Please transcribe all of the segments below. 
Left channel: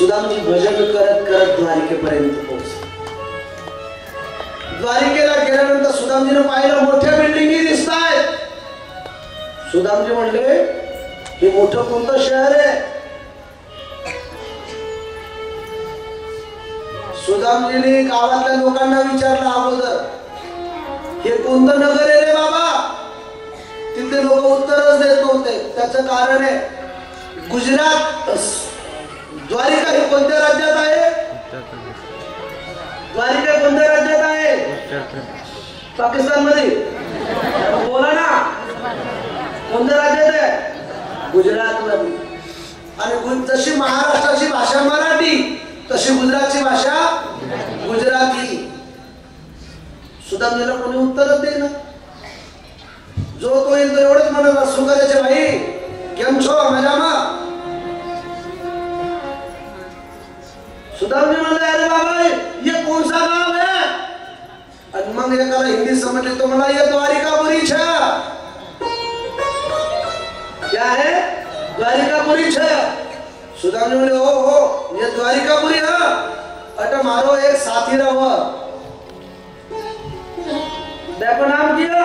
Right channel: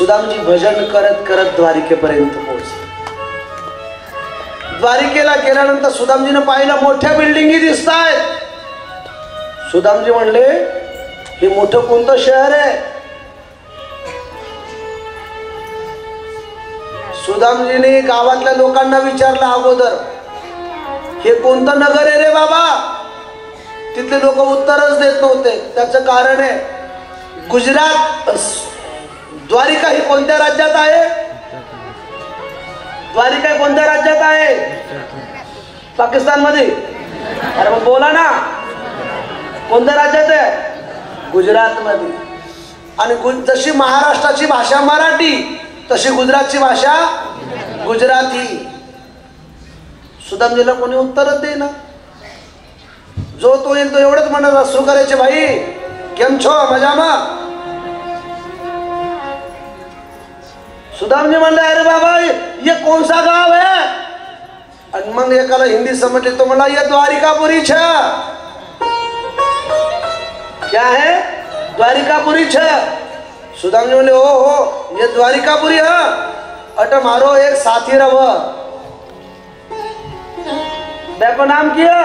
सुदामजी भजन करत करत द्वारिकेपर्यंत पोहोचले. द्वारिकेला गेल्यानंतर सुदामजीने पाहिलं मोठ्या बिल्डिंगी दिसतायत. सुदामजी म्हणले हे मोठं कोणतं शहर आहे? सुदामजीने गावातल्या लोकांना विचारलं अगोदर, हे कोणतं नगर आहे रे बाबा? तिथले लोक उत्तरच देत नव्हते. त्याचं कारण आहे, गुजरात द्वारिका ही कोणत्या राज्यात आहे? द्वारिका कोणत्या राज्यात आहे? पाकिस्तान मध्ये. अरे मग बोला ना, कोणत्या राज्यात आहे? गुजरात मध्ये. आणि जशी महाराष्ट्राची भाषा मराठी तशी गुजरातची भाषा गुजराती. सुदामजीला कोणी उत्तरच देईना. जो तो येईल तो एवढंच म्हणत, શું કરે છે भाई, કેમ છો, मजाમાં? सुदामजी म्हणले अरे बाबा ये कौन सा गाव है? आणि मग एकाला हिंदी समजली तो म्हणला ये द्वारिकापुरी छ. क्या है? द्वारिकापुरी छ. सुदामजी बोले हो ये द्वारिकापुरी है. अट मारो एक साथी रव, देखो नाम किया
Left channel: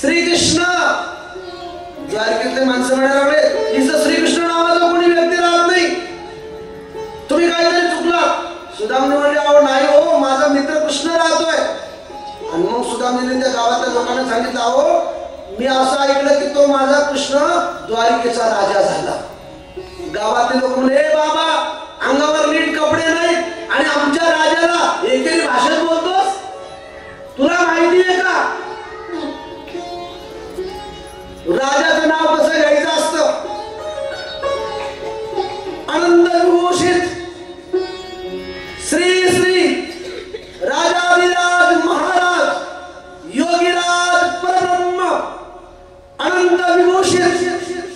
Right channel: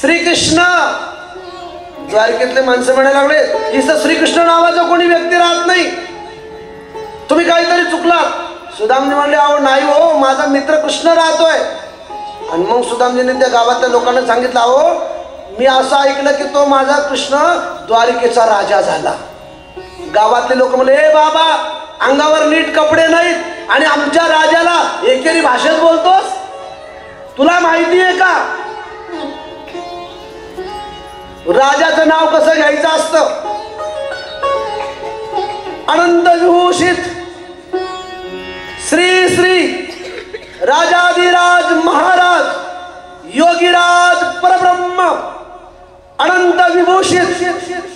श्री कृष्ण. द्वारकेतले माणसं म्हणायला लागले इथं श्रीकृष्ण नावाचा कोणी व्यक्ती राहत नाही, तुम्ही काहीतरी चुकलात. सुदामजी म्हणले अहो नाही हो, माझा मित्र कृष्ण राहतोय. आणि मग सुदामजीने त्या गावातल्या लोकांना सांगितलं अहो मी असं ऐकलं की तो माझा कृष्ण द्वारिकेचा राजा झाला. गावातले लोक म्हणले ए बाबा अंगावर नीट कपडे नाहीत आणि आमच्या राजाला एकेरी भाषेत बोलतोस, तुला माहिती आहे का राजाचं नाव कसं घ्यायचं असतं? अनंत विभूषित श्री श्री राजाधिराज महाराज योगीराज परब्रह्म अनंत विभूषित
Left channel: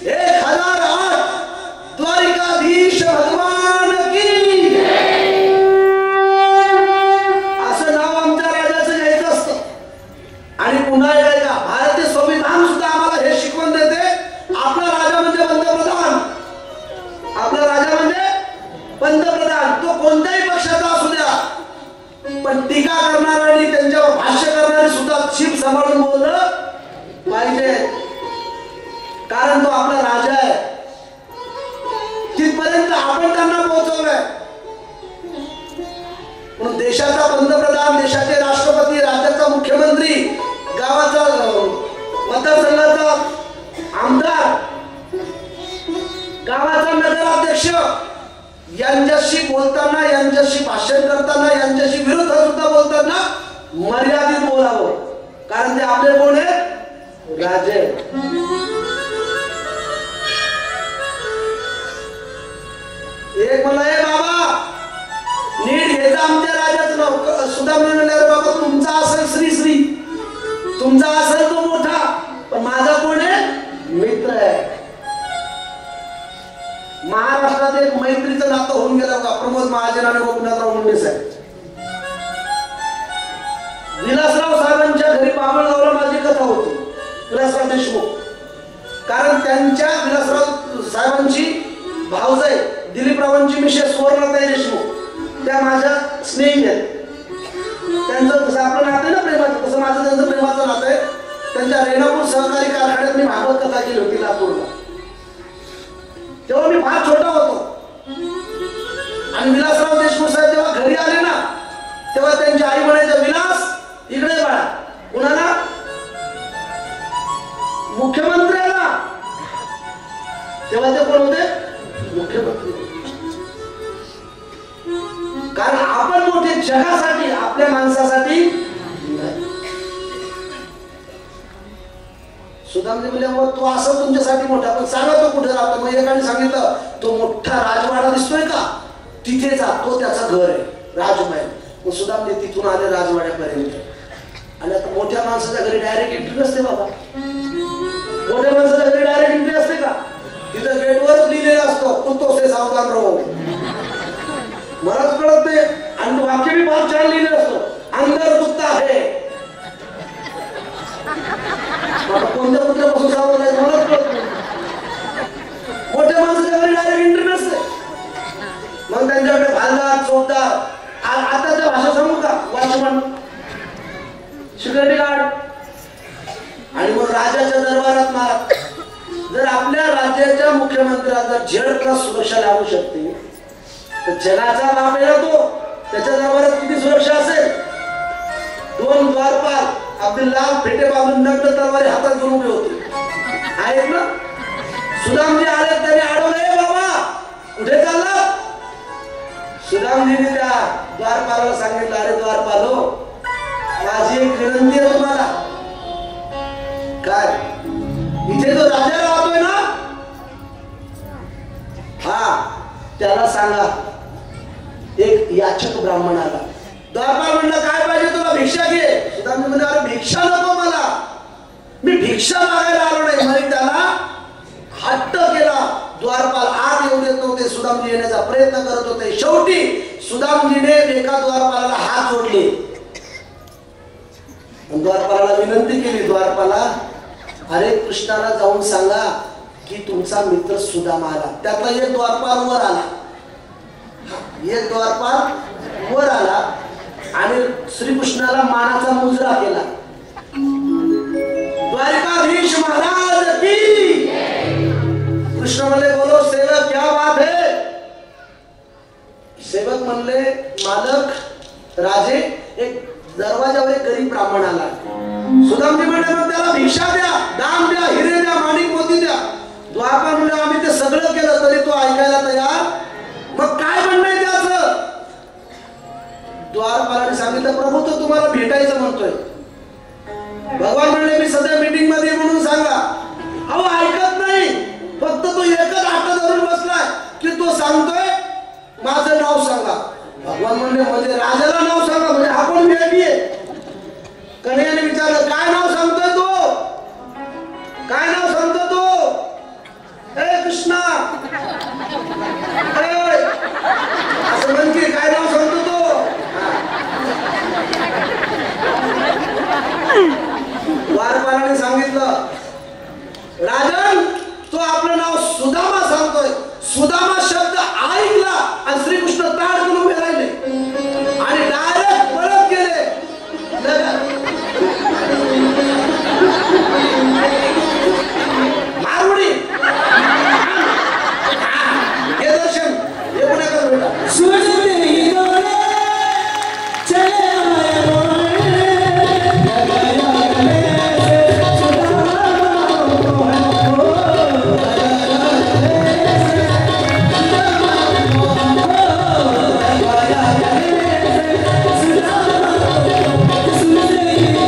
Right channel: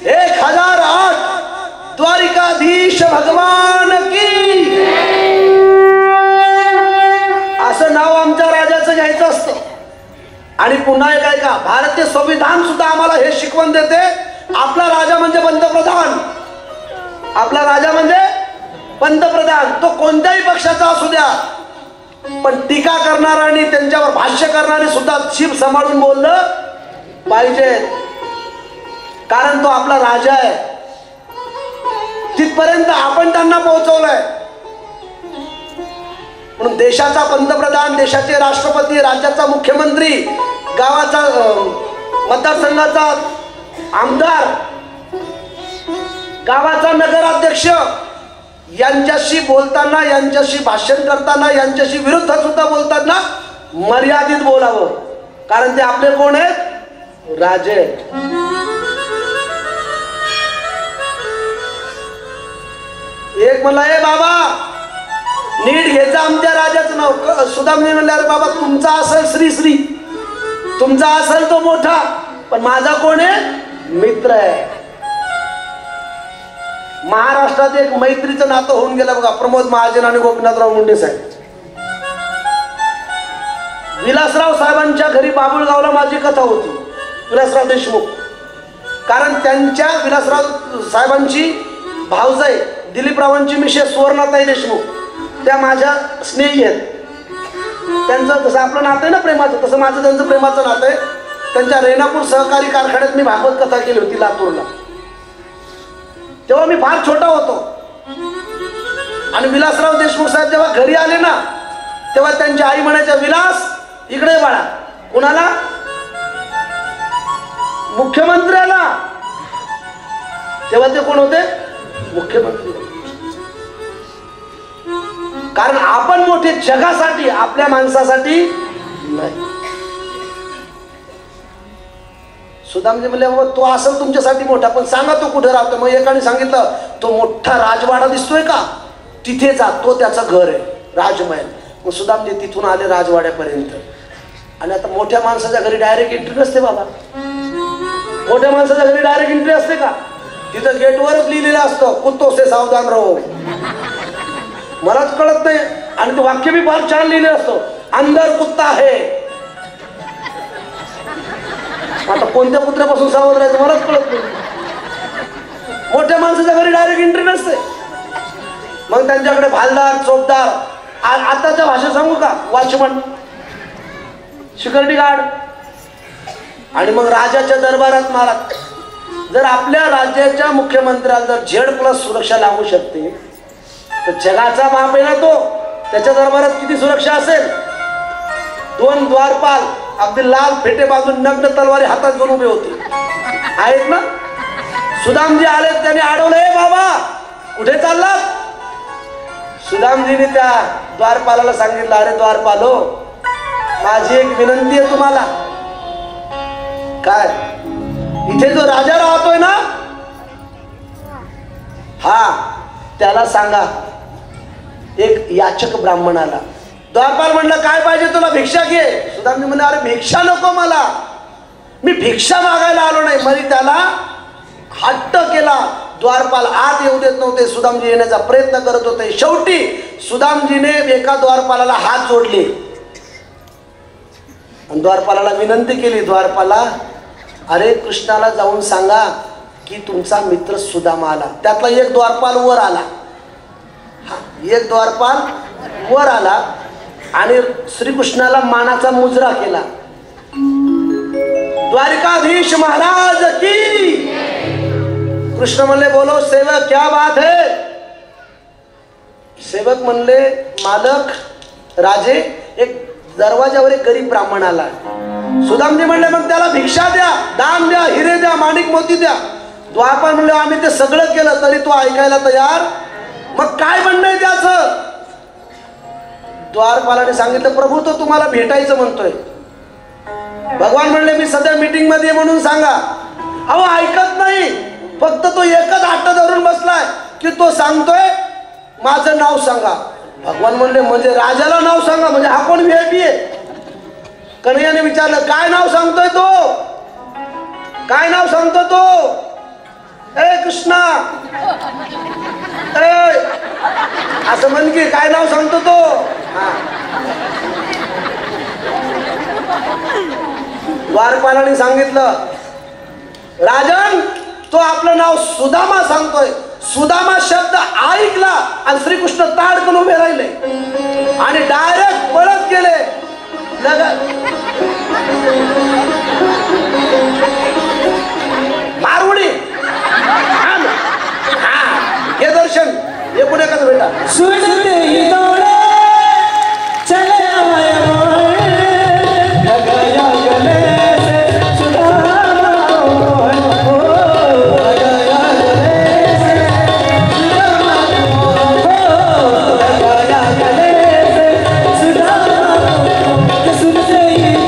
1008 द्वारिकाधीश भगवान की, असं नाव आमच्या राजाचं घ्यायचं असतं. आणि पुन्हा एक आहे का, भारतीय संविधान सुद्धा आम्हाला हे शिकवण देते, आपला राजा म्हणजे पंतप्रधान. आपला राजा म्हणजे पंतप्रधान, तो कोणत्याही पक्षाचा असू द्या, पण टीका करणारा आणि त्यांच्यावर भाष्य करणारे सुद्धा शिप सांभाळून बोललं पाहिजे, कारण तो आपला राजा आहे. तिथपर्यंत आपण त्यांना पोहोचवलंय. म्हणून देशाचा पंतप्रधान, देशाचे राष्ट्रपती, राज्याचा मुख्यमंत्री, गावाचा मतदारसंघाचा आमदार, गावाचा नगराध्यक्ष यांच्याशी बोलताना, यांच्याशी भाषण करताना, यांच्याशी विरुद्ध सुद्धा बोलताना मर्यादित बोलावं, कारण ते आपले कोण आहेत? राजे. एक म्हणला ए बाबा नीट घ्यायचं आमच्या राजाचं नाव. सुदामजी म्हणले अरे बाबा तुमचा असेल श्री श्री, तुमचा असेल तो मोठा, पण माझा कोण आहे? मित्र आहे. महाराष्ट्रात एक मैत्रीचं नातं होऊन गेलं बघा, प्रमोद महाजन आणि गोपीनाथराव मुंडे साहेब. विलासराव साहेबांच्या घरी बाबुळगावला माझी कथा होती, विलासराव देशमुख. कारण त्यांच्या विलासराव साहेबांची भाऊजाई दिलीपरावांची मिसेस सुवर्णाताई देशमुख त्या माझ्या स्नेही आहेत. त्यांचं जसं आपलं नातं आहे ना प्रेमाचं, तसं माझं त्यांचं प्रेमाचं नातं आहे. त्यांच्या रेणापूर सहकारी कारखान्यात मी भागवत कथा केली होती लातूरला. तेव्हा मी फार छोटा होतो आणि विलासराव देशमुख साहेब जेव्हा घरी आले ना, तेव्हा त्यांची आई म्हणायच्या विलास इकडे बाळा. कुणाला? मुख्यमंत्र्याला. तेव्हा ते कोण होते? मुख्यमंत्री. कारण आपण मोठे जगासाठी, आपल्या माणसासाठी नाही. सुदामजी म्हणले मग तो असं तुमच्यासाठी मोठा, पण सांगा तो कुठे राहतो? मग एकाने सांगितलं तो मोठा राजवाडा दिसतोय का, तिथे जा, तो त्याचं घर आहे राजमहल. मग सुदामजी तिथून आले राजवाड्यापर्यंत. आणि आता मोठ्या माणसाच्या घरी डायरेक्ट एंट्री नसते बाबा. मोठ्या माणसाच्या घरी डायरेक्ट एंट्री असते का? तिथं गेटवरच लिहिलेलं असतं कुत्तो से सावधान रहो. मलाच कळत नाही, आणि वाक्य मी फार छान लिहिले असतो, अंदर कुत्ता आहे. आता कोणत्या कुत्र्यापासून सावध राहायचं मलाच कळत नाही. मोठ्या माणसाच्या नसते. मग त्यांच्याकडे भालदार, चोपदार, आताच्या भाषा सांगू का, वॉचमन, सिक्युरिटी गार्ड, आणि मग राजाच्या दरबारात महाराज. जर आपल्या राज्याच्या मुख्यमंत्र्याला Z+ सुरक्षा लागू शकते तर जगाचा बाप आहे ना तो, त्याच्या दरबारात किती सुरक्षा असेल. 2 द्वारपाल अगदी लाल फेटे बांधून नग्न तलवारी हातात घेऊन उभे होते आहेत ना. सुदामजी आले, त्यांनी अडवलं, बाबा कुठे चालला. सुदामजीने त्या द्वारपालाला सांगितलं, अरे द्वारपालो, माझी एक विनंती आहे तुम्हाला. काय. इथे जो राजा राहतोय ना, हा, त्याला सांगा एक याचक ब्राह्मण आला. द्वारपाल म्हणलं, काय पाहिजे तुला, भिक्षा घे. सुदामजी म्हणले, अरे भिक्षा नको मला, मी भिक्षा मागायला आलो नाही. म्हणजे त्याला हट्ट केला. द्वारपाल आत येऊ देत नव्हते, सुदामजी येण्याचा प्रयत्न करत होते. शेवटी सुदामजीने एका द्वारपालाला हात जोडले आणि द्वारपालाला विनंती केली, द्वारपाला, अरे कृष्णाला जाऊन सांगा की तुमचा मित्र सुदामा आला. त्यातला एक द्वारपाल वर आला, एक द्वारपाल वर आला आणि श्रीकृष्णाला मानाचा मुजरा केला. द्वारिकाधीश महाराज की. कृष्ण म्हणले, बोलो सेवक, क्या बात है. सेवक म्हणले, मालक, राजे, एक दरवाजावर एक गरीब ब्राह्मण आला. सुदामजी म्हणले, मग त्याला भिक्षा द्या, दान द्या, हिरे द्या, माणिक मोती द्या. द्वारपाल म्हणले, आम्ही ते सगळं केलं तरी तो ऐकायला तयार. मग काय म्हणणं आहे त्याचं. द्वारपालाने सांगितलं, प्रभू तो तुम्हाला भेटायचं म्हणतोय. भगवान म्हणले, मी सध्या मीटिंग मध्ये म्हणून सांगा. अहो ऐकत नाही, फक्त तो एकच हात धरून बसलाय की तो सांगतोय माझं नाव सांगा. भगवान म्हणले, म्हणजे राजाला नाव सांगा, म्हणजे हा कोण VIP आहे. कन्हैयाने विचारलं, काय नाव सांगतोय तो, काय नाव सांगतो तो. ए कृष्णा, असं म्हण की काय नाव सांगतो तो. द्वारपालाने सांगितलं, राजन, तो आपलं नाव सुदामा सांगतोय. सुदामा शब्द ऐकला आणि श्रीकृष्ण ताडकन उभे राहिले आणि डायरेक्ट पळत गेले. मारुडी, हे दर्शन, हे पुढे कसं भेटा. Hey!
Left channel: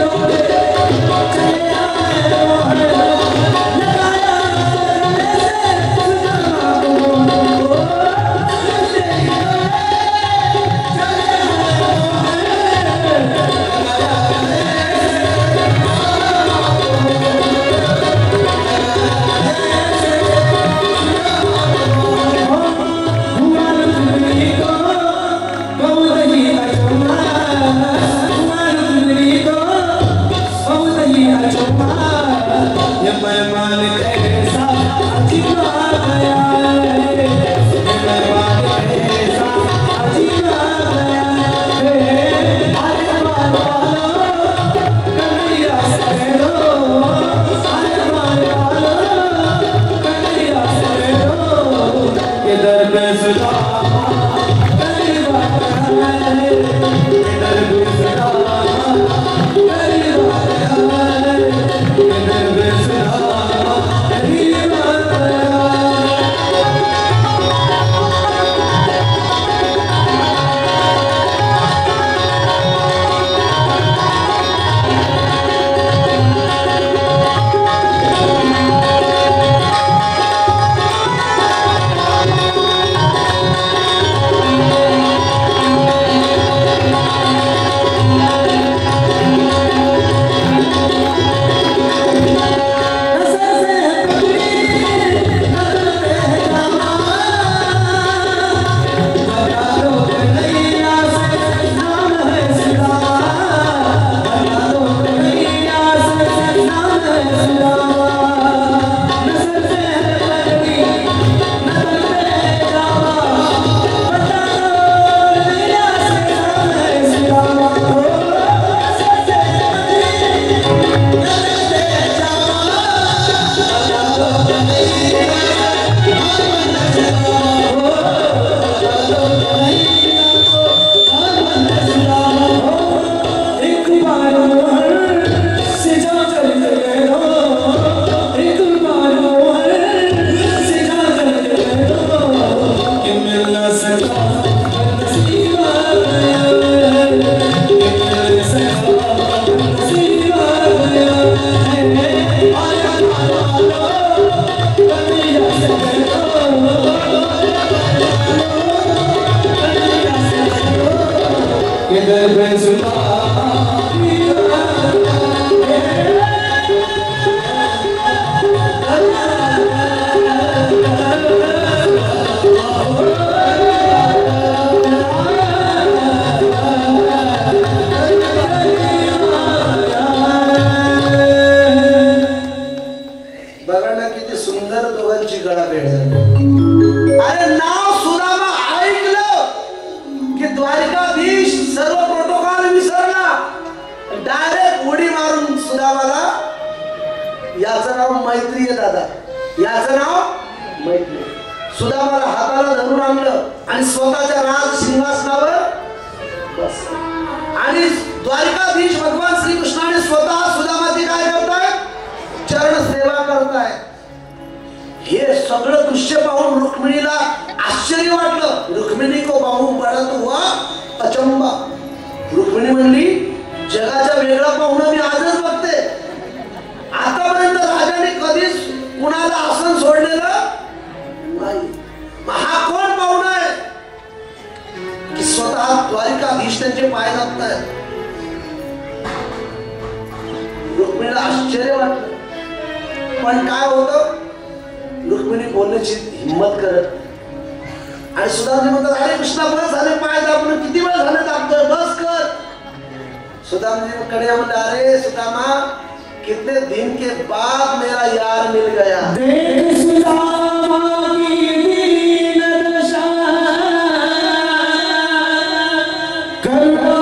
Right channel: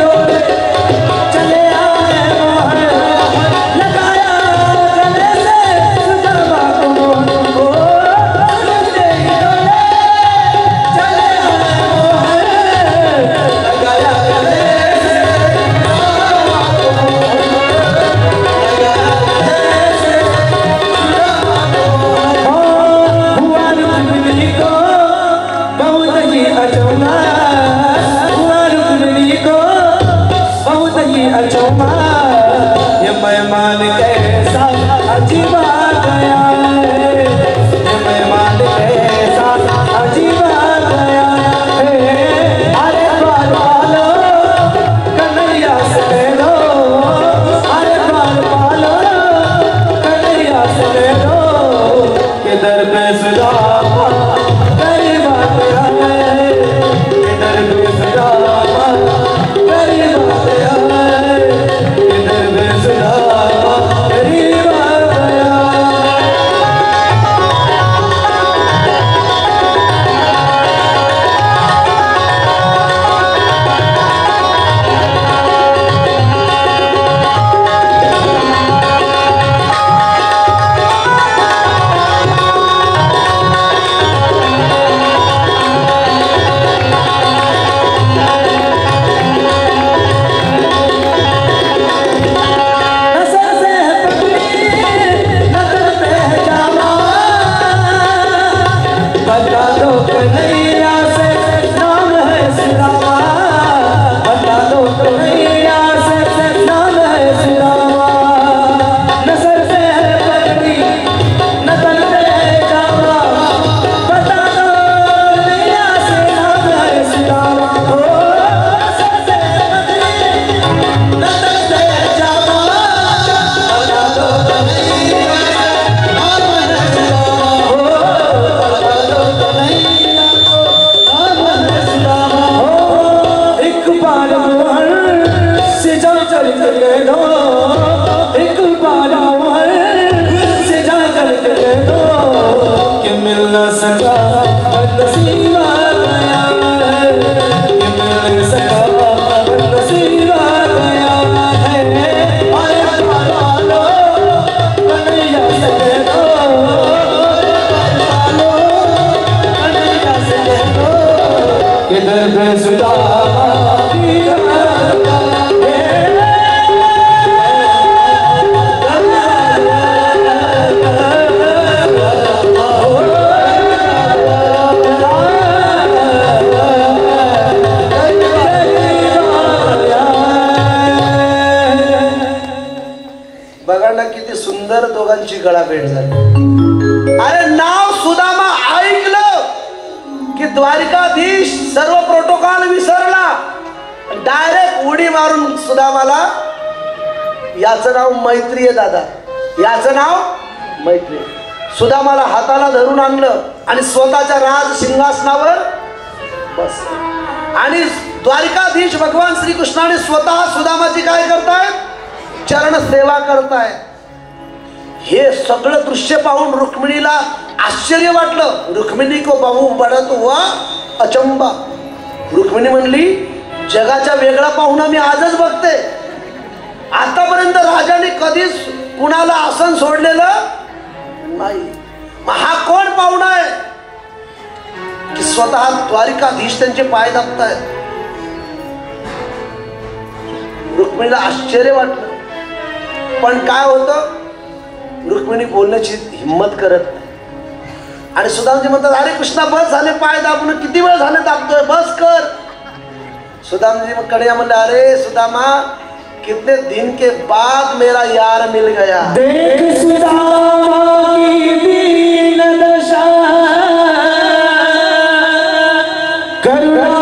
त्यांची गळा भेट झाली. अरे नाव सुदामा ऐकलं की द्वारिकाधीश सर्व प्रोटोकॉल विसरला, डायरेक्ट उडी मारून सुदामाला, याचं नाव मैत्री आहे दादा, याचं नाव मैत्री. सुदामाला हाताला धरून आणलं आणि स्वतःच्या राज सिंहासनावर बस. आणि द्वारिकाधीश भगवान श्रीकृष्णाने स्वतः सुदामाची काय करतायत? चरण सेवा करतायत. हे सगळं दृश्य पाहून रुक्मिणीला आश्चर्य वाटलं. रुक्मिणी को पाहू बढत हुआ अचंबा. रुक्मिणी म्हणली, जगाच्या वेगळा पाहुणा मी आजच बघते. आतापर्यंत राजाने कधीच कुणाला आसन सोडलेलं नाही. हा कोण पाहुणा आहे की स्वतः द्वारिकाधीश त्यांचे पाय दाबतायत? रुक्मिणीला आश्चर्य वाटलं. पण काय होतं, रुक्मिणी बोलण्याची हिंमत करत नाही. आणि सुदामजी म्हणतात, अरे कृष्णा बस झाले पाय दाबून, किती वेळ झाले दाबतोय, बस कर. सुदामजी कडे म्हणले, अरे सुदामा, कितने दिन के बाद मेरा यार मिल गया. देख सुदामा की दीन दशा, करुणा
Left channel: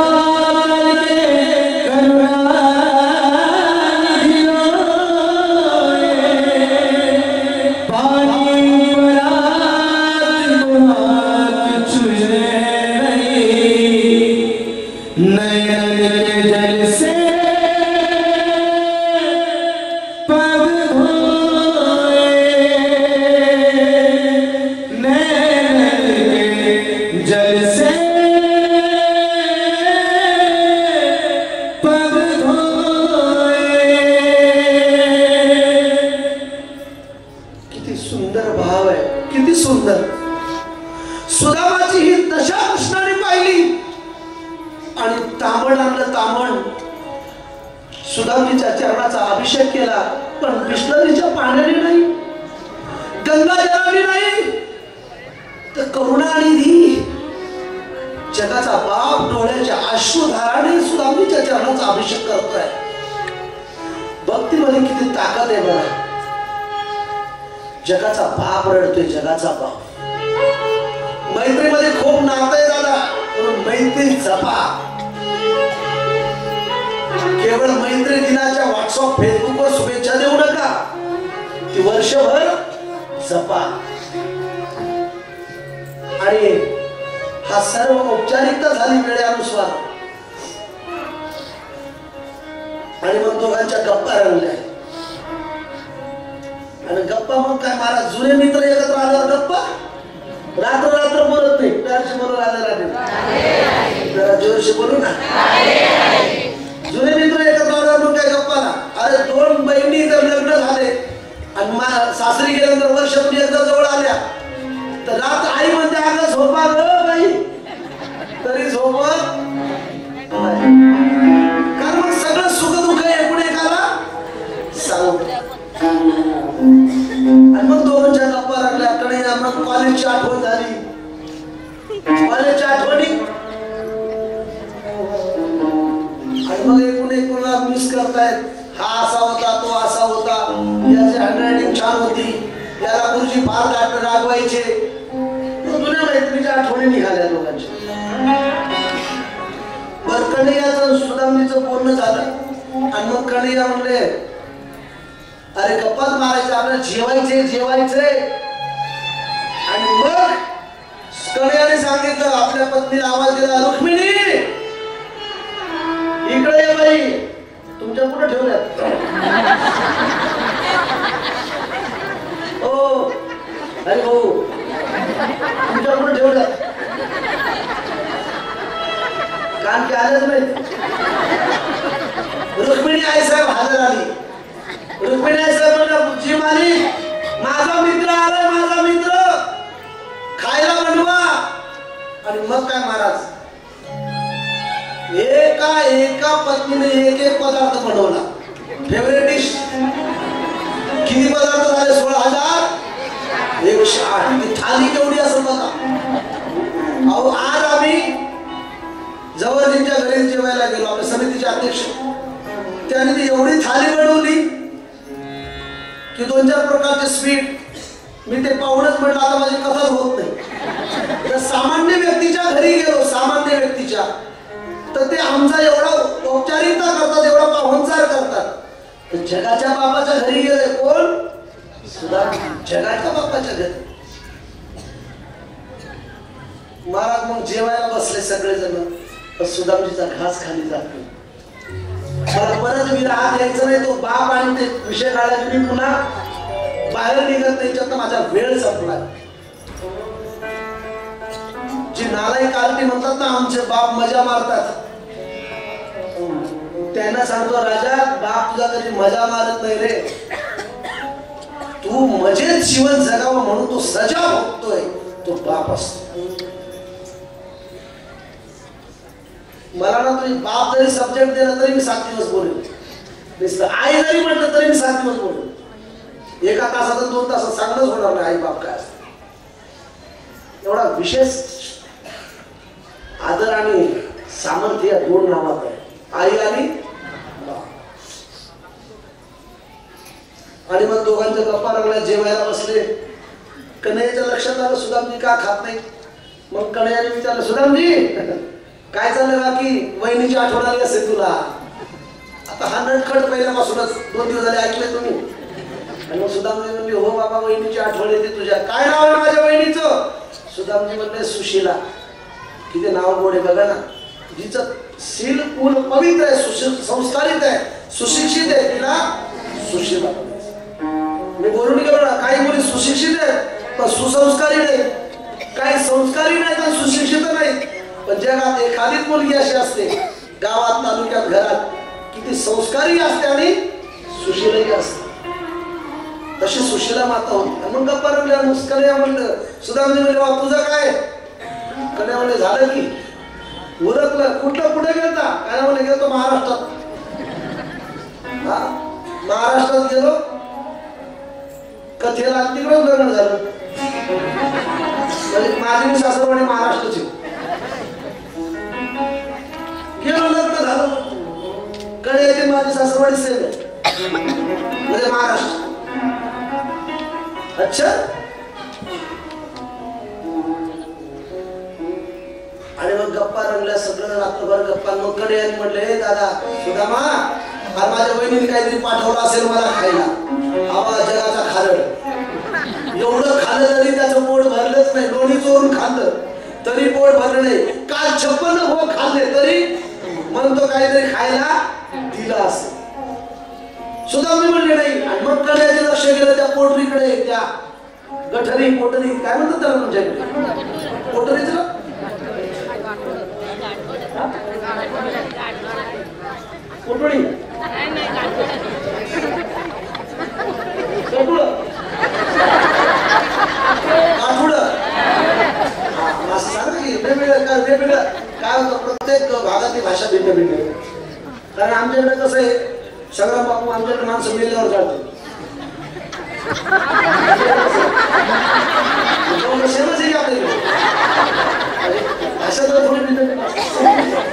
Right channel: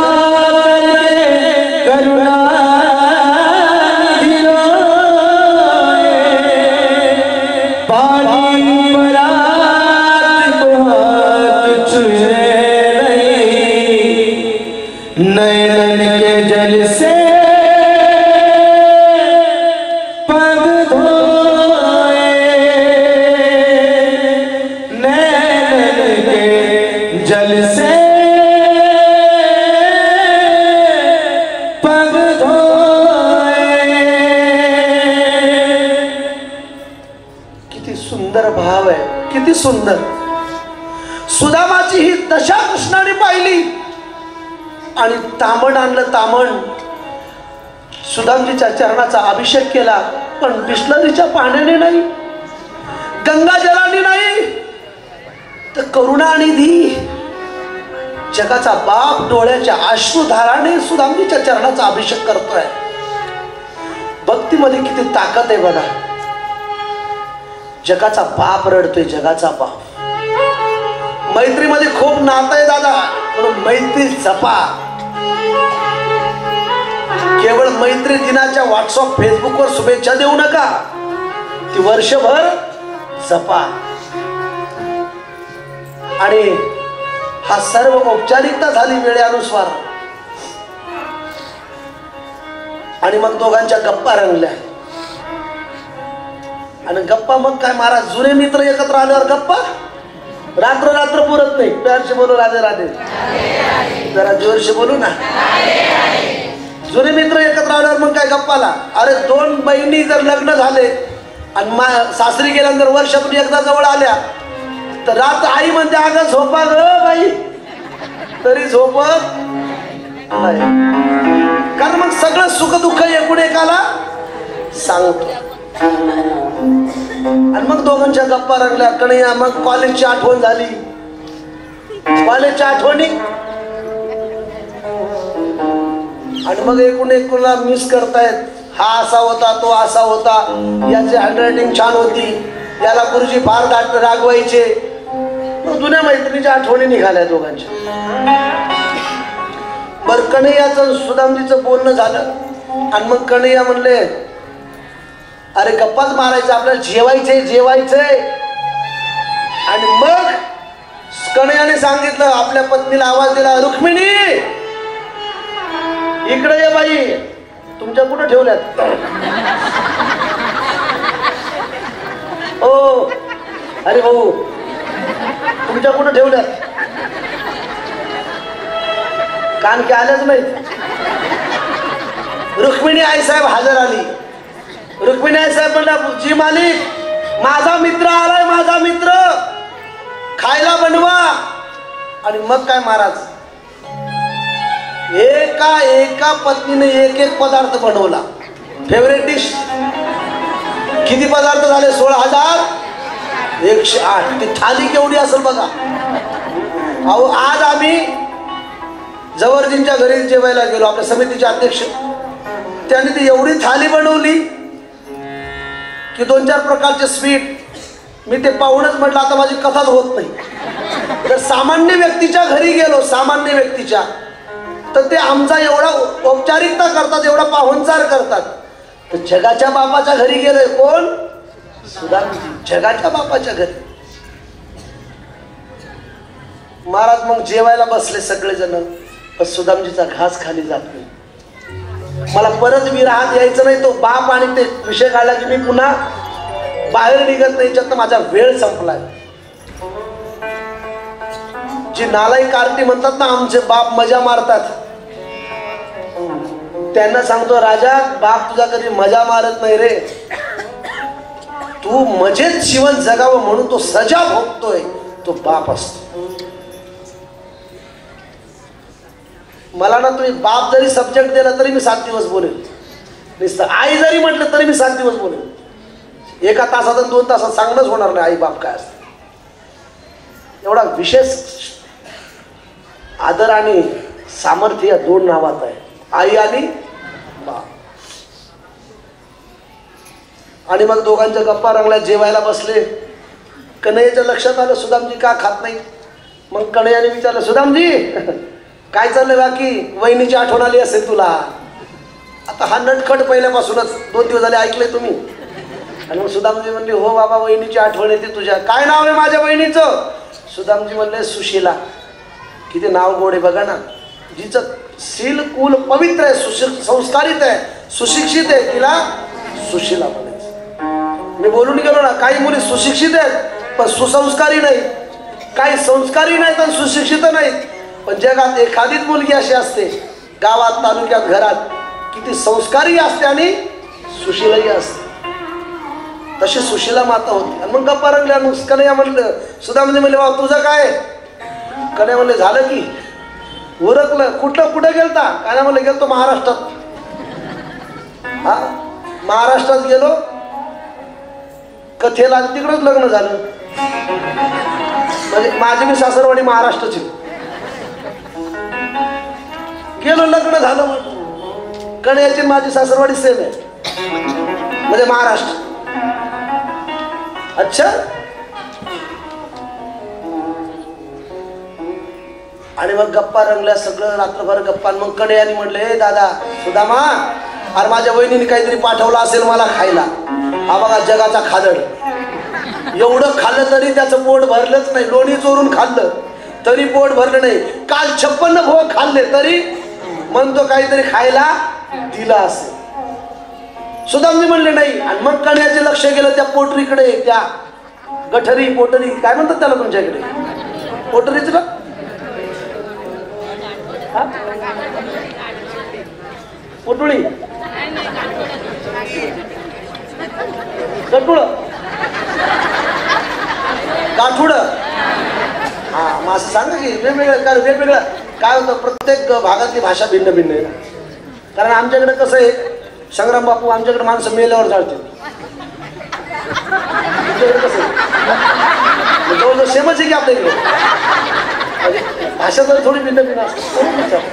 करुणा पानी परात को हाथ छुए नहीं, नैनन के जल से सुंदर. सुदामाची ही दशा कृष्णाने पाहिली आणि तामण आणलं. तामण सुदामजीच्या चरणाचा अभिषेक केला, पण बिस्लरीच्या पाण्याने नाही, गंगाजलाने नाही, तर करुणानिधी जगाचा बाप डोळ्याच्या अश्रुधाराने सुदामजीच्या चरणाचा अभिषेक करतोय. भक्तीमध्ये किती ताकद आहे बघा. जगाचा बाप रडतोय, जगाचा बाप. मैत्रीमध्ये खूप नातं आहे दादा, म्हणून मैत्री जपा. केवळ मैत्री दिनाच्या व्हॉट्सअप फेसबुकवर शुभेच्छा देऊ नका, ती वर्षभर जपा. आणि हा सर्व औपचारिकता झाली वेळेनुसार. आणि मग दोघांच्या गप्पा रंगल्या. आणि गप्पा मग काय महाराज, जुने मित्र एकत्र आल्यावर गप्पा रात्र रात्र पुरत नाही. प्यारशी बोलू, राधे राधे, जरा जोरशी बोलू ना. जुने मित्र एकत्र आल्यावर मग काय गप्पाला. अरे दोन बहिणी जर लग्न झाले आणि सासरी गेल्यानंतर वर्षातून एकदा जवळ आल्या, तर रात्र आई म्हणते, अगं झोपा ग बाई, तरी झोपत नाही. कारण मग सगळं सुख दुःख एकाला सांगू. आणि मग दोघांच्या गप्पा रंगल्या. कणया मग कॉलेजची आठवण झाली. कॉलेजच्या आठवणी आणि मग एकूणला मिस करतायत. हा असा होता, तो असा होता, याची हँडरायटिंग छान होती, याला गुरुजी फार रागवायचे. जुन्या मैत्रिणीच्या आठवणी निघाल्या दोघांच्या. बर, कन्हैयाचं सुदामजीचं बोलणं झालं. आणि मग कन्हैया म्हणले, अरे गप्पाच मारायचं, आपल्याला जेवायचंय जेवायचंय. आणि मग कन्हैयाने सांगितलं, आपल्या पत्नीला आवाज दिला, रुक्मिणी इकडे ये बाई. तुमच्या कुठं ठेवल्यात? ओ अरे भाऊ, तुमच्या कुठं ठेवल्यात? कारण की आलेच नाही. रुक्मिणी आई साहेब हजर आली. रुक्मिणी आई साहेब म्हणला, जी मालिक, माझा मित्र आलाय, माझा मित्र, खायला बनवा. आणि मग काय महाराज, एका पत्नीने एक एक पदार्थ बनवला. Favourite dish. किती पदार्थ झाले? 16,108. ती थाली केवढी असेल बघा. अहो, आज आम्ही जवळजींच्या घरी जेवायला गेलो, आपल्या समितीचे अध्यक्ष. त्यांनी ती एवढी थाली बनवली की 2-4 प्रकारचे स्वीट, मी ते पाहूनच म्हटलं आता माझी कथाच होत नाही. तर सामान्य व्यक्तीच्या घरी गेलो, सामान्य व्यक्तीच्या, तर ते आमचा एवढा औपचारिकता करतात, एवढा पाहुणचार करतात. तर जगाच्या बापाच्या घरी गेलोय. कोण? सुदामजी. जगाच्या बापाच्या घरी. महाराज मग जेवायला बसले सगळेजण, पण सुदामजीचा घास खाली जात नाही. मला परत मी राहत यायचं नाही. तो बाप आणि ते विषय काढला की मी पुन्हा बाहेर निघत नाही. याच्यात माझा वेळ संपलाय. जी नालायक आरती म्हणतात ना, आमचे बाप मजा मारतात, त्यांना सांगतो राजा, बाप तुझा कधी मजा मारत नाही रे. तू मजेत जीवन जगावं म्हणून तो सजा भोगतोय, तो बाप असतो. मला ना तुम्ही बाप जरी सब्जेक्ट दिला तरी मी 7 दिवस बोलेल. आई जरी म्हटलं तरी मी 7 दिवस बोलेल. एका तासात 2 तासात चांगलंच होणार नाही आई बाप काय असतं. एवढा विशेष आदर आणि सामर्थ्य या 2 नावात आहे, आई आणि बाप. आणि मग दोघांच्या गप्पा रंगल्या, जेवायला बसले. कन्हैयाच्या लक्षात आलं सुदामजी का खात नाही. मग कन्हैयाने विचारलं, सुदामजी काय चाललंय बाकी? वहिनीची आठवण आली असेल तुला. आता हा नटखट पहिल्यापासूनच 2 दिवस झाले ऐकले तुम्ही. आणि मग सुदामजी म्हणले, हो बाबा वहिनीची आठवण येते तुझ्या. काय नाव आहे माझ्या वहिनीचं? सुदामजी म्हणले, सुशीला. किती नाव गोड आहे बघा ना. जिचं शील कुल पवित्र आहे, संस्कारित आहे, सुशिक्षित आहे, तिला सुशीला म्हणायचं. मी बोलून गेलो ना, काही मुली सुशिक्षित आहेत पण सुसंस्कारी नाही, काही संस्कारी नाहीत आणि सुशिक्षित नाही. पण जगात एखादीच मुलगी अशी असते, गावात, तालुक्यात, घरात, किती संस्कारी असते आणि सुशीलाही असते. तशी सुशीला माता होती. मग गप्पा रंगल्या. कन्हैया म्हणलं, सुदामजी म्हणले, बाबा तुझं काय? कन्हैया म्हणले, झालं की उरकलं. कुठे गेलता? काय म्हणले, गेलतो महाराष्ट्रात. हा, महाराष्ट्रात गेलो कथेला, तिकडच लग्न झालं. म्हणजे माझी मी सासरवाडी महाराष्ट्राची. गेलो, लग्न झालं. कन्हैयाची माझी सासरवाडी सेम आहे, म्हणजे महाराष्ट्र. अच्छा. आणि मग गप्पा रंगल्या, सगळं रात्रभर गप्पा. मग कन्हैयाने म्हटलं, हे दादा सुदामा, अरे माझ्या बहिणीने काहीतरी पाठवलं असेल मला खायला. हा बघा जगाचा खादड. एवढं खाल्लं तरी त्याचं पोट भरलंच नाही. लोणी चोरून खाल्लं तरी पोट भरलं नाही. काल 56 भोग खाल्ले तरी म्हणतो काहीतरी खायला दिला असेल. सुदामजी म्हणले नाही. आणि मग कन्हैयाचे लक्ष गेलं त्या पोटरीकडे, त्या गठरी, पोटरी, काय म्हणतात त्याला तुमच्याकडे? पोटरीच ना. पोटळी, गटुळ, गाठुड. हा, मग सांगा की वेगवेगळं काय, वेगवेगळं काय होतं. प्रत्येक भागातली भाषा भिन्न भिन्न आहे. कारण आमच्याकडे कसं आहे, संग्राम बापू, आमच्याकडे माणसं मेल्यावर जाळते. सेमच आहे की आपल्याकडे, भाषा तर थोडी भिन्न भिन्न असते.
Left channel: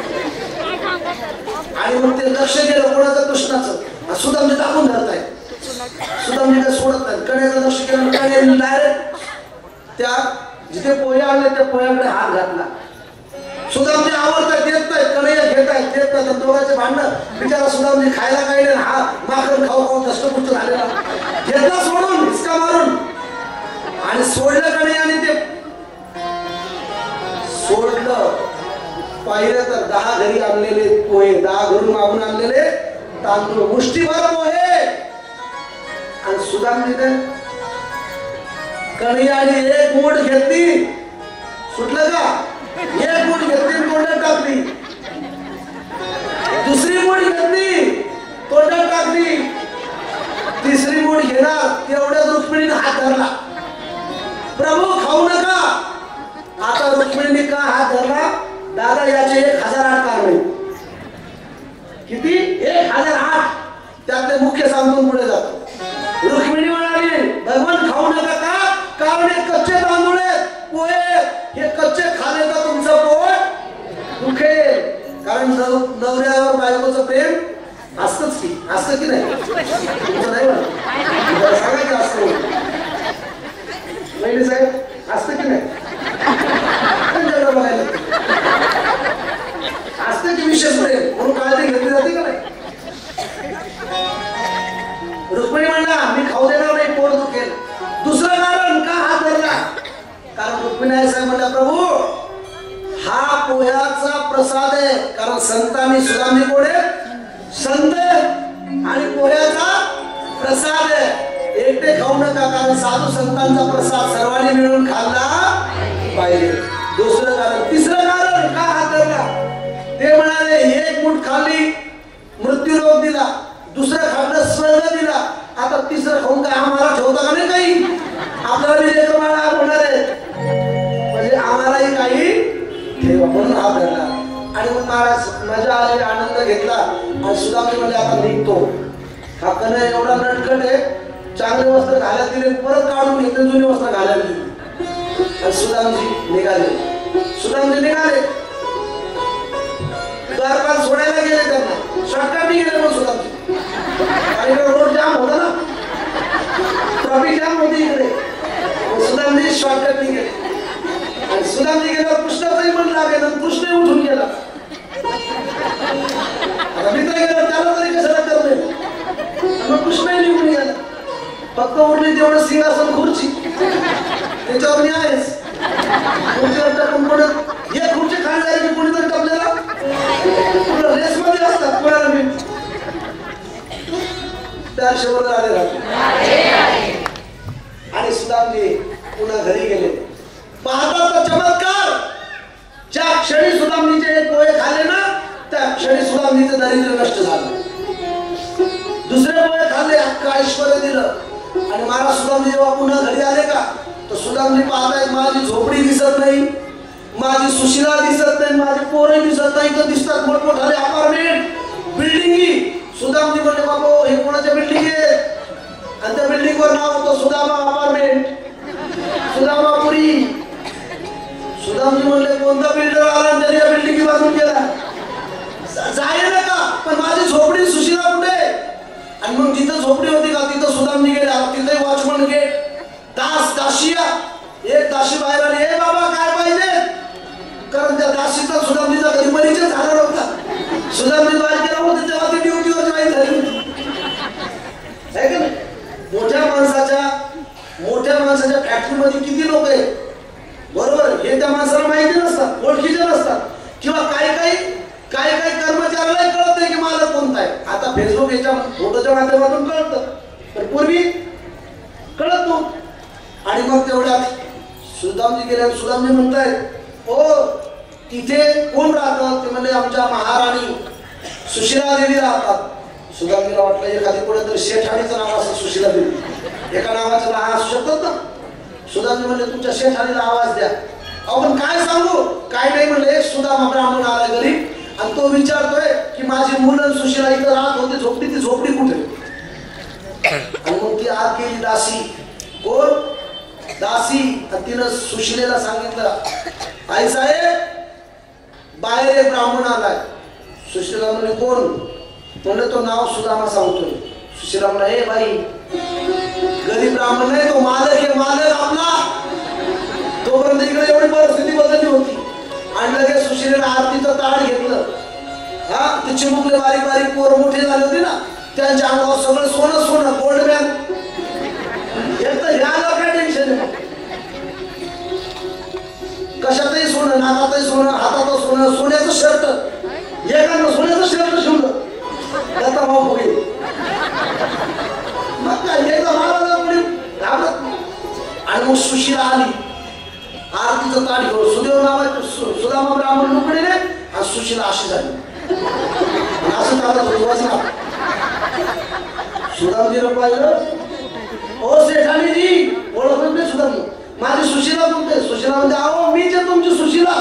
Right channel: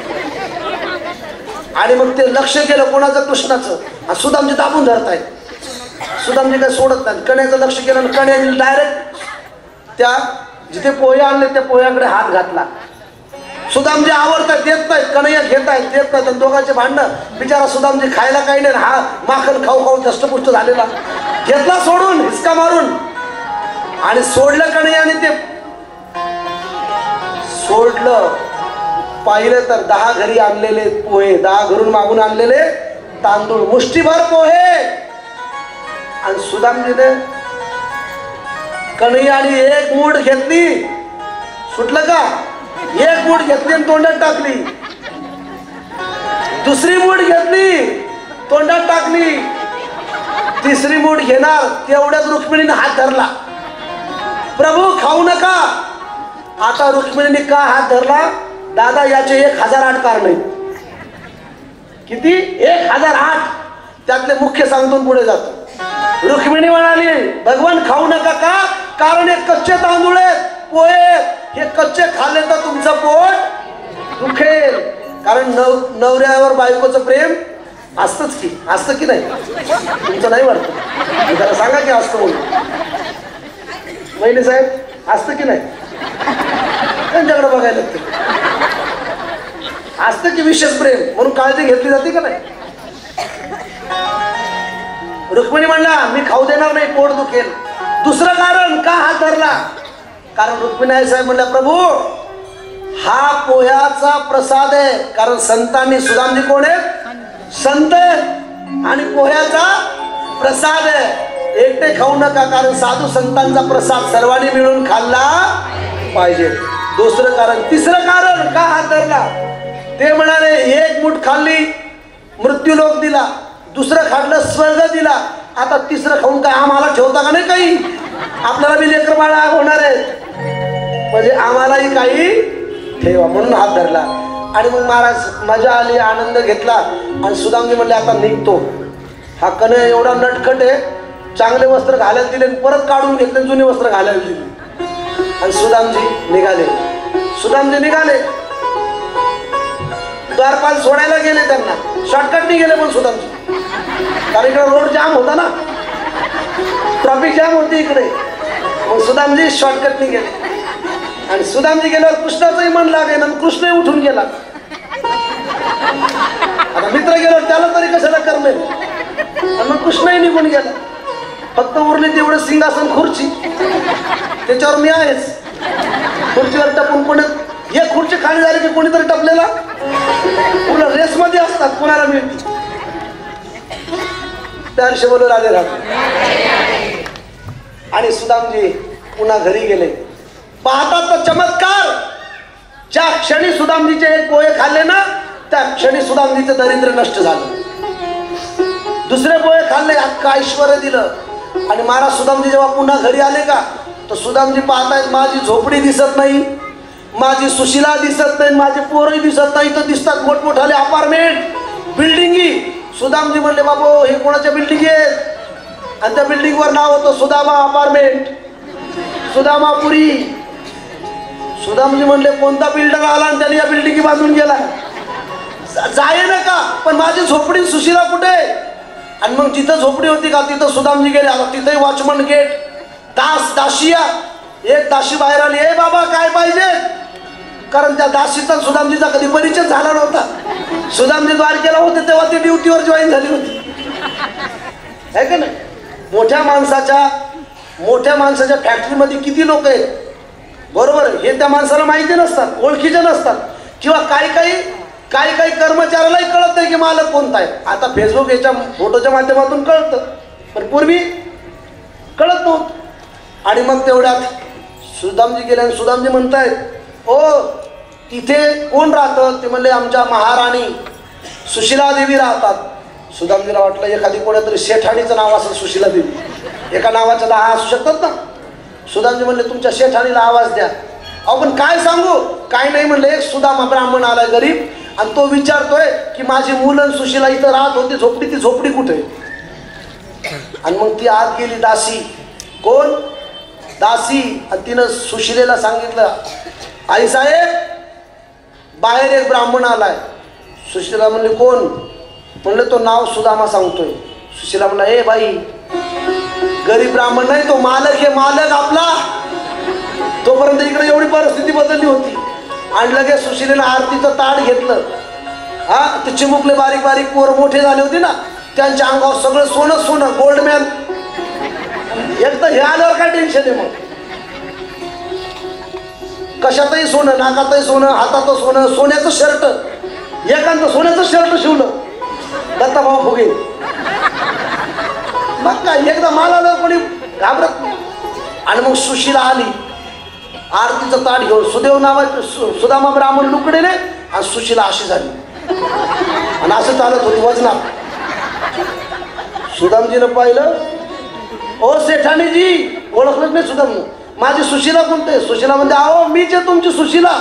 आणि मग ते लक्ष गेलं कोणाचं? कृष्णाचं. सुदामजी दाबून धरताय. सुदामजी काय सोडत नाही. कन्हैयाचं लक्ष केलं. कन्हैयाने डायरेक्ट त्या जिथे पोहे आणले त्या पोह्याकडे हात घातला. सुदामजी आवडतात, देत नाहीत. कन्हैया घेतायत, देत नाहीत. दोघांचे भांडणं. बिचारा सुदामजी खायला काही नाही, हा माखन खाऊ खाऊ दष्टपुष्ट झालेला. घेतला सोडून, हिसका मारून, आणि सोडलं कन्हैयाने. ते सोडलं. पाहिलं तर 10 घरी आणलेले पोहे, 10 घरून मागून आणलेले तांदूळ, मुष्टीभर पोहे. आणि सुदामजीने कन्हैयाने एक मूठ घेतली, सुटलं का? एक मूठ घेतली आणि तोंडात टाकली. दुसरी मूठ घेतली, तोंडात टाकली. तिसरी मूठ घेणार तेवढ्याच रुक्मिणीने हात धरला. प्रभू खाऊ नका. आता रुक्मिणीने का हात धरला? दादा याचे 1008 कारण. किती? 1008. त्यातले मुख्य सांगून पुढे जातो. रुक्मिणी म्हणाली, भगवान खाऊ नका का? कारण हे कच्चे तांदूळ आहेत, पोहे. हे कच्चे खाल्ले तर तुमचं पोट दुखेल. कारण नवऱ्यावर बायकोचं प्रेम असतंच की, असतं की नाही? तुमचं नाही वाटत? सांगा की असतं. पहिले साहेब असतं की नाही त्यांच्याकडे बघायला असतं की विशेष प्रेम म्हणून काळजी घेतली जाते का नाही. रुक्मिणी म्हणला मी खाऊ देणार नाही, पोट दुखेल. दुसरं कारण का हात धरला, कारण रुक्मिणी साहेब म्हणल्या प्रभू हा पोह्याचा प्रसाद आहे. कारण संतांनी सुदामजी कोण आहे, संत आणि पोह्याचा प्रसाद आहे. एकटे खाऊ नका, कारण साधू संतांचा प्रसाद सर्वांनी मिळून खाल्ला पाहिजे. दुसरं कारण. तिसरं कारण का हात धरला, ते म्हणाले एक मूठ खाल्ली मृत्यू लोक दिला, दुसरं खाल्लं स्वर्ग दिला, आता तिसरं खाऊन काय आम्हाला ठेवता का नाही काही, आपल्याला बी लेकर बाळा होणार आहे म्हणजे आम्हालाही काही ठेवा, म्हणून हात धरला. आणि मग महाराज मजा आली, आनंद घेतला. आणि सुदामजी म्हणले आता निघतो. हा कन्हैया एवढा नटखट आहे, चांगले वस्त्र घालायला दिले, परत काढून घेतले, जुनी वस्त्र घालायला दिली. आणि सुदामजी निघाले. सुदामजी निघाले, द्वारपाल सोडायला गेले, त्यांना शॉर्टकटनी गेले पण सुदामजी, कारण इकडे रोड जाम होता ना, ट्रॅफिक जाम होती इकडे. मग सुदामजी शॉर्टकटनी गेले. आणि सुदामजी गेल्यावर कृष्णाचंही मन लागेल आणि कृष्ण उठून गेला. आता मित्र गेल्यावर त्याला तरी कशाला करणे, मग कृष्णही निघून गेला. फक्त उरली तेवढं सिंहासन खुर्ची, त्याच्यावर मी आहेच. खुर्चीवर टपून कोणी एक खुर्ची खाली झाली की कोणीतरी टपलेला पुन्हा रेसमध्ये असतात, कुणाला मी 400 बरोबर आले राहतो. आणि सुदामजी पुन्हा घरी गेले. पाहतात तर चमत्कार, ज्या क्षणी सुदामजीचे पोहे खाल्ले ना त्या क्षणी सुदामजीचं दारिद्र्य नष्ट झालं. दुसरे पोहे खाल्ले, अख्खं ऐश्वर्य दिलं. आणि महाराज सुदामजी जेव्हा पुन्हा घरी आले का, तर सुदामजी पाहतायत माझी झोपडी दिसत नाही, माझी सुशिला दिसत नाही, माझे पोरही दिसत नाही, तर दिसतात मोठमोठाले अपार्टमेंट, बिल्डिंगी. सुदामजी म्हणले बाबा हे कोणाच्या बिल्डिंग आहेत, आणि त्या बिल्डिंग वर नाव होतं सुदामा अपार्टमेंट, सुदामापुरी. सुदामजी म्हणले कोणता बिल्डर आला आणि त्याने या बिल्डिंगी बांधून गेला, जाय नका, पण माझी झोपडी सुशिला कुठे. आणि मग जिथं झोपडी होती का तिथं सुदामजी गेले. तिथंही वॉचमन गेट, दास दाशिया. एक दाशी बाहेर आली, ए बाबा काय पाहिजे, कारण त्या दाशीचा सुदामजीचा कधी परिचय झाला नव्हता. सुदामजी द्वारकेला होते तेव्हा ती ड्युटीवर जॉईन झाली होती, आहे का नाही. मोठ्या माणसाच्या फॅक्टरीमध्ये किती लोक आहेत, बरोबर, हे त्या माणसाला माहिती नसतात, ओळखीचे नसतात. किंवा काही कर्मचाऱ्यालाही कळत नाही की मालक कोणता आहे. आता फेसबुक याच्या फोटोच्या माध्यमातून कळतं, पण पूर्वी कळत नव्हतं. आणि मग तेवढ्यात सुदामजी गेले. सुदामजी म्हणतायत ओ तिथे कोण राहतं, ते म्हणले आमच्या महाराणी सुशिला देवी राहतात. सुदामजीला वाटलं एखादी कोणतरी शेठाणीचं नाव असेल सुशिला देवी, एका नावाचं 10 असू शकतात ना. सुदामजी म्हणले तुमच्या शेठाणीला आवाज द्या. अहो पण काय सांगू, काय नाही म्हणले. एक सुदामा ब्राह्मण आलाय गरीब, आणि तो विचारतोय की माझी मुलं सुशिला इथं राहत होती झोपडी, ती झोपडी कुठे. आणि मग ती आत गेली दासी, कोण दासी, आणि तिनं सुशिलेला सांगितलं आई साहेब बाहेर एक ब्राह्मण आलाय. सुशिला म्हणले कोण, म्हणलं तो नाव सुदामा सांगतोय. सुशिला म्हणला ए बाई गरीब ब्राह्मण नाही, तो मालक आहे, मालक आपला. तोपर्यंत इकडे एवढी परिस्थिती बदलली होती. आणि लगेच सुशिलेला आरतीचं ताट घेतलं. हा ते चिमुकले बारीक बारीक पोर मोठे झाले होते ना, त्यांच्या अंगावर सगळं सोनं सोनं, गोल्ड मॅन. एक तर हे आल्यावर काय टेन्शन आहे, मग कशातही सोनं, नाकातही सोनं, हातातही सोनं, सोन्याचं शर्ट, एकांत सोन्याचं शर्ट शिवलं दत्ता भाऊ फुगे. मग काय एकदा मला कोणी घाबरत. आणि मग सुशिला आली आरतीचं ताट घेऊन. सुदेव नावाचे सुदामा ब्राह्मण लुकडेने, आणि सुशिला अशी झाली आणि असं चालत होती वजनात. सुदामजीनं पाहिलं, ओ सेठानीजी, ओळखलंच नाही सुदामजी. माझी सुशिला कोणते. सुशिला म्हणजे अहो मीच आहे तुमची सुशिला.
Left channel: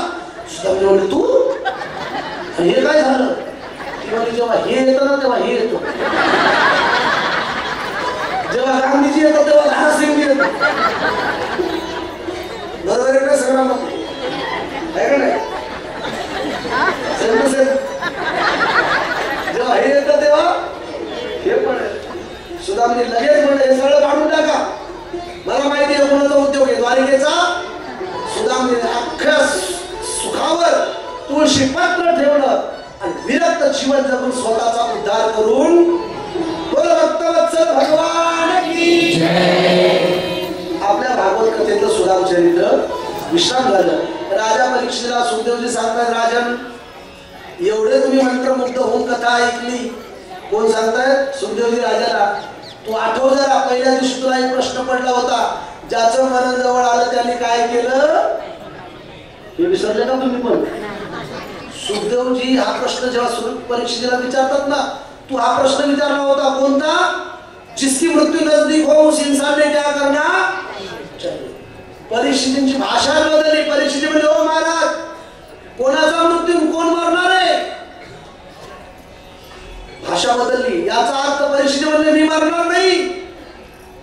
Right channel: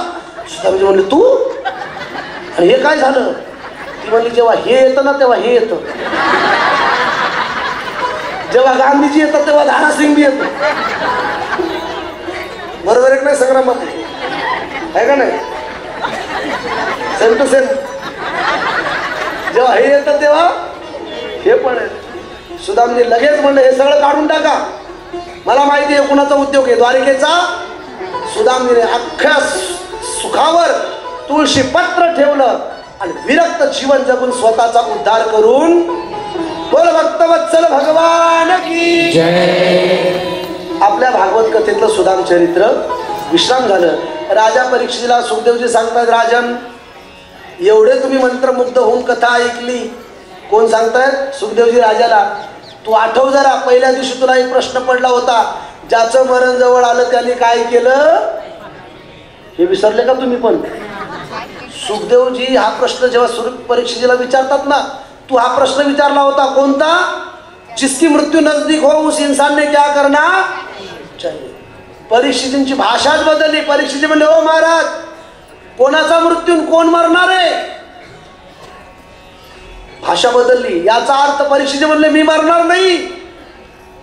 सुदामजी म्हणले तू, आणि हे काय झालं. ती म्हणली जेव्हा हे येतं ना तेव्हा हे येतं, जेव्हा गांधीजी येतात तेव्हा धारासिंग येतं. बरोबर आहे नाही संग्रामामध्ये, आहे का नाही. सेम टू सेम, जेव्हा हे येतं तेव्हा हे पण आहे. सुदामजी लगेच म्हणलं हे सगळं काढून टाका, मला माहिती आहे कुणाचा उद्योग आहे, द्वारिकेचा सुदामने अख्ख्या सुखावर तुळशी पत्र ठेवलं आणि विरक्त जीवन जगून स्वतःचा उद्धार करून बोल भक्तवत्सल भगवान की जय. आपल्या भागवत कथेतलं सुदाम चरित्र विश्राम झालं. राजा परीक्षेला सुखदेवजी सांगतात, राजन एवढे तुम्ही मंत्रमुग्ध होऊन कथा ऐकली. कोण सांगतायत? सुखदेवजी राजाला. तू आठव जरा, पहिल्या दिवशी तुला एक प्रश्न पडला होता, ज्याचं मरण जवळ आलं त्याने काय केलं, हे विसरले का तुम्ही? पण सुखदेवजी हा प्रश्न जेव्हा परीक्षेला विचारतात ना, तू हा प्रश्न विचारला होता कोणता? जिसकी मृत्यू नजदीक हो उस इंसान ने क्या करना चाहिए. परीक्षितींची भाषाच बदलली. परीक्षिती म्हणजे हो महाराज, कोणाचा मृत्यू कोण मरणार आहे, भाषा बदलली. याचा अर्थ परीक्षिती म्हणले मी मरणार नाही,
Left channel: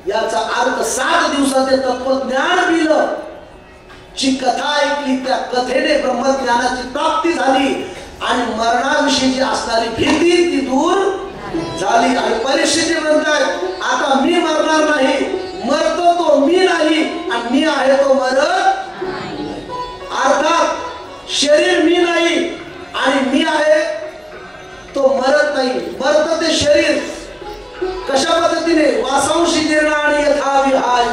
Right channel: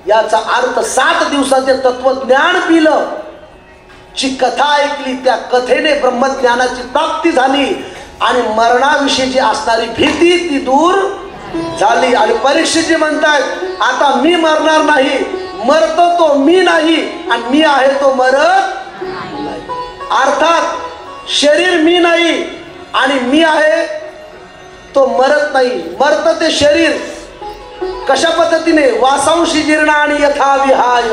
याचा अर्थ 7 दिवसाचे तत्वज्ञान पिलं, जी कथा ऐकली त्या कथेने ब्रह्मज्ञानाची प्राप्ती झाली आणि मरणाविषयीची असणारी भीती ती दूर झाली. आणि परीक्षिती म्हणतात आता मी मरणार नाही, मरतो तो मी नाही आणि मी आहे तो मरत नाही. अर्थात शरीर मी नाही आणि मी आहे तो मरत नाही. मरत ते शरीर कशा पद्धतीने? वासांशी जीर्ण आणि यथा विहाय.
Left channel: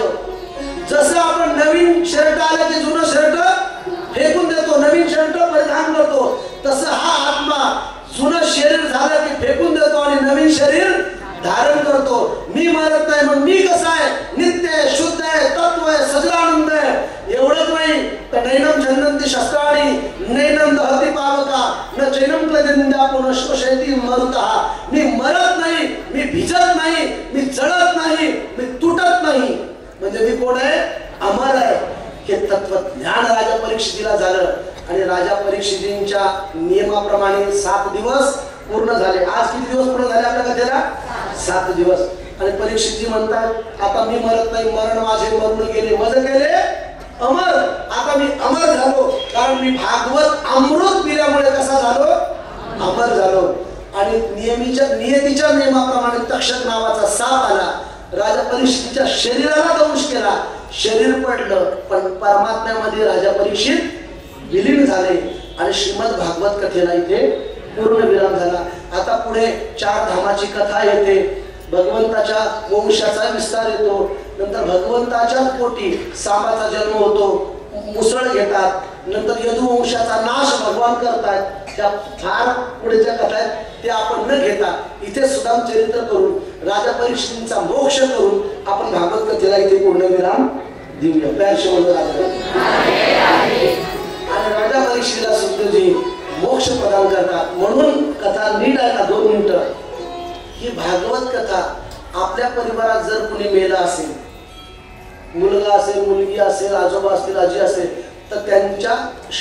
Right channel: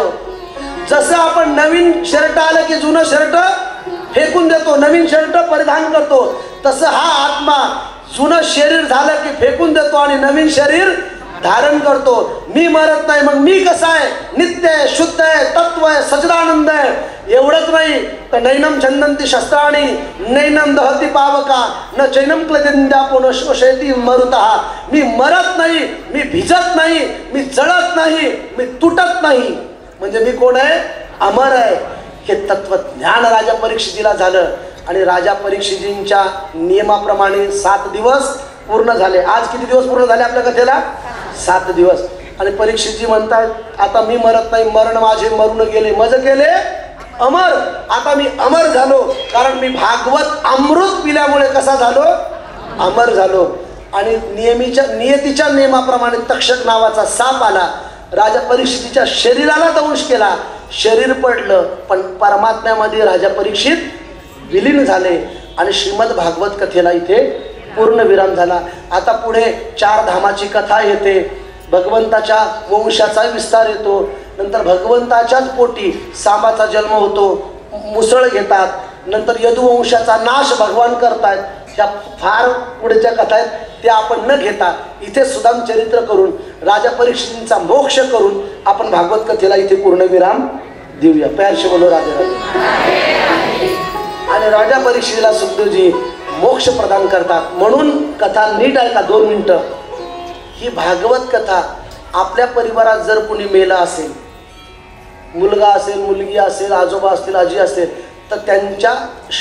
जसं आपण नवीन शर्ट आलं की जुनं शर्ट फेकून देतो, नवीन शर्ट परिधान करतो, तसं हा आत्मा जुनं शरीर झालं की फेकून देतो आणि नवीन शरीर धारण करतो. मी मरत नाही, मग मी कसं आहे? नित्य आहे, शुद्ध आहे, तत्व आहे, सच्चिदानंद आहे. एवढंच नाही तर नैनम छंदंती शस्त्राणी नैनम दहती पावका न चैनम क्लेदिंद्या पुनश्वशयती मरुतः. मी मरत नाही, मी भिजत नाही, मी जळत नाही, मी तुटत नाही. म्हणजे मी कोण आहे? अमर आहे. हे तत्वज्ञान राजा परीक्षितीला झालं आणि राजा परीक्षितींच्या नियमाप्रमाणे 7 दिवस पूर्ण झाले. आज किती दिवस पूर्ण झाले आपल्या कथेला? 7 दिवस. आणि परीक्षितजी म्हणतात आता मी मरत नाही, मरण माझे मरून गेले, मज गेले अमर. आता मी अमर झालो, कारण मी भागवत अमृत पिल्यामुळे कसा झालो? अमर झालो. आणि नियतीच्या नियमाप्रमाणे तक्षक नावाचा साप आला, राजा परीक्षितीच्या शरीराला दंश केला, शरीर पडलं, पण परमात्म्यामध्ये राजा परीक्षित विलीन झाले आणि श्रीमद भागवत कथेला इथे पूर्ण विराम झाला. आता पुढे 4 धामाची कथा येते, भगवंताच्या वंशाचा विस्तार येतो, नंतर भगवंताच्याच पोटी सांबाचा जन्म होतो, मुसळ घेतात, नंतर यदुवंशाचा नाश भगवान करतात. त्या फार पुढेच्या कथा आहेत, त्या आपण न घेता इथे सुदाम चरित्र करून राजा परीक्षितींचा मोक्ष करून आपण भागवत कथेला इथे पूर्ण विराम देऊया. प्यारशी बोलो राजा. आणि राजा परीक्षितीला सुखदेवजी मोक्ष प्रदान करतात. म्हणून कथा नीट आहे का? 2 मिनिटं. ही भागवत कथा आपल्या परिवारात जर कुणी मेला असेल, मुलगा असेल, मुलगी असेल, आजोबा असतील, आजी असेल, तर त्यांच्या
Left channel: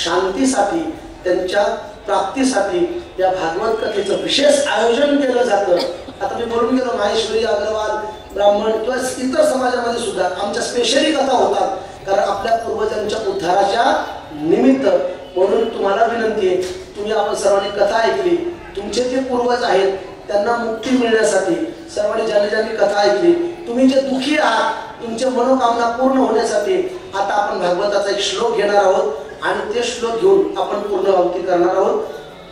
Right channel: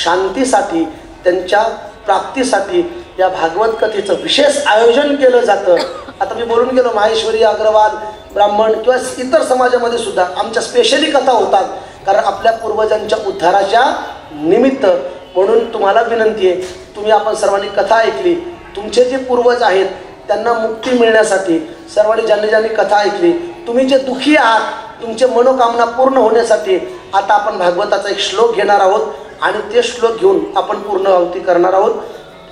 शांतीसाठी, त्यांच्या प्राप्तीसाठी या भागवत कथेचं विशेष आयोजन केलं जातं. आता मी बोलून गेलो, माहेश्वरी, अग्रवाल, ब्राह्मण किंवा इतर समाजामध्ये सुद्धा आमच्या स्पेशली कथा होतात, कारण आपल्या पूर्वजांच्या उद्धाराच्या निमित्त. म्हणून तुम्हाला विनंती आहे, तुम्ही आपण सर्वांनी कथा ऐकली, तुमचे जे पूर्वज आहेत त्यांना मुक्ती मिळण्यासाठी सर्वांनी ज्यांनी ज्यांनी कथा ऐकली, तुम्ही जे दुःखी आहात, तुमचे मनोकामना पूर्ण होण्यासाठी आता आपण भागवताचा एक श्लोक घेणार आहोत आणि ते श्लोक घेऊन आपण पूर्ण आहुती करणार आहोत.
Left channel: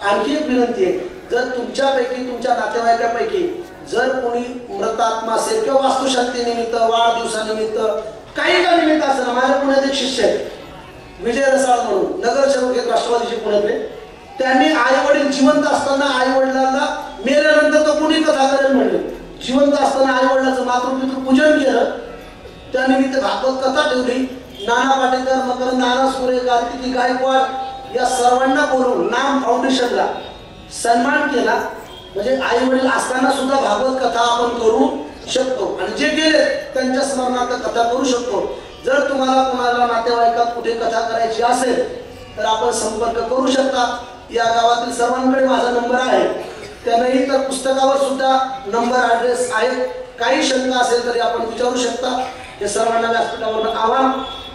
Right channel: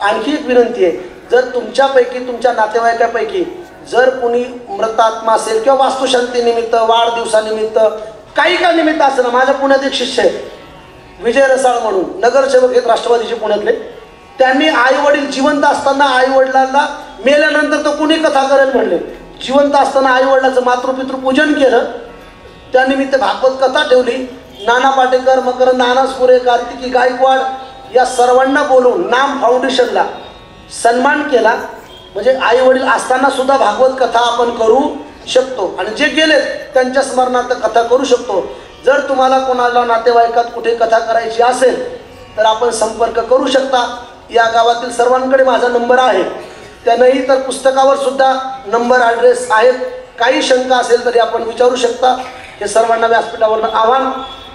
आणखी एक विनंती आहे, जर तुमच्यापैकी, तुमच्या नातेवाईकापैकी जर कोणी मृतात्मा असेल किंवा वास्तुशांतीनिमित्त, वाढदिवसानिमित्त, काही का निमित्त असेल, माझ्या पुण्यात एक शिष्य आहे विजय रसाळ म्हणून, नगरसेवक आहेत राष्ट्रवादीचे पुण्यातले. त्यांनी आई वडील जिवंत असताना आई वडिलांना मेल्यानंतर तर कुणी कथा करेल म्हणले, जिवंत असताना आई वडिलांचं मातृपितृ पूजन केलं, त्यानिमित्त भागवत कथा ठेवली. नाना पाटेकर, मकरंद नानासपुरे, कार्तिकी गायकवाड या सर्वांना बोलवून नाम फाउंडेशनला सन्मान केला. म्हणजे आई वडील असताना सुद्धा भागवत कथा आपण करू शकतो आणि जे गेले त्यांच्या स्मरणार्थ कथा करू शकतो. जर तुम्हाला कोणाला नातेवाईकात कुठे कथा करायची असेल तर आपण संपर्क करू शकता. या गावातील सर्वांकडे माझा नंबर आहे, त्यानंही तर पुस्तकावर सुद्धा नंबर, ॲड्रेस आहेत. काही शंका असेल तरी आपण विचारू शकता. हे सर्वांना व्यासपीठावरनं आव्हान.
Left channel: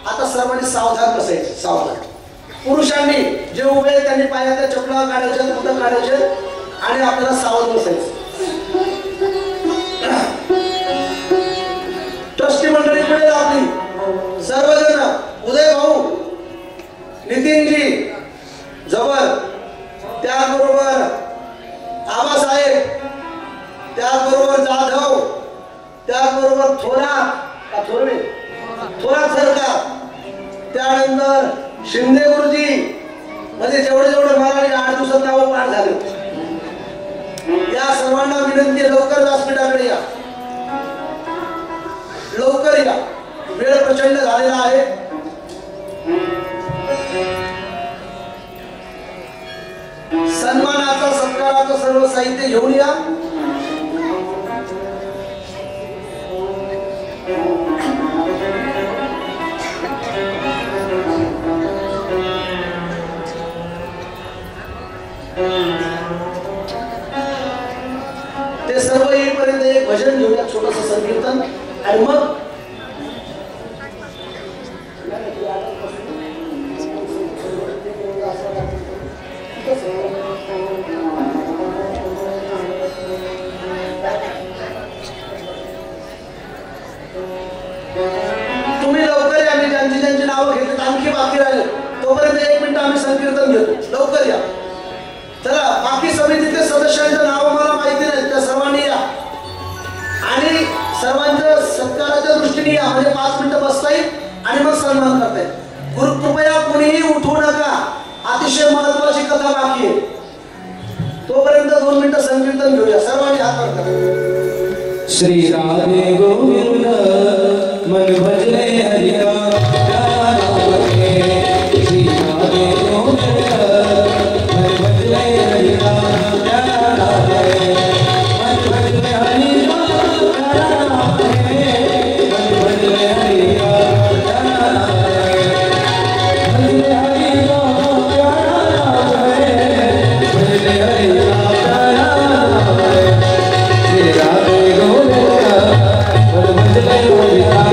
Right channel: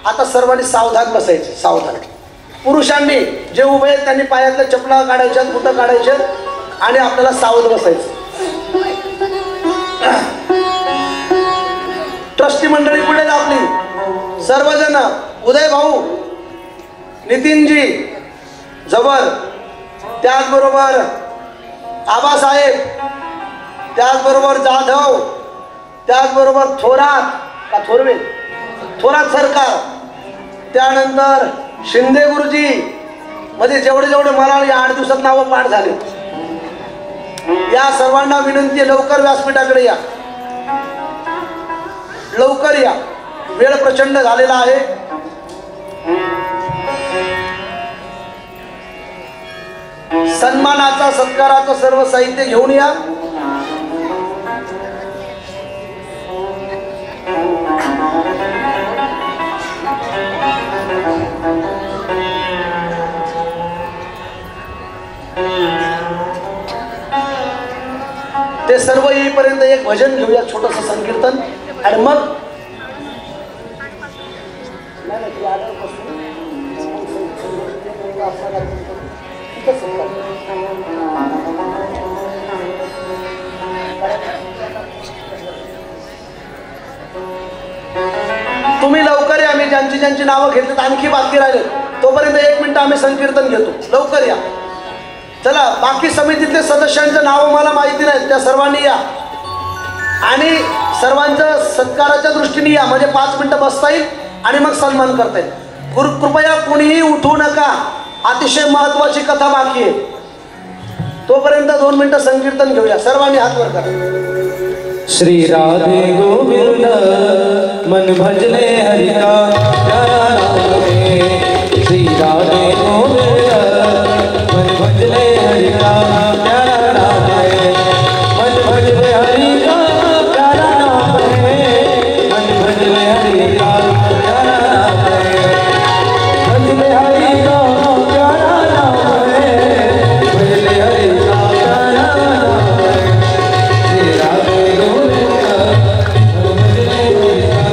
आता सर्वांनी सावधान बसायचे, सावधान. पुरुषांनी जे उभे त्यांनी पायातल्या चपला काढायच्या, बुटं काढायचे आणि आपल्याला सावध बसायचं. ट्रस्टी मंडळी पुढे आपली उदय भाऊ, नितीनजी जबर, त्याचबरोबर आबासाहेब, त्याचबरोबर जाधव, त्याचबरोबर थोरात सरकार, त्यानंतर शिंदे गुरुजी, म्हणजे जेवढे मला 8 दिवसात नावं पाठ झाले. या सर्वांना विनंती, लवकर व्यासपीठाकडे या, लवकर या, वेळ प्रचंड झालेला आहे. सन्मानाचा सत्काराचं सर्व साहित्य घेऊन या. ते सर्व येईपर्यंत एक भजन घेऊया, छोटस संकीर्तन, आणि मग तुम्ही लवकर या. मी ज्यांची नावं घेतली आणखी बाकी राहिले तोपर्यंत 1 मिनिट आम्ही संकीर्तन घेतो. लवकर या. चला, बाकी समितीतले सदस्यांचं नाव मला माहिती नाही, त्या सर्वांनी या आणि सर्वांचं सत्काराच्या दृष्टीने या, म्हणजे 5 मिनिटं बसता येईल आणि मग सन्मान करता येईल. कृपया कोणीही उठू नका, अतिशय महत्वाची कथा बाकी आहे. तोपर्यंत 2 मिनिटं संकीर्तन घेऊया. सर्वांनी हात वर करा. श्री राधे गोविंद मन भजने हरिका प्यारा नाम है. श्री राधे गोविंद मन भजने हरिका प्यारा नाम है. मन भजने हरिका प्यारा नाम है. मन भजने हरिका प्यारा नाम है. भजने हरिका प्यारा नाम है. भजने हरिका प्यारा नाम है. श्री राधे गोविंद मन भजने हरिका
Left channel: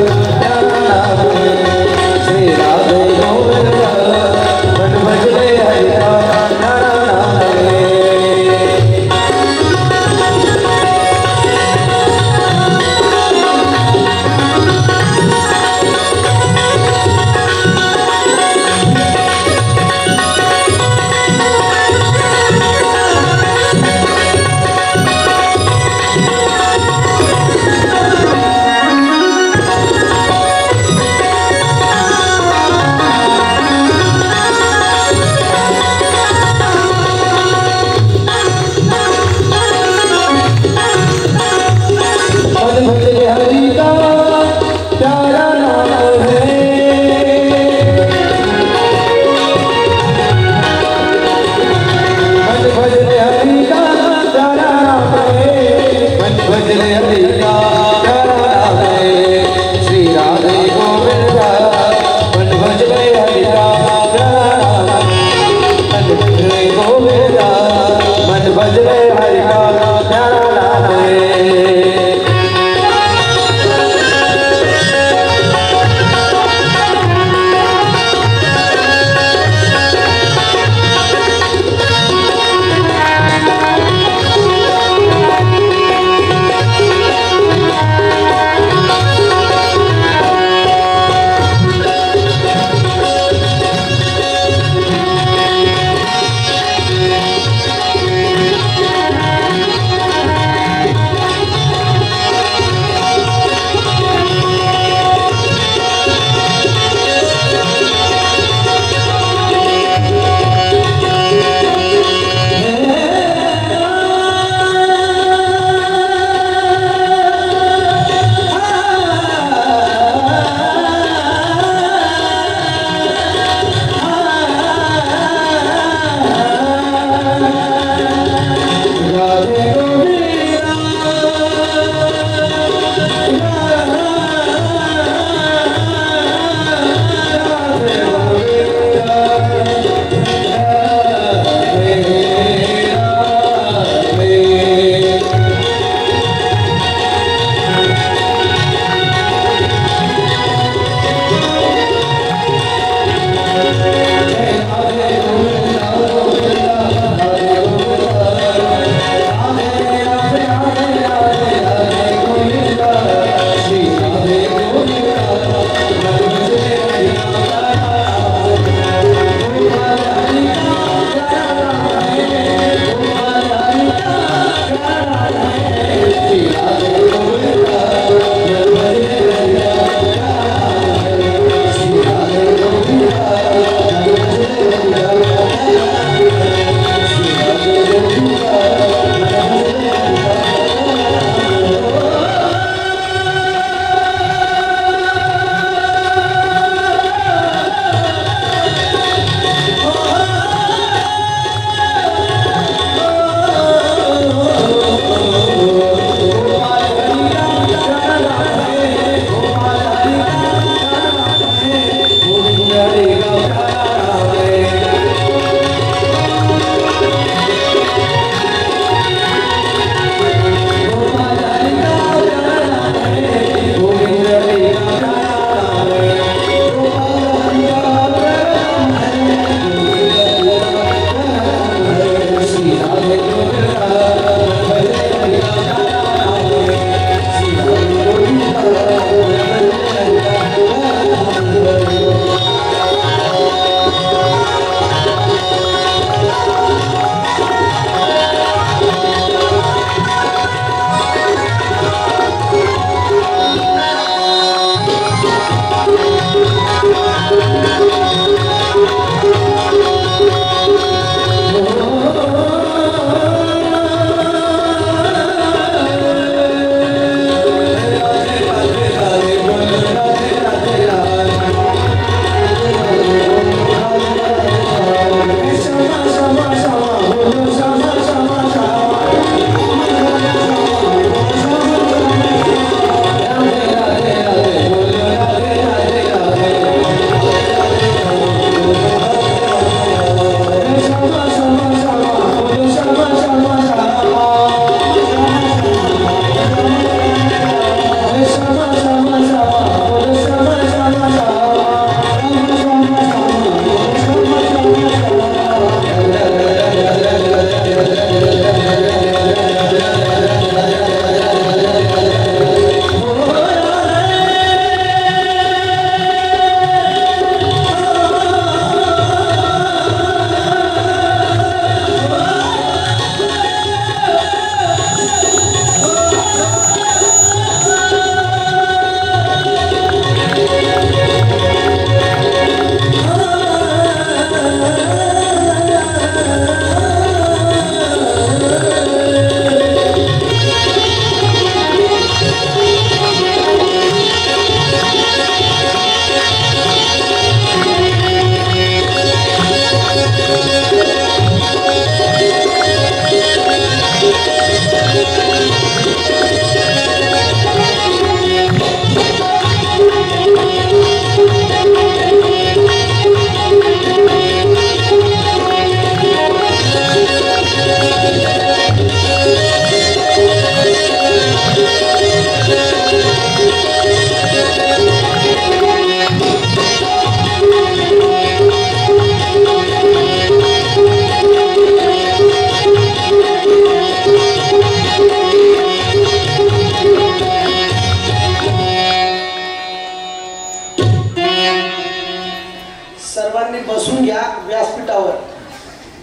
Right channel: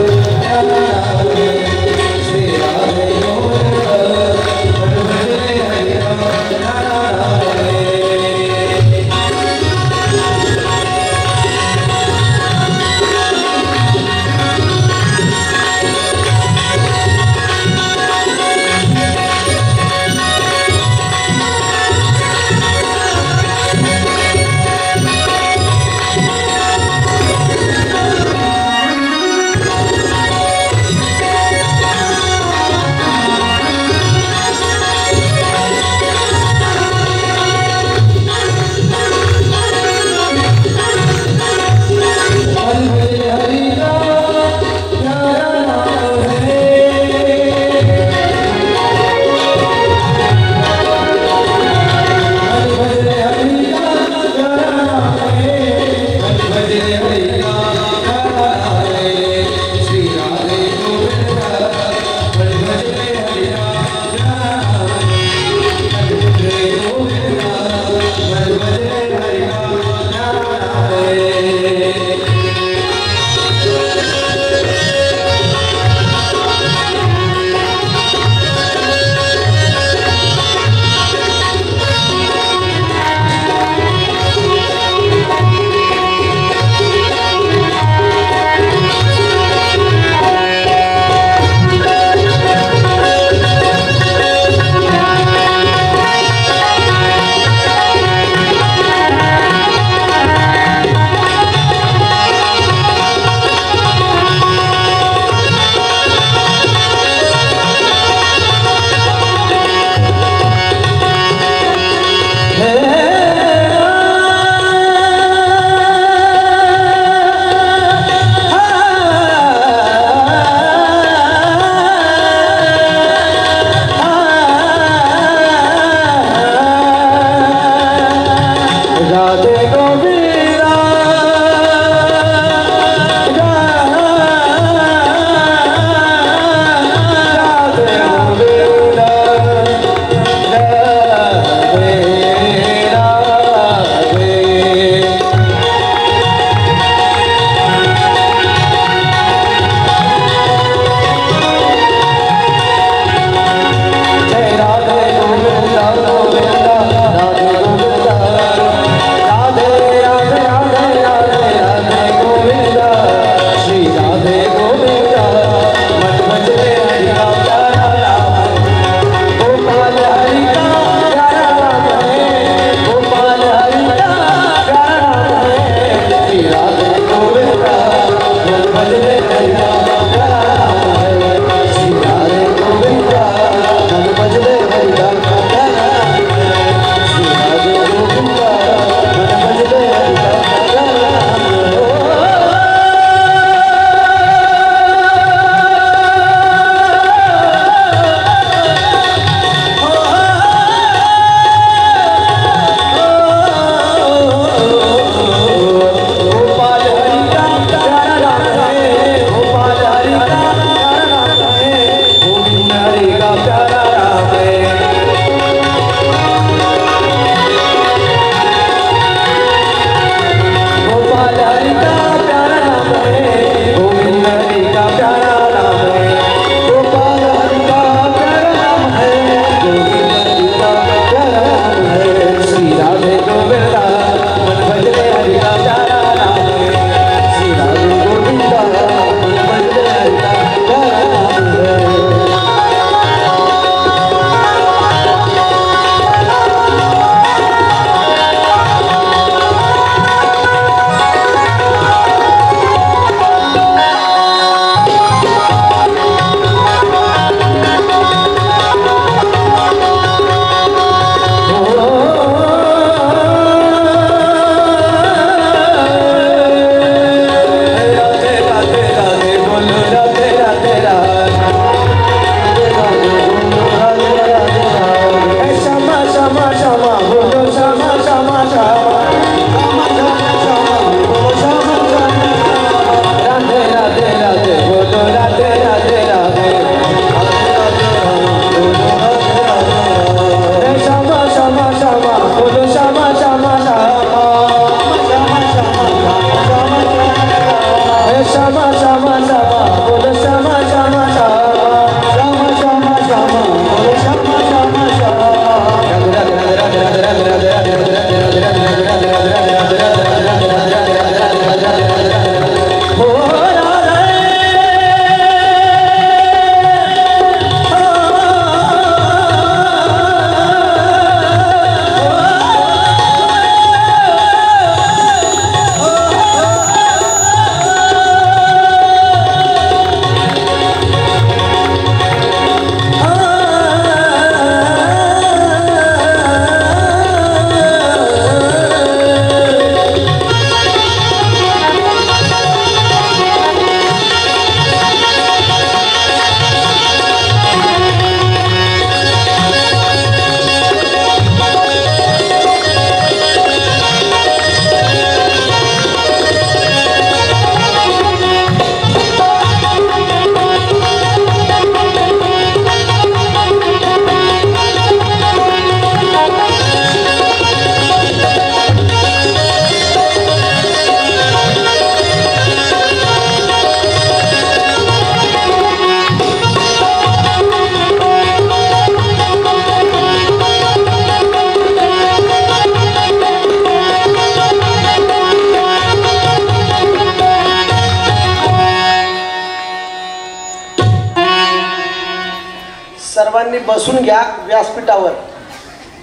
सर्वांनी बसून घ्या व्यासपीठावर.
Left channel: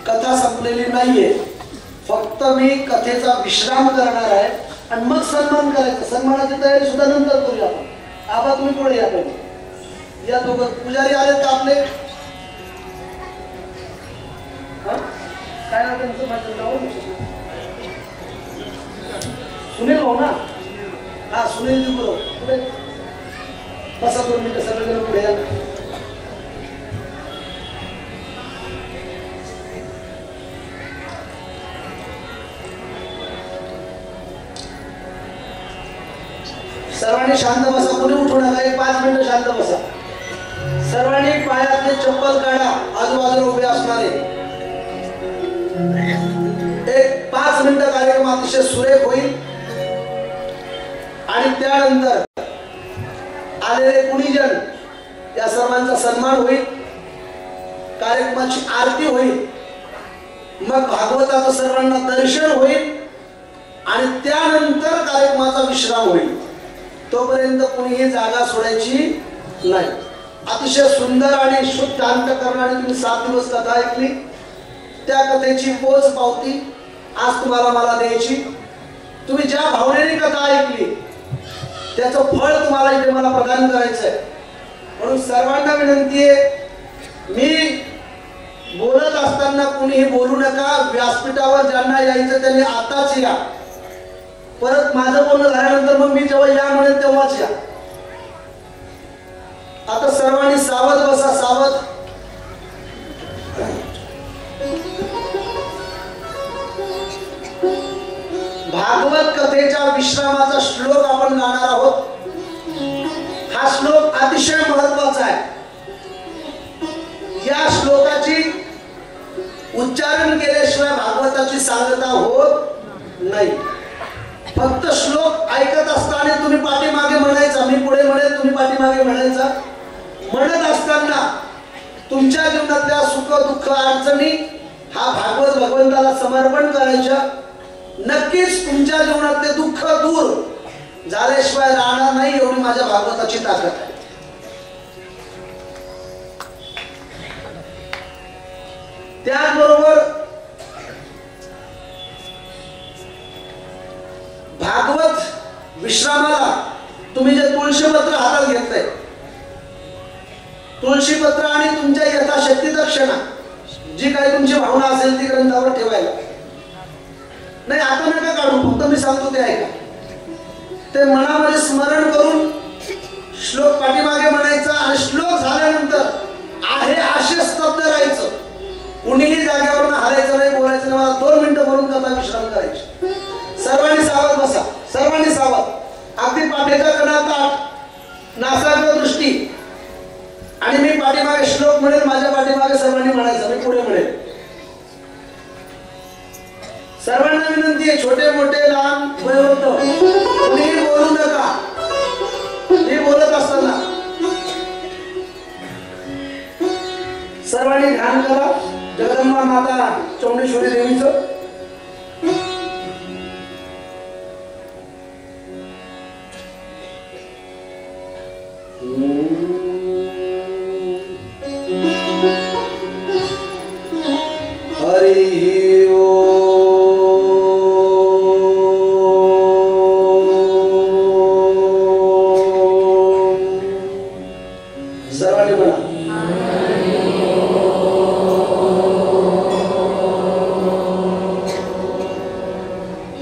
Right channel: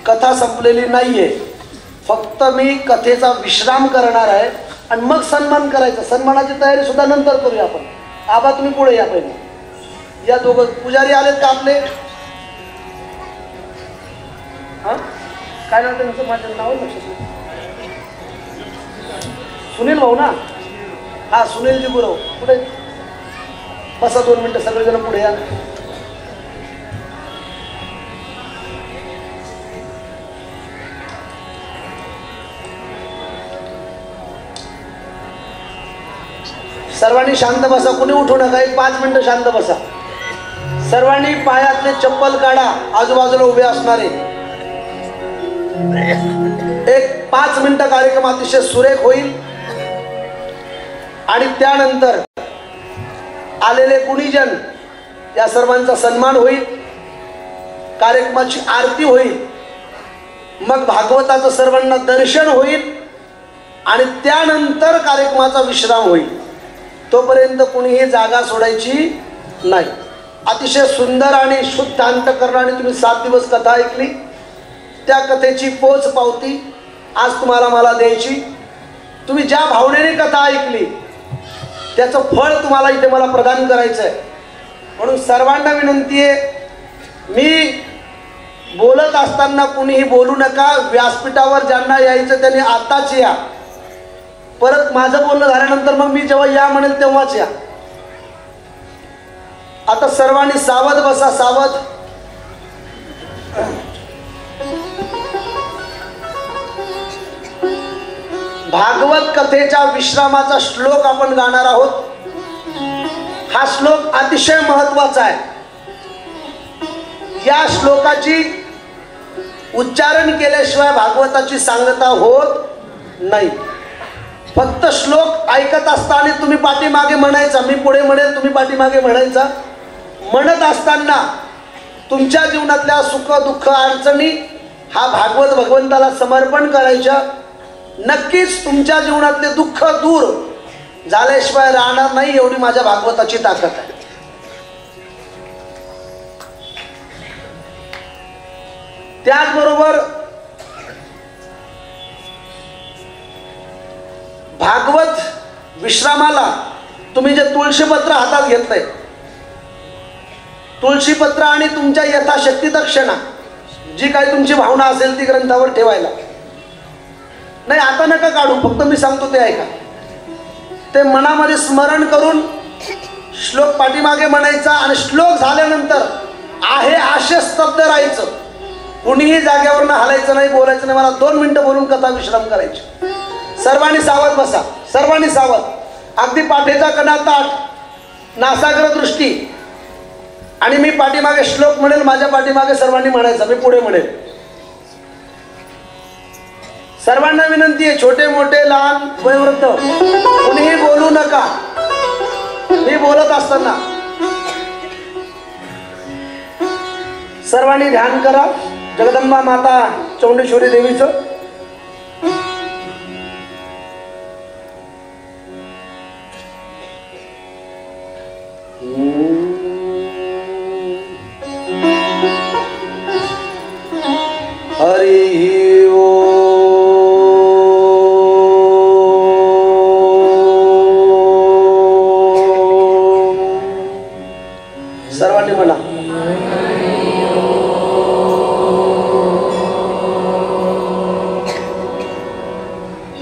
कथा संपलेली नाहीये, फक्त मी कथेचा विश्राम करणार आहे आणि मग सन्मान करायचा. सन्मानाची तयारी सुद्धा नंतर करूया आपण. आबा तुम्ही पुढे या पहिले. या दोघं पुजारी आलेत का आपले? काय नाव त्यांचं? माझं नाव सुनील भाऊ ना? हा सुनीलजी गुरव. पुढे बसा 2 मिनिटं सगळेजण पुढे या. सर्वांनी शांत बसा, कुणी उठू नका. 5 मिनिटं शांत बसा. सर्वांनी पायातले चप्पल काढा. आजूबाजूला उभे असणारे 5 मिनिटं कार्यक्रम अतिशय सुरेख होईल आणि त्यानंतर आलेले कुणीजन या सर्वांचा सन्मान होईल, कार्यक्रमाची आरती होईल, मग भागवताचं सर्वांना दर्शन होईल आणि त्यानंतर कार्यक्रमाचा विश्राम होईल. तोपर्यंत कुणीही जागा सोडायची नाही. अतिशय सुंदर आणि शुद्ध अंतःकरणाने तुम्ही 7 दिवस कथा ऐकली. त्या कथेची पोच पावती आज तुम्हाला मला द्यायची. तुम्ही ज्या भावनेने कथा ऐकली त्याचं फळ तुम्हाला इथे मला प्रदान करायचं आहे. म्हणून सर्वांना विनंती आहे, मी बोलत असताना कुणीही बोलू नका. व्यासपीठावर ज्यांना यायचं त्यांनी आताच या. परत माझं बोलणं झाल्यानंतर मग मी जेव्हा या म्हणेल तेव्हाच या. आता सर्वांनी सावध बसा, सावध. भागवत कथेच्या विश्रामाचा श्लोक आपण गाणार आहोत. हा श्लोक अतिशय महत्वाचा आहे. या श्लोकाची उच्चारण केल्याशिवाय भागवताची सांगता होत नाही. फक्त श्लोक ऐकत असताना तुम्ही पाठीमागे म्हणायचा, मी पुढे म्हणेल तुम्ही पाठीमागे म्हणायचा. म्हणत असताना तुमच्या जीवनातल्या सुख दुःख अडचणी हा भागवत भगवंताला समर्पण करायच्या. नक्कीच तुमच्या जीवनातले दुःख दूर झाल्याशिवाय राहणार नाही, एवढी माझ्या भागवताची ताकद आहे. त्याचबरोबर भागवत विश्रामाला तुम्ही जे तुळशीपत्र हातात घेतलंय, तुळशीपत्र आणि तुमच्या यथाशक्ती दक्षिणा जी काही तुमची भावना असेल ती ग्रंथावर ठेवायला नाही. आता नका काढू, फक्त मी सांगतो ते ऐका. ते मनामध्ये स्मरण करून श्लोक पाठीमागे म्हणायचा आणि श्लोक झाल्यानंतर आहे असे स्तब्ध राहायचं. कुणीही जागेवरनं हलायचं नाही, बोलायचं नाही. मला 2 मिनिटं बोलून कथा विश्राम करायची. सर्वांनी सावध बसा, सर्वांनी सावध. अगदी पाठीचा कणा ताठ, नासाग्र दृष्टी. आणि मी पाठीमागे श्लोक म्हणेल, माझ्या पाठीमागे सर्वांनी म्हणायचं, मी पुढे म्हणेल. सर्वांना विनंती आहे, छोटे मोठे लहान वयोवृद्ध कोणीही बोलू नका मी बोलत असताना. सर्वांनी ध्यान करा जगदंबा माता चौंडेश्वरी देवीचं. हरि ओम. सर्वांनी म्हणा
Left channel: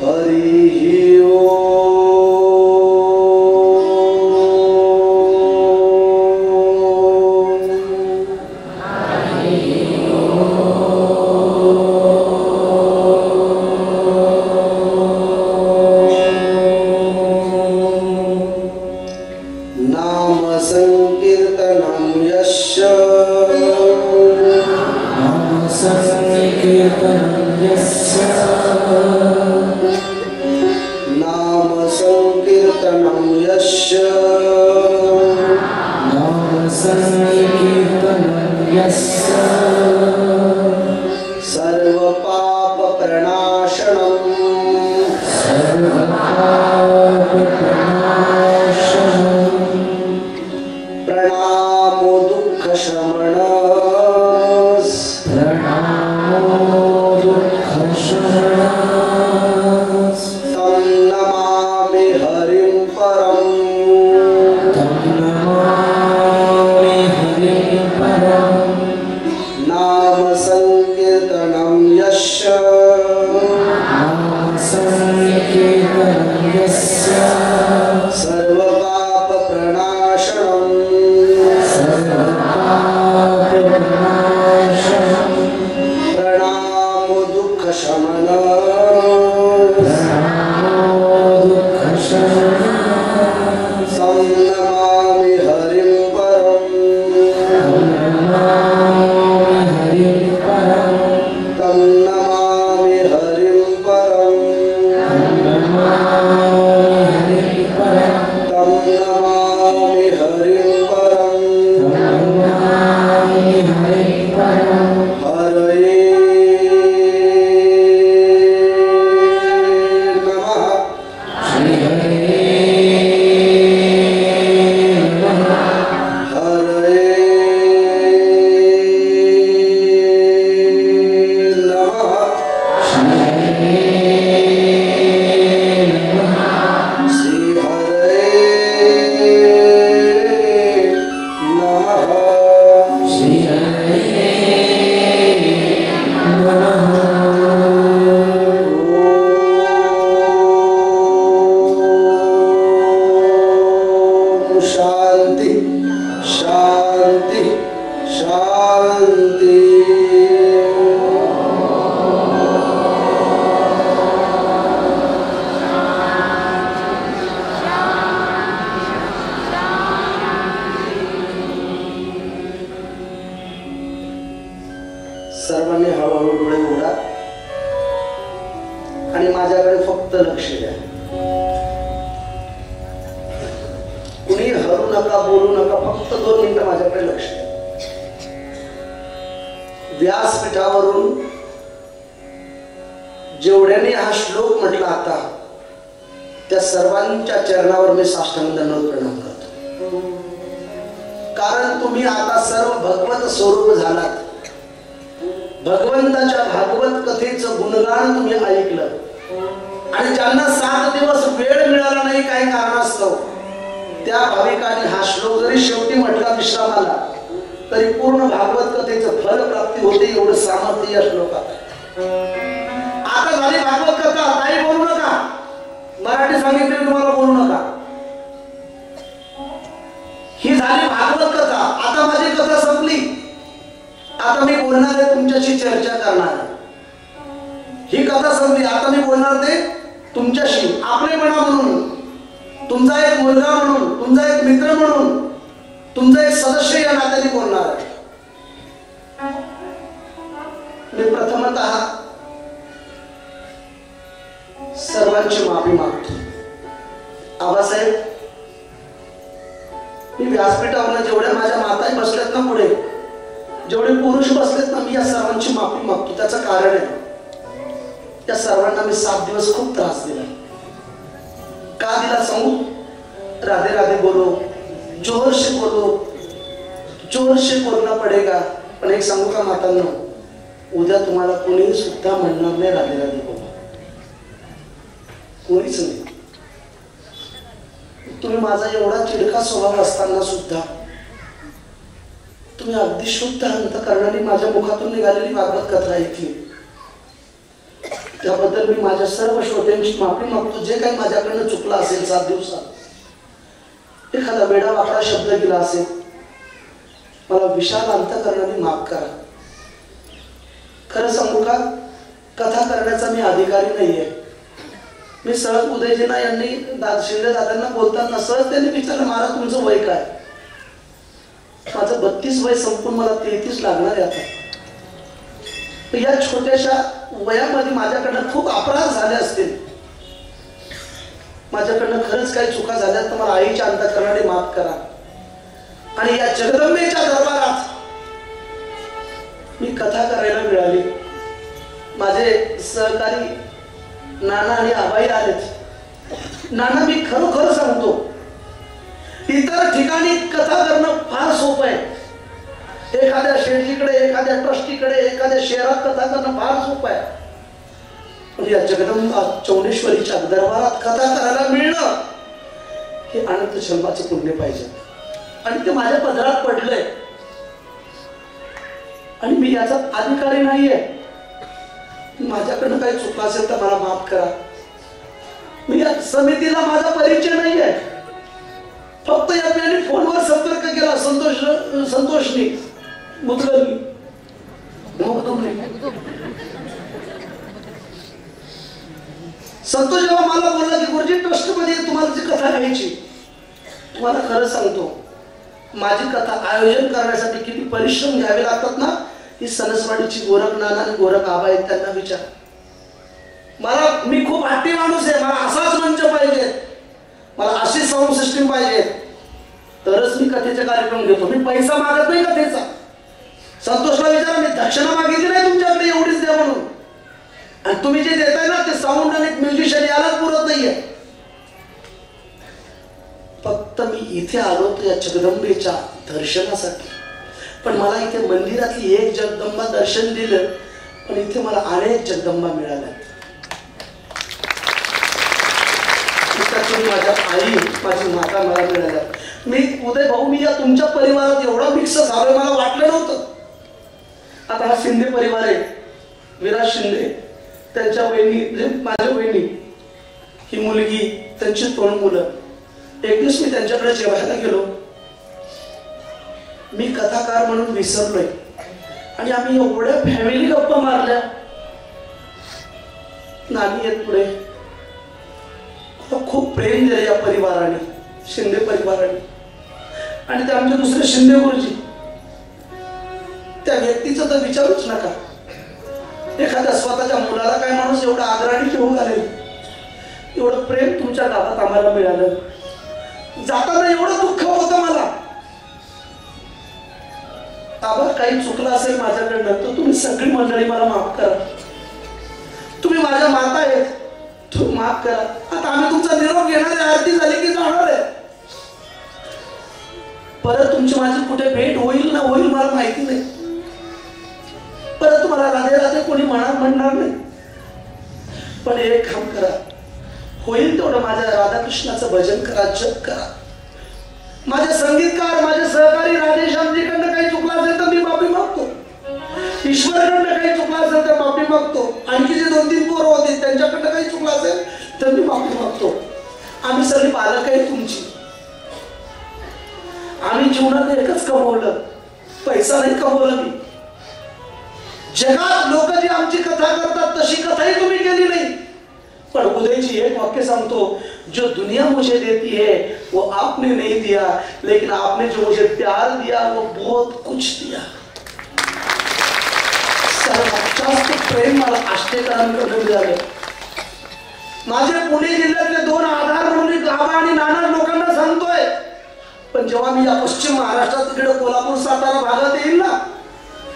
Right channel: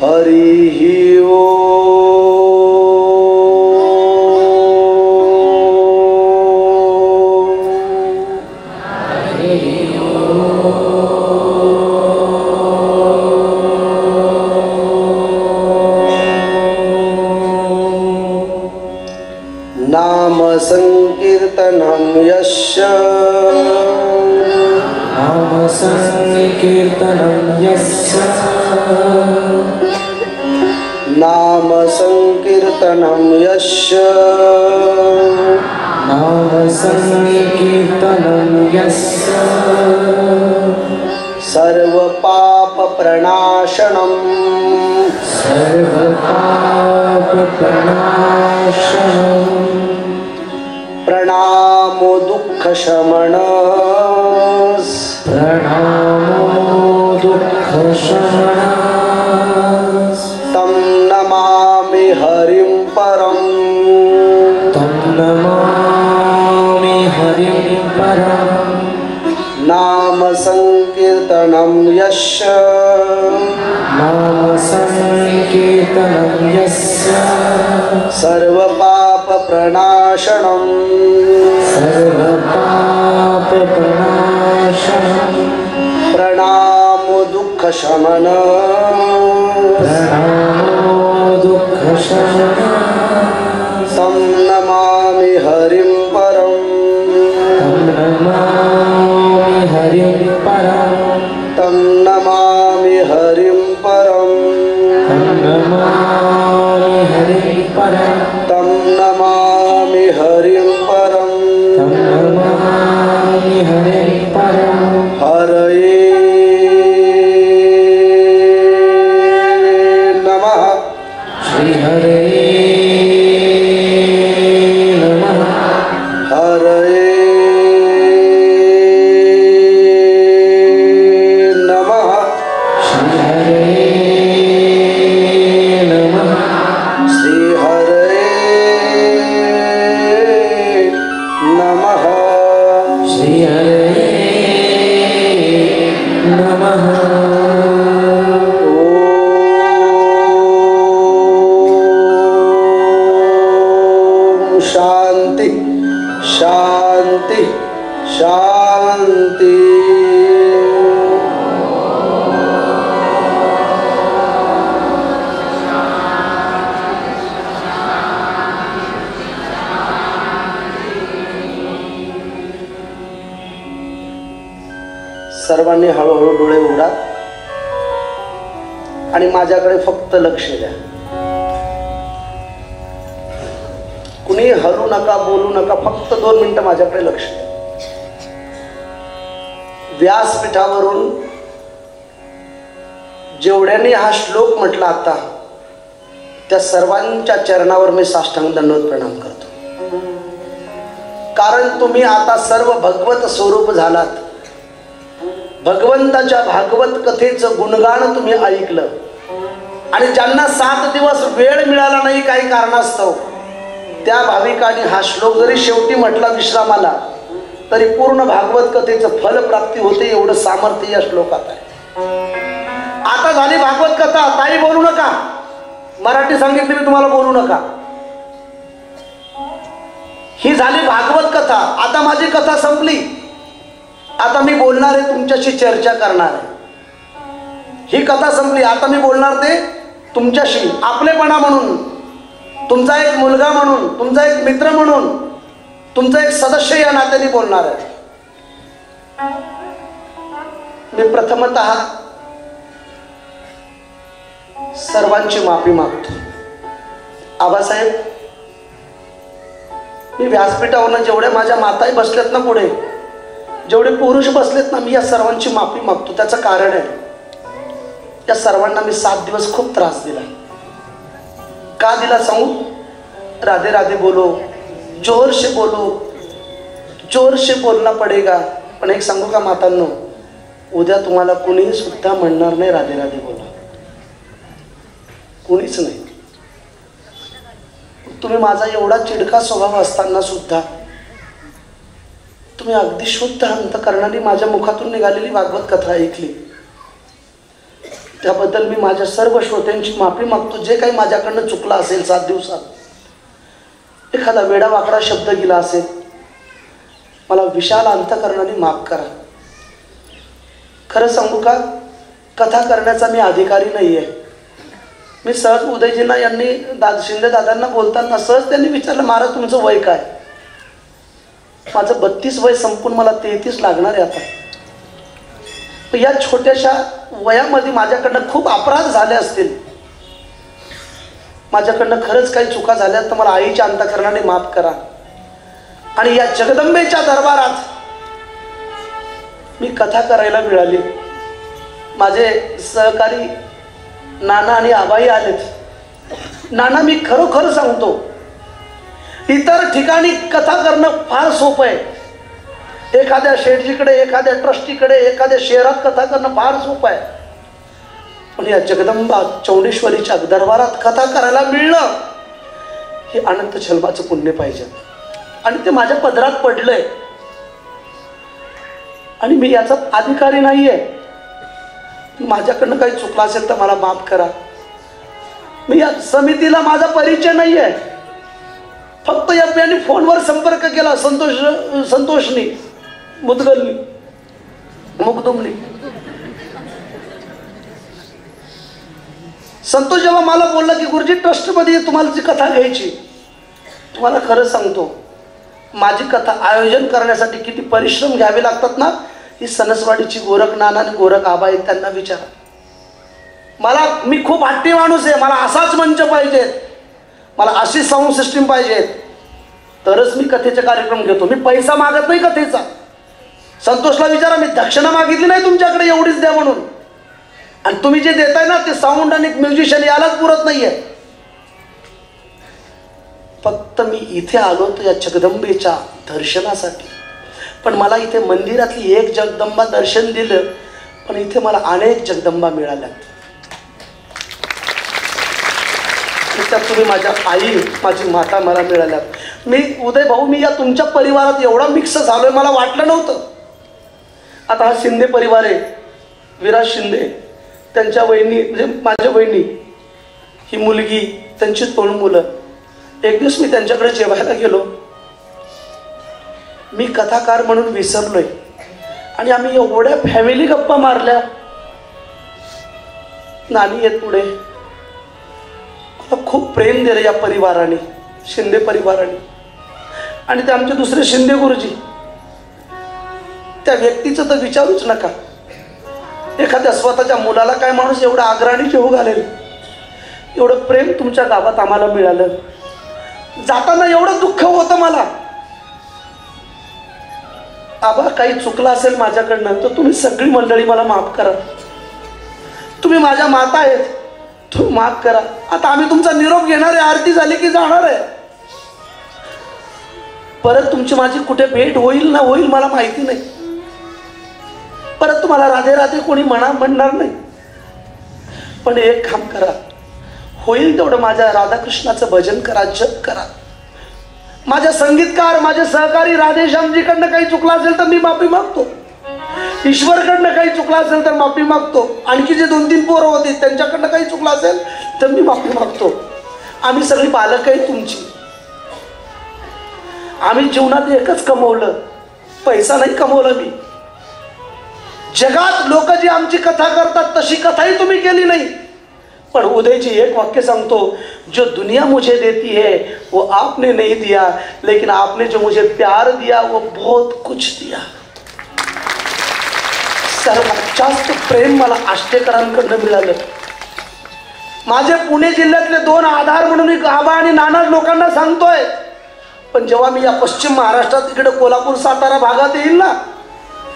हरि ओम. नाम संकीर्तनं यस्य नाम संकीर्तनं यस्य नाम संकीर्तनं यस्य नाम संकीर्तनं यस्य सर्व पाप प्रणाशनम् सर्व पाप प्रणाशनम् प्रणामो दुःख शमन नाम संकीर्तनं यस्य सर्वपाप प्रणाशनम् प्रणामो दुःख शमन तं नमामि हरिं परम् तं नमामि हरिं परम् तं नमामि हरिं परम् हरये नमः हरये नमः श्री हरये नमः ओम शांति शांति शांति। सर्वांनी हळूहळू डोळे उघडा आणि माझ्याकडे फक्त लक्ष द्या. कुणी हरू नका, बोलू नका, फक्त 2 मिनिटं माझ्याकडे लक्ष द्या. व्यासपीठावरून जेवढ्यांनी हा श्लोक म्हटला आता त्या सर्वांच्या चरणावर मी साष्टांग दंडवत प्रणाम करतो. कारण तुम्ही आता सर्व भगवत स्वरूप झालात. भगवंताच्या भागवत कथेचं गुणगान तुम्ही ऐकलं आणि ज्यांना 7 दिवस वेळ मिळाला नाही काही कारणास्तव त्या भाविकांनी हा श्लोक जरी शेवटी म्हटला विश्रामाला तरी पूर्ण भागवत कथेचं फलप्राप्ती होते. एवढं सामर्थ्य या श्लोकात आहे. आता झाली भागवत कथा. ताई बोलू नका. मराठी सांगितली तुम्हाला बोलू नका. ही झाली भागवत कथा. आता माझी कथा संपली. आता मी बोलणार आहे, तुमच्याशी चर्चा करणार आहे. ही कथा संपली. आता मी बोलणार ते तुमच्याशी आपलेपणा म्हणून, तुमचा एक मुलगा म्हणून, तुमचा एक मित्र म्हणून, तुमचा एक सदस्य या नात्याने बोलणार आहे. मी प्रथमतः सर्वांची माफी मागतो. आबासाहेब, मी व्यासपीठावर जेवढे माझ्या माताई बसलेत ना, पुढे जेवढे पुरुष बसलेत ना, मी या सर्वांची माफी मागतो. त्याचं कारण आहे, या सर्वांना मी 7 दिवस खूप त्रास दिला. का दिला सांगू? राधे राधे बोलो, जोर से बोलो, जोर से बोलना पडेगा. पण एक सांगू का मातांनो, उद्या तुम्हाला कुणीही सुद्धा म्हणणार नाही राधे राधे बोला. कुणीच नाही. तुम्ही माझा एवढा चिडका स्वभाव असताना सुद्धा तुम्ही अगदी शुद्ध अंतकरणाने माझ्या मुखातून निघालेली भागवत कथा ऐकली. त्याबद्दल मी माझ्या सर्व श्रोत्यांची माफी मागतो. जे काही माझ्याकडनं चुकलं असेल 7 दिवसात, एखादा वेडा वाकडा शब्द गेला असेल, मला विशाल अंतकरणाने माफ करा. खरं सांगू का, कथा करण्याचा मी अधिकारी नाहीये. मी सहज उदयजींना यांनी शिंदे दादांना बोलताना सहज त्यांनी विचारलं, महाराज तुमचं वय काय? माझं 32 वय संपून मला 33 लागणार आहे आता. या छोट्याशा वयामध्ये माझ्याकडनं खूप अपराध झाले असतील. माझ्याकडनं खरंच काही चुका झाल्या तर मला आईच्या अंतकरणाने माफ करा. आणि या जगदंबेच्या दरबारात मी कथा करायला मिळाली. माझे सहकारी नाना आणि आबाई आलेत. नाना, मी खरोखर सांगतो, इतर ठिकाणी कथा करणं फार सोपं आहे. एखाद्या शेठजीकडे, एखाद्या ट्रस्टीकडे, एखाद्या शहरात कथा करणं फार सोपं आहे. पण या जगदंबा चौंडेश्वरीच्या दरबारात कथा करायला मिळणं हे अनंत जन्माचं पुण्य पाहिजे. आणि ते माझ्या पदरात पडलंय. आणि मी याचा अधिकारी नाहीये. माझ्याकडनं काही चुकलं असेल तर मला माफ करा. मी या समितीला माझा परिचय नाहीये. फक्त यांनी फोनवर संपर्क केला संतोषनी मुदगलनी मुगदुमनी. संतोष जेव्हा मला बोलला की गुरुजी ट्रस्टमध्ये तुम्हाला जी कथा घ्यायची, तुम्हाला खरं सांगतो माझी कथा आयोजन करण्यासाठी किती परिश्रम घ्यावे लागतात ना, ही सणसवाडीची गोरख नाना आणि गोरख आबा आहेत त्यांना विचारा. मी खूप हट्टी माणूस आहे. मला असाच मंच पाहिजे, मला अशी साऊंड सिस्टीम पाहिजे, तरच मी कथेचे कार्यक्रम घेतो. मी पैसा मागत नाही कथेचा. संतोषला विचारा, मी दक्षिणा मागितली नाही तुमच्याकडे एवढीच द्या म्हणून. आणि तुम्ही जे देताय ना ते साऊंड आणि म्युझिशियन यालाच पुरत नाहीये. फक्त मी इथे आलो तर या जगदंबेच्या दर्शनासाठी. पण मला इथे मंदिरातली एक जगदंबा दर्शन दिलं, पण इथे मला अनेक जगदंबा मिळाल्या. तुम्ही माझ्या आई, माझी माता मला मिळाल्या. मी उदय भाऊ, मी या तुमच्या परिवारात एवढा मिक्स झालोय मला वाटलं नव्हतं. आता हा शिंदे परिवार आहे, विराज शिंदे, त्यांच्या वहिनी म्हणजे माझ्या बहिणी, ही मुलगी, त्यांची 2 मुलं. एक दिवस मी त्यांच्याकडे जेवायला गेलो. मी कथाकार म्हणून विसरलोय आणि आम्ही एवढ्या फॅमिली गप्पा मारल्या. नानी येत पुढे, खूप प्रेम दिलं या परिवाराने, शिंदे परिवाराने. आणि ते आमचे दुसरे शिंदे गुरुजी, त्या व्यक्तीचं तर विचारूच नका. एखाद्या स्वतःच्या मुलाला काय माणूस एवढं आग्रहाने घेऊ घालेल. एवढं प्रेम तुमच्या गावात आम्हाला मिळालं. जाताना एवढं दुःख होतं मला. आबा काही चुकलं असेल माझ्याकडनं तर तुम्ही सगळी मंडळी मला माफ करा. तुम्ही माझ्या माता आहेत, तुम्ही माफ करा. आता आम्ही तुमचा निरोप घेणार आहे, आरती झाली की जाणार आहे. परत तुमची माझी कुठे भेट होईल ना होईल मला माहिती नाही. परत तुम्हाला राधे राधे कोणी म्हणणार नाही. पण एक काम करा, होईल तेवढं माझ्या राधाकृष्णाचं भजन करा, जप करा. माझे संगीतकार, माझे सहकारी राधेश्यामजीकडनं काही चुकलं असेल तर मी माफी मागतो. ईश्वरकडनं काही चुकलं असेल तर माफी मागतो. आणखी जे 2-3 पोरं होते त्यांच्याकडनं काही चुकलं असेल तर मी माफी मागतो. आम्ही सगळी पालक आहे तुमची. आम्ही जीवनात एकच कमवलं, पैसा नाही कमवला मी. जगात लोक जी आमची कथा करतात तशी कथाही तुम्ही केली नाही. पण उदयजी एक वाक्य सांगतो, जो दुनिया मुझे देती है वो आपने नहीं दिया, लेकिन आपने जो मुझे प्यार दिया वो बहुत कुछ दिया. सर्वात जास्त प्रेम मला आष्टेकरांकडून मिळालं. माझे पुणे जिल्ह्यातले 2 आधार म्हणून एक आबा आणि नाना लोकांना सांगतोय. पण जेव्हा मी या पश्चिम महाराष्ट्रात इकडे कोल्हापूर सातारा भागात येईल ना,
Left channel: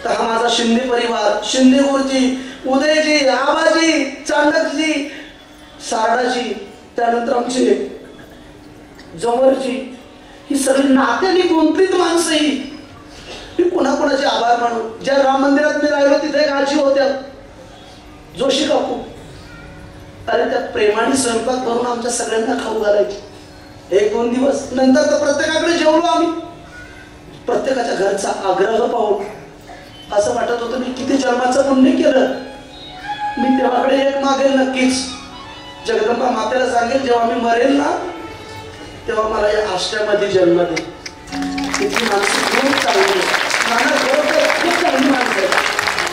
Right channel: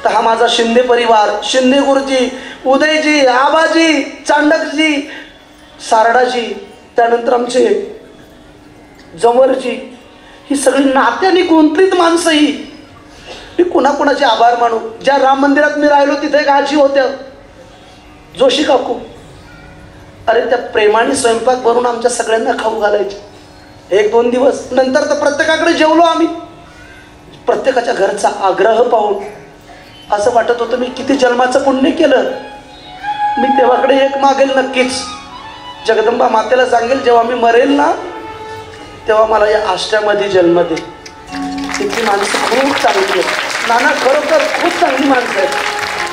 तर हा माझा शिंदे परिवार, शिंदे गुरुजी, उदयजी, आबाजी, चांडकजी, सारडाजी, त्यानंतर आमचे जवळजी, ही सगळी नात्याने गुंतलीत माणसं. ही मी कुणाकुणाचे आभार मानू. ज्या राम मंदिरात मी राहिलो तिथे एक आजी होत्या, जोशी काकू. अरे त्या प्रेमाने स्वयंपाक बनवून आमच्या सगळ्यांना खाऊ घालायचे. 1-2 दिवस नंतर तर प्रत्येकाकडे जेवलो आम्ही. प्रत्येकाच्या घरचा आग्रह पाहून असं वाटत होतं मी किती जन्माचं पुण्य केलं. मी तेव्हाकडे एक मागेल नक्कीच. जगदंबा मातेला सांगेल जेव्हा मी मरेल ना तेव्हा मला या आश्रमामध्ये जन्म दे. तिथली माणसं खूप चांगली आहे. नाना खरोखर खूप चांगली माणसं आहेत,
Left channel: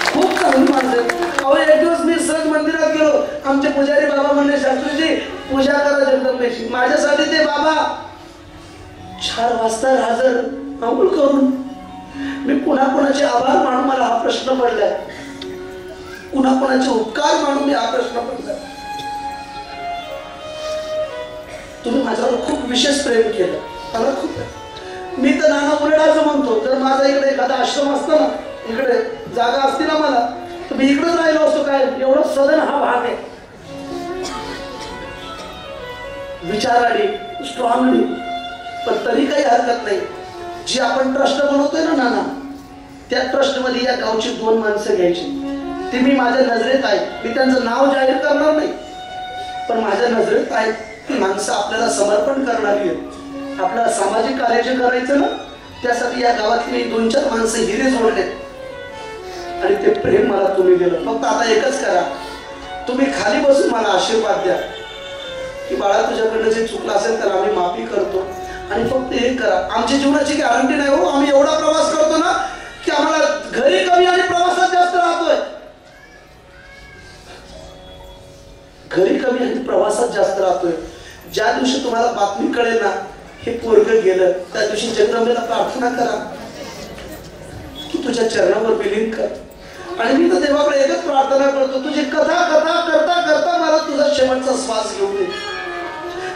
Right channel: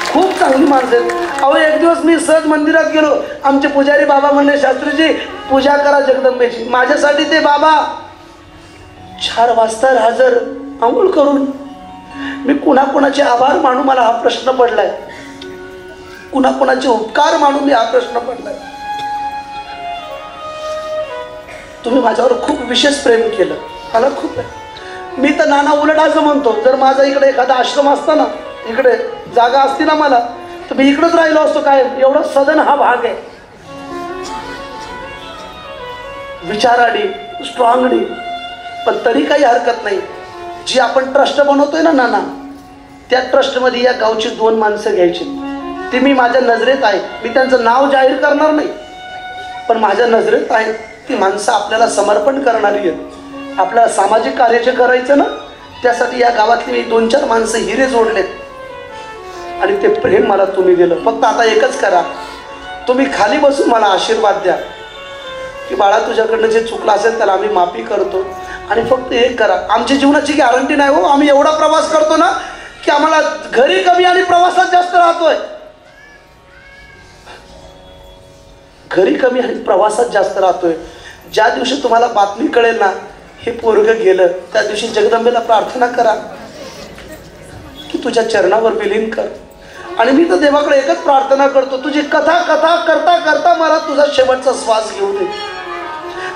खूप चांगली माणसं आहेत. अहो एक दिवस मी सहज मंदिरात गेलो. आमचे पुजारी बाबा म्हणले, शास्त्रीजी पूजा करा जगदंबेची. माझ्यासाठी ते बाबा 4 वाजता हजर आंघोळ करून. मी कुणाकुणाचे आभार मानू मला हा प्रश्न पडलाय, कुणाकुणाचे उपकार मानून मी हा प्रश्न पडलाय. तुम्ही माझ्यावर खूप विशेष प्रेम केलं, मला खूप. मी तर नाना उलट असं म्हणतो, जर माझा इकडे एखादा आश्रम असता ना, इकडे जागा असती ना मला, तर मी इकडेच राहिलो असतो. काय एवढा सदन हा भाग आहे, विचाराडी स्ट्रॉंगली. पण तरी काही हरकत नाही. जी आपण ट्रस्ट बनवतोय ना नाना, त्या ट्रस्टमध्ये या गावची 2 माणसं घ्यायची. ती मी माझ्या नजरेत आहे. मी त्यांचं नाव जाहीर करणार नाही, पण माझ्या नजरेत आहे. ती माणसं आपल्याला समर्पण करणारी आहेत. आपल्याला सामाजिक कार्य जे करायचं ना, त्यासाठी या गावातली 2-4 माणसं हिरे जोडलेत. आणि ते प्रेम मला तुम्ही दिलं. फक्त आता एकच करा, तुम्ही खाली बसून मला आशीर्वाद द्या की बाळा तुझ्याकडनं जे चुकलं असेल त्याला आम्ही माफी करतो. आणि फक्त एक करा, आमच्या जीवनाची गॅरंटी नाही हो, आम्ही एवढा प्रवास करतो ना की आम्हाला घरी कमी आणि प्रवासात जास्त राहतोय. घरी कमी आणि प्रवासात जास्त राहतोय. ज्या दिवशी तुम्हाला बातमी कळेल ना हे पोरगं गेलं, त्या दिवशी जगदंबेला प्रार्थना करा की तुझ्या चरणावर विलीन कर. आणि मी तर देवाकडे एकच प्रार्थना करतो, तुझी कथा कथा करता करता मला तुझा शेवटचा श्वास घेऊ दे.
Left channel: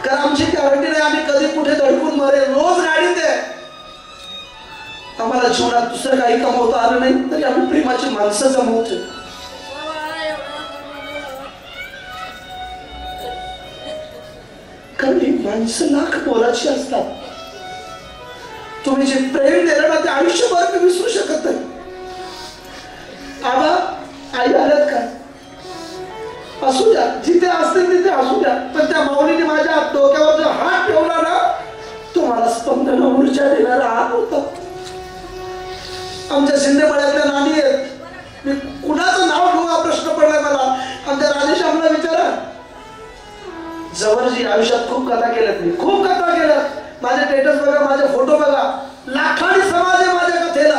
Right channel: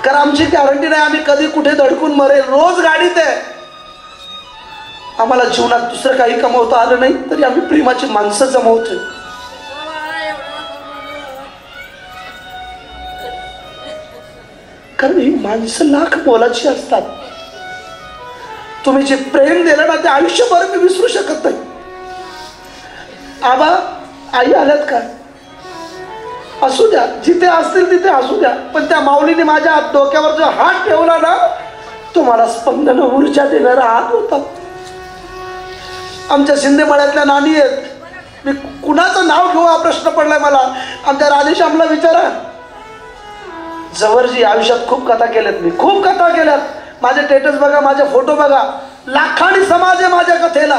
कारण आमची गॅरंटी नाही आम्ही कधी कुठे धडकून मरेल. रोज गाडीत आहे, आम्हाला जीवनात दुसरं काही कमवता आलं नाही तरी आम्ही प्रेमाची माणसं जमवतोय. कारण ही माणसं लाख मोलाची असतात. तुम्ही जे प्रेम दिलं ना ते आयुष्यभर मी विसरू शकत नाही. आबा आई आल्यात का असू द्या, जिथे असतील तिथे असू द्या, पण त्या माऊलीने माझ्या डोक्यावर जो हात ठेवला ना तो मला स्पंदन ऊर्जा देणारा हात होता. आमच्या शिंदेमळ्यातल्या नानी आहेत, मी कुणाचं नाव घेऊ हा प्रश्न पडलाय मला. आमच्या राधेश्यामला विचारा. जवळजी आयुष्यात खूप कथा केल्यात, मी खूप कथा केल्यात. माझे स्टेटस बघा, माझे फोटो बघा, लाखांनी समाज आहे माझ्या कथेला.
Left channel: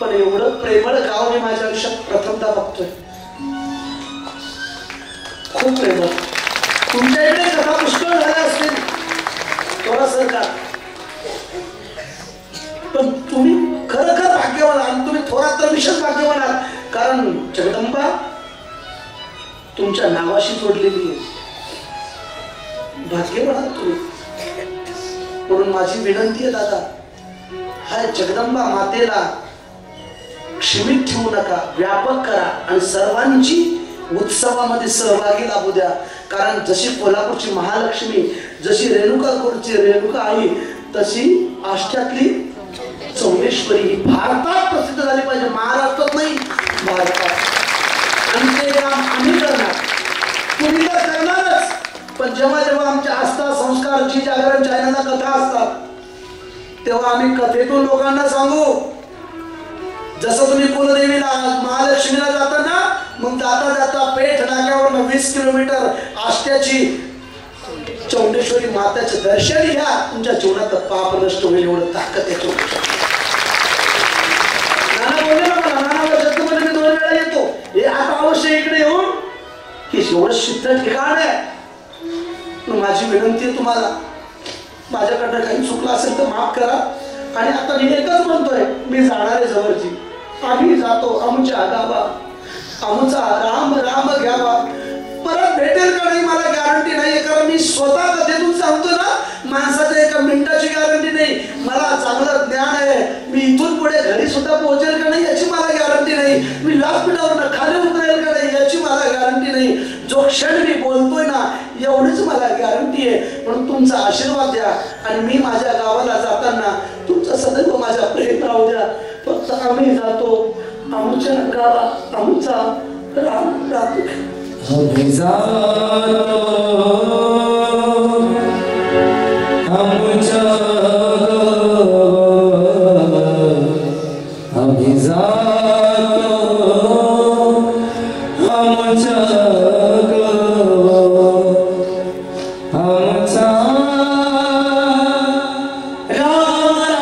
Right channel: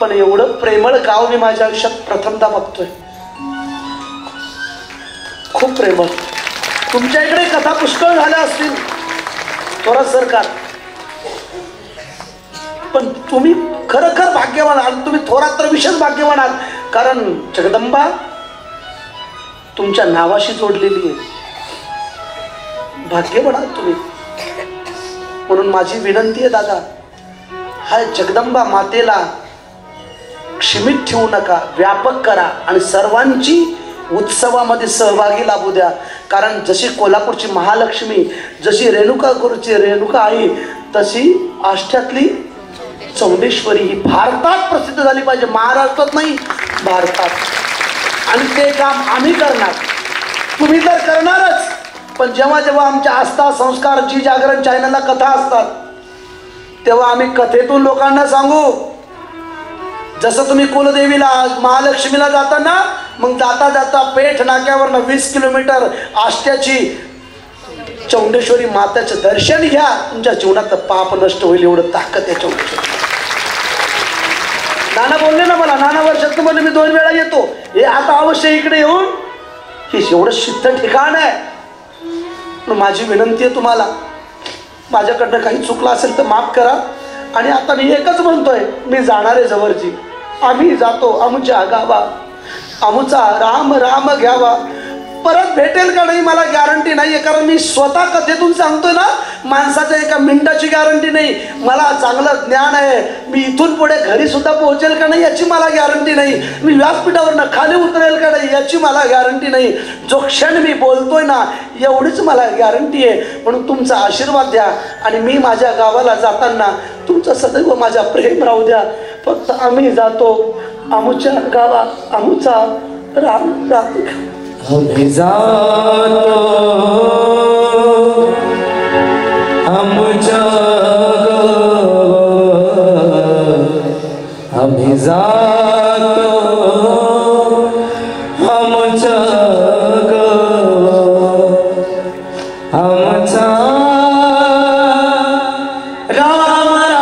पण एवढं प्रेमळ गाव मी माझ्या आयुष्यात प्रथमदा बघतोय. खूप प्रेमळ. तुमच्या इकडे कथा पुष्कळ झाल्या असतील थोडा सरकार, पण तुम्ही खरोखर भाग्यवान आहात. तुम्ही थोरात तर विशेष भाग्यवान आहात, कारण जगदंबा तुमच्या नावाशी जोडलेली आहे. भाग्यवान आहात तुम्ही. म्हणून माझी विनंती आहे दादा, हाय जगदंबा मातेला क्षमित ठेवू नका, व्यापक करा आणि सर्वांची उत्सवामध्ये सहभागी लाभू द्या. कारण जशी कोल्हापूरची महालक्ष्मी, जशी रेणुकापूरची रेणुका आई, तशी आष्ट्यातली चौंडेश्वरी ही भारतात प्रसिद्ध झाली पाहिजे. महाराष्ट्रात नाही, भारतात. आणि ते काम आम्ही करणार, तुम्ही तर करणारच. पण जेव्हा जेव्हा आमच्या आस्था संस्कार जी जागरण चॅनलला कथा असतात तेव्हा आम्ही कथेतून लोकांना सांगू. जसं तुम्ही कुलदेवीला महालक्ष्मीला जाता ना, मग जाता जाता पेठ नाक्यावर 20 किलोमीटर आष्ट्याची चौंडेश्वरी माताचं दर्शन घ्या, तुमच्या जीवनात पाप नष्ट होईल. एवढं ताकद आहे चौंडेश्वरी. नाना बोलले ना मला, नाना वर्षात मध्ये मी 2 वेळा येतो, हे आता अवश्य इकडे येऊन हे एवढं सिद्ध ठिकाण आहे. माझी विनंती आहे तुम्हाला, माझ्याकडनं काही चुकलं असेल तर माफ करा. आणि आता मी एकच म्हणतोय, मी जाणार आहे जवळची, आम्ही जातो आमच्या गावा, आमचा राम राम घ्यावा. परत भेटेल का नाही मला गॅरंटी नाहीये, कारण मी स्वतः कथेतून सांगतोय ना, माणसाच्या एका मिनिटाची गॅरंटी नाही. मला चांगलं ज्ञान आहे, मी इथून पुढे घरी सुद्धा पोहोचेल का नाही याची मला गॅरंटी नाही. मी व्यासपीठावरनं खाली उतरेल का नाही याची मला गॅरंटी नाही. जो क्षण मी बोलतोय ना एवढीच मला गॅरंटी आहे. म्हणून तुमचा आशीर्वाद द्या आणि मी माझ्या गावाला जाताना तुमचं सदैव माझ्या प्रेम राहू द्या. फक्त आम्ही जातो आमच्या गावात, आमचा राम राम. आम्ही जातो आमच्या गावात, आम्ही जातो आमच्या गावात, आमचा राम राम,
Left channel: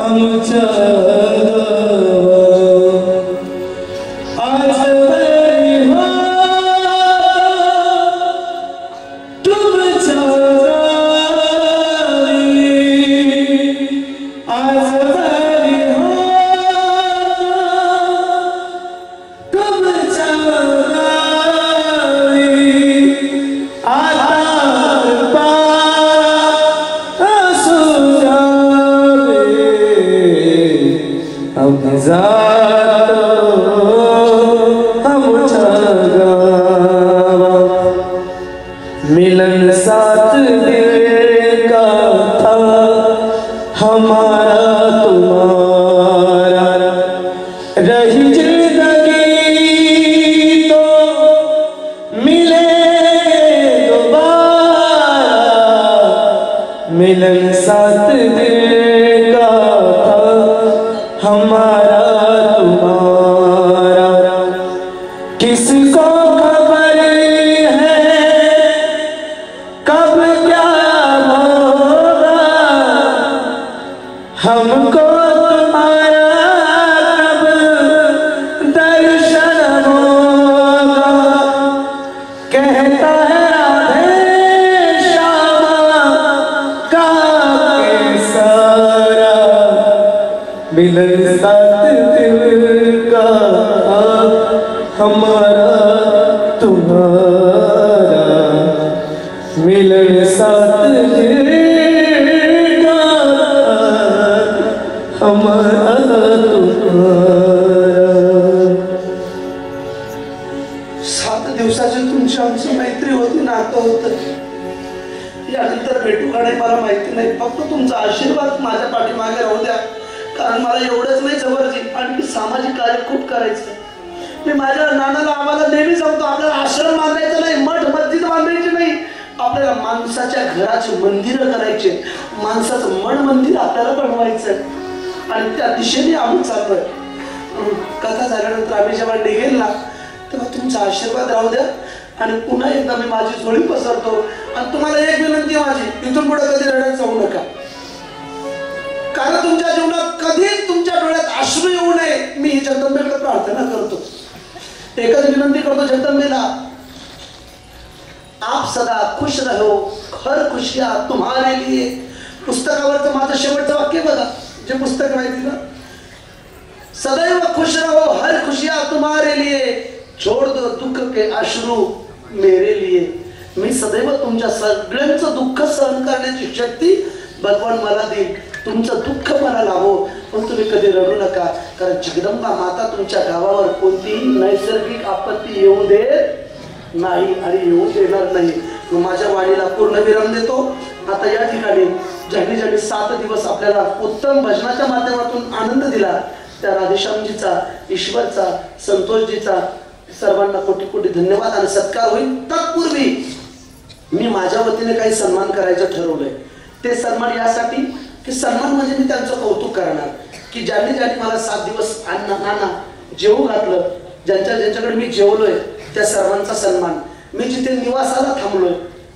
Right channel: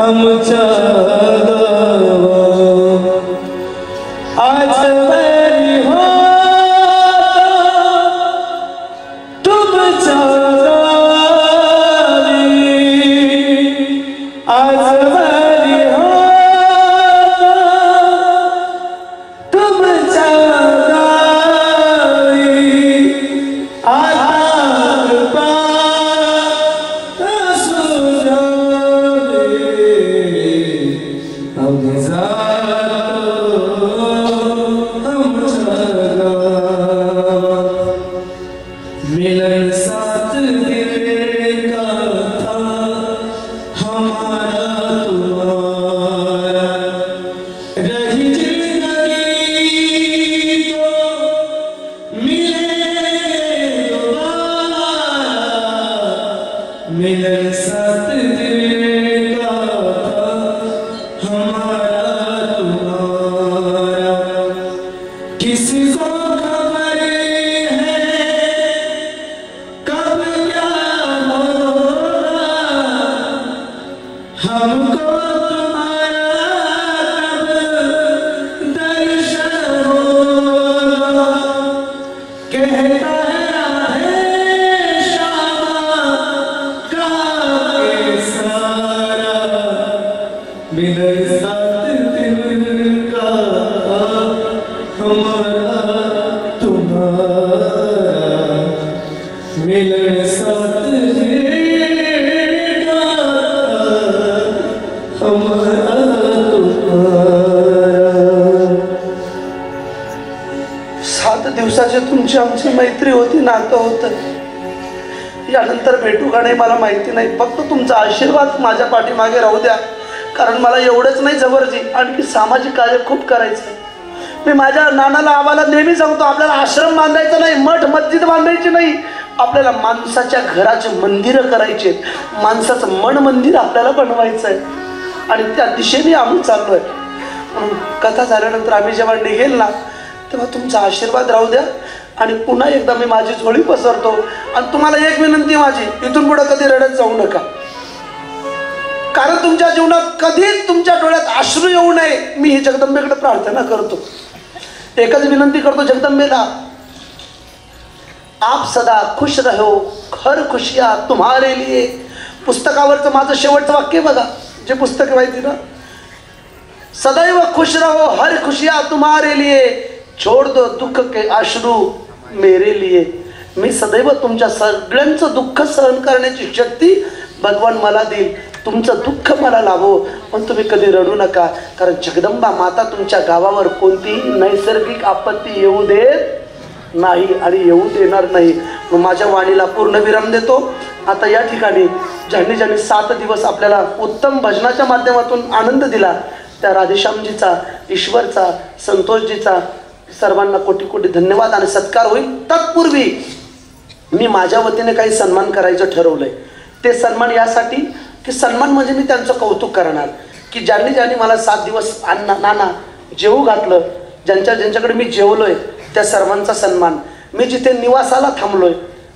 आमचा दिल का था हमारा तुम्हारा, किसको खबर है कब क्या होगा, हमको तुम्हारा कब दर्शन होगा। कहता है राधे श्यामा का सारा, मिलन साथ दिल का हमारा तुम्हारा, मिलन साथ दिल का हमारा तुम्हारा। 7 दिवसाची तुमची आमची मैत्री होती, नातं होतं. यानंतर भेटू का नाही मला माहिती नाही. फक्त तुमचा आशीर्वाद माझ्या पाठीमागे राहू द्या. कारण मला एवढंच नाही जबरजी, आणखी सामाजिक कार्य खूप करायचं. मी माझ्या नानाला आम्हाला नेहमी सांगतो, आपल्याला आश्रम बांधायचा नाही, मठ मस्जिद बांधायची नाही, आपल्याला माणसाच्या घराचे मंदिरं करायचे, माणसाचं मन मंदिर आपल्याला बनवायचं आहे. आणि त्या दिशेने आम्ही चाललोय. म्हणून कथा झाल्यानंतर आम्ही जेव्हा निघेल ना, तेव्हा तुमचा आशीर्वाद राहू द्या. आणि पुन्हा एकदा मी माझी झोळी पसरतो. आणि तुम्हाला एक विनंती माझी, इथून पुढे कधी रडत जाऊ नका. कारण तुमच्या जीवनात कधीच तुमच्या डोळ्यात अश्रू येऊ नये, मी ही जगदंबेकडे प्रार्थना करतो. एकच विनंती करतो जगदंबेला, आप सदा खुश रहो, हर खुशियां तुम्हारे लिए. पुस्तकावरचं माझं शेवटचं वाक्य बघा, जे पुस्तक माहिती ना, सदैव खुश रहो, हर खुशियां तुम्हारे लिए, छोड़ दो दुःख के अश्रू मेरे लिए. मी सदैव तुमच्या सगळ्यांचं दुःख सहन करण्याची शक्ती भगवान मला देईल. तुमचं दुःख मला लाभो, पण तुम्ही कधी रडू नका. कारण जगदंबा माता तुमच्या गावावर कोणतीही नैसर्गिक आपत्ती येऊ देत नाही आणि येऊ देणार नाही. मग माझ्या वाणीला पूर्ण विराम देतो. आता या ठिकाणी ज्यांनी ज्यांनी 7 दिवस आपल्याला उत्तम भजनाच्या माध्यमातून आनंद दिला, त्या राधेश्यामजीचा, ईश्वरचा, संतोषजीचा सर्वांना कोटी कोटी धन्यवाद आणि सत्कार होईल. तत्पूर्वी मी माझ्या वतीने काही सन्मान करायचं ठरवलंय. ते सन्मान यासाठी की सन्मान म्हणजे मी त्यांचं कौतुक करणार, की ज्यांनी ज्यांनी मला 7 दिवस नाना जेवू घातलं, ज्यांच्याकडे मी जेवलोय, त्या सर्वांचा सन्मान. मी जिथे निवासाला थांबलोय,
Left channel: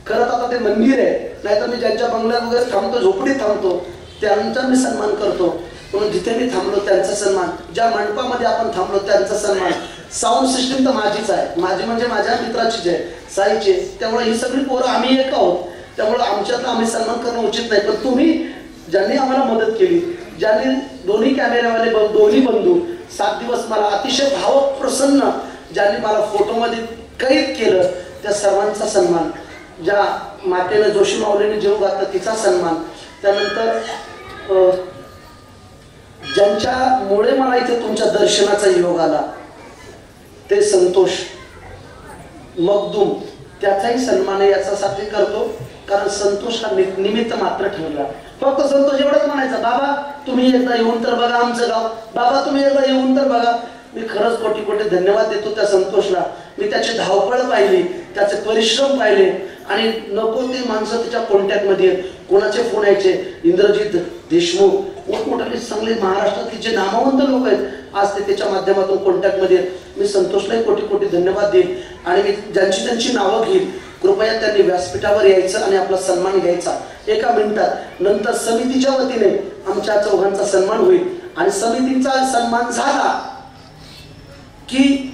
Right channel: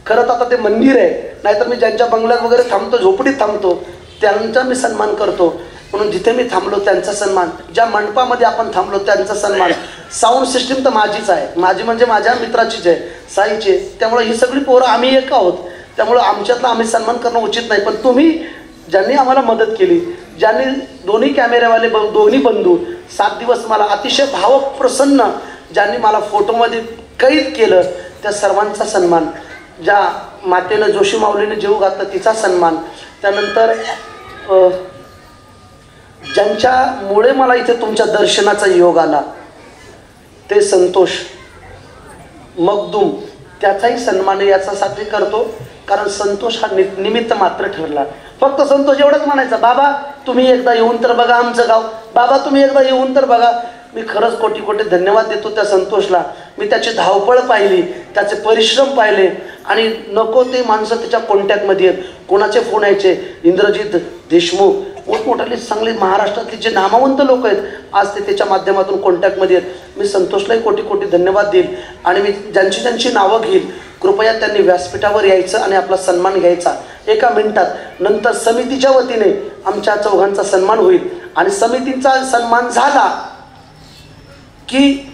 खरं तर आता ते मंदिर आहे, नाहीतर मी ज्यांच्या बंगल्यात वगैरे थांबतो, झोपडीत थांबतो, त्यांचा मी सन्मान करतो. म्हणून जिथे मी थांबलो त्यांचा सन्मान, ज्या मंडपामध्ये आपण थांबलो त्यांचा सन्मान. साऊंड सिस्टीम तर माझीच आहे, माझी म्हणजे माझ्या मित्राचीच आहे, साईची. त्यामुळे ही सगळी पोरं आम्ही एक आहोत. त्यामुळं आमच्यातला आम्ही सन्मान करणं उचित नाही. पण तुम्ही ज्यांनी आम्हाला मदत केली, ज्यांनी दोन्ही कॅमेऱ्यावाले दोन्ही बंधू 7 दिवस मला अतिशय भावक प्रसन्न, ज्यांनी मला फोटोमध्ये कैद केलं, त्या सर्वांचा सन्मान. ज्या मातेनं जोशी माऊलीने जीव घातला तिचा सन्मान. त्यानंतर ज्यांच्यामुळे मला इथे तुमच्या दर्शनाचा योग आला, ते संतोष मगदूम, त्याचाही सन्मान याच्यासाठी करतो. कारण संतोष हा निमित्त मात्र ठरला. फक्त संतोष एवढंच म्हणायचं, बाबा तुम्ही एकदा येऊन तर बघा आमचं गाव, बाबा तुम्ही एकदा येऊन तर बघा. मी खरंच कोटी कोटी धन्यवाद देतो त्या संतोषला. मी त्याची धावपळ पाहिली, त्याचे परिश्रम पाहिले, आणि नको ते माणसं त्याच्या कॉन्टॅक्टमध्ये आहेत. कोणाचे फोन यायचे, इंद्रजित देशमुख, मोठमोठाले चांगले महाराष्ट्रातले जे नामवंत लोक आहेत, आज ते त्याच्या माध्यमातून कॉन्टॅक्टमध्ये आहेत. मी संतोषलाही कोटी कोटी धन्यवाद देईल. आणि मी ज्यांची त्यांची नावं घेईल, कृपया त्यांनी व्यासपीठावर यायचं आणि आपला सन्मान घ्यायचा 1 मिनिटात. नंतर समितीच्या वतीने आमच्या चौघांचा सन्मान होईल. आणि समितीचा सन्मान झाला की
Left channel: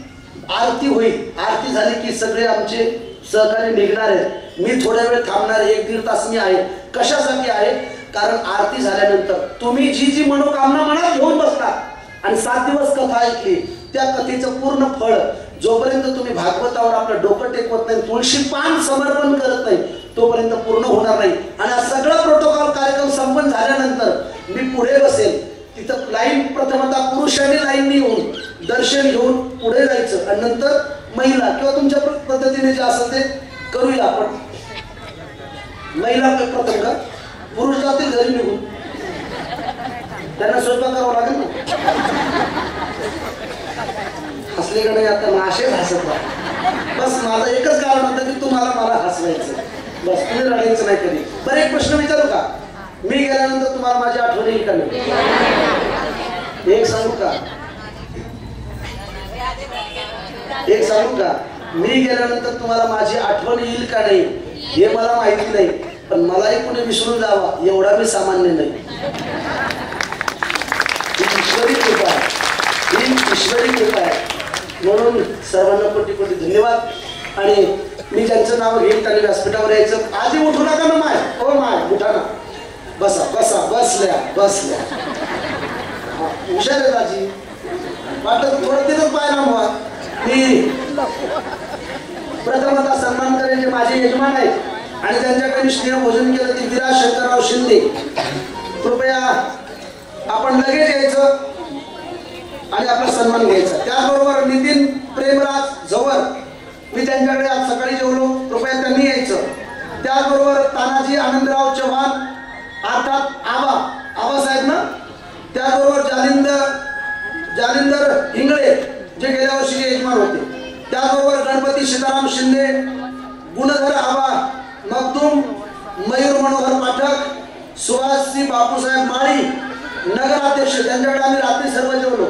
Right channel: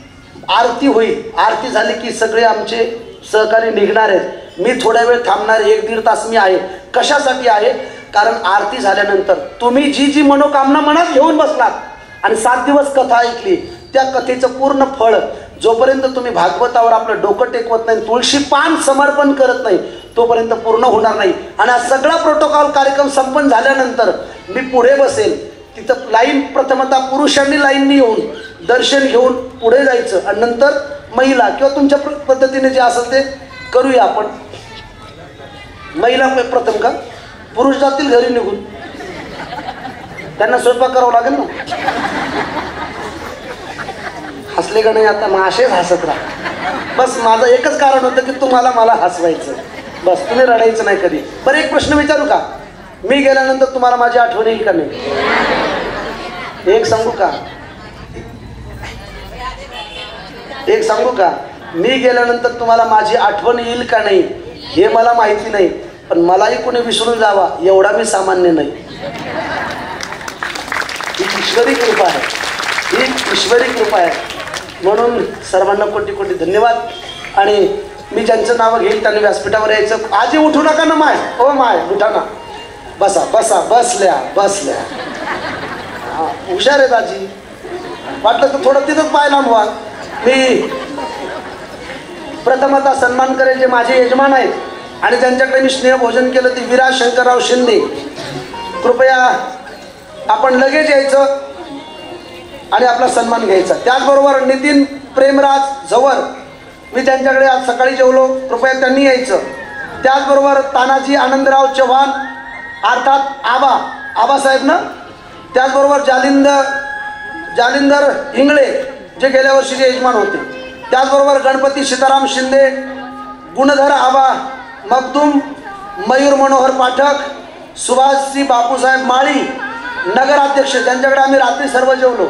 आरती होईल. आरती झाली की सगळे आमचे सहकारी निघणार आहेत. मी थोड्या वेळ थांबणार, 1-1.5 तास मी आहे. कशासाठी आहे? कारण आरती झाल्यानंतर तुम्ही जी जी मनोकामना मनात घेऊन बसलात आणि 7 दिवस कथा ऐकली, त्या कथेचं पूर्ण फळ जोपर्यंत तुम्ही भागवतावर आपलं डोकं टेकवत नाही, तुळशी पान समर्पण करत नाही, तोपर्यंत पूर्ण होणार नाही. आणि हा सगळा प्रोटोकॉल कार्यक्रम संपन्न झाल्यानंतर मी पुढे बसेल. तिथं लाईन प्रथमतः पुरुषांनी लाईननी येऊन दर्शन घेऊन पुढे जायचं, आणि नंतर महिला किंवा तुमच्या पद्धतीने जे असेल ते करूया आपण. महिला प्रथम का, पुरुष जातील घरी निघून, त्यांना स्वयंपाक करावा लागेल ना. हसले का नाही आता, मग असेच हसत राहा. बस माझं एकच कारण होतं की तुम्हाला मला हसवायचं, बस तुम्ही रडायचं नाही कधी. बरं एक प्रश्न विचारू का? मी गेल्यानंतर तुम्हाला माझी आठवण येईल का नाही? एक सांगू का, एक सांगू का, मी गेल्यानंतर तुम्हाला माझी आठवण येईल का नाही हे मला माहिती नाही, पण मलाही कोणी विसरून जावा एवढा मी सामान्य नाही. ही ईश्वरी कृपा आहे, ही ईश्वरी कृपा आहे. म्हणून सर्वांना कोटी कोटी धन्यवाद. आणि मी ज्यांचं नाव घेईल त्यांनी व्यासपीठावर यायचं. आजी उठू नका ना माय, ओ माय उठा ना, बसा बसा, बसल्या बसल्या. हुशार आहेत आजी, वाटलं तर थोडं तिथंच पाहिला मुळात. मी प्रथमतः सन्मान करेल जे माझे यजमान आहेत आणि त्यांच्याकडे मी स्नेह भोजन केलं ते विराज शंकरराव शिंदे. कृपया आपण लगेच यायचं आणि आपला सन्मान घ्यायचा. त्याचबरोबर नितीन प्रेमराज झवर, मी त्यांच्याकडे आज सकाळी जेवलो, कृपया त्यांनी यायचं. त्याचबरोबर तानाजी आनंदराव चव्हाण अर्थात आबासाहेब ना. त्याचबरोबर जालिंदर हिंगळे जे गेल्या वर्षीचे यजमान होते. त्याचबरोबर गणपती सीताराम शिंदे, गुणधर आबा मखदूम, मयूर मनोहर पाठक, सुभाषजी बापूसाहेब माळी नगराध्यक्ष, त्यांच्याकडे आम्ही रात्री सर्व जेवलो.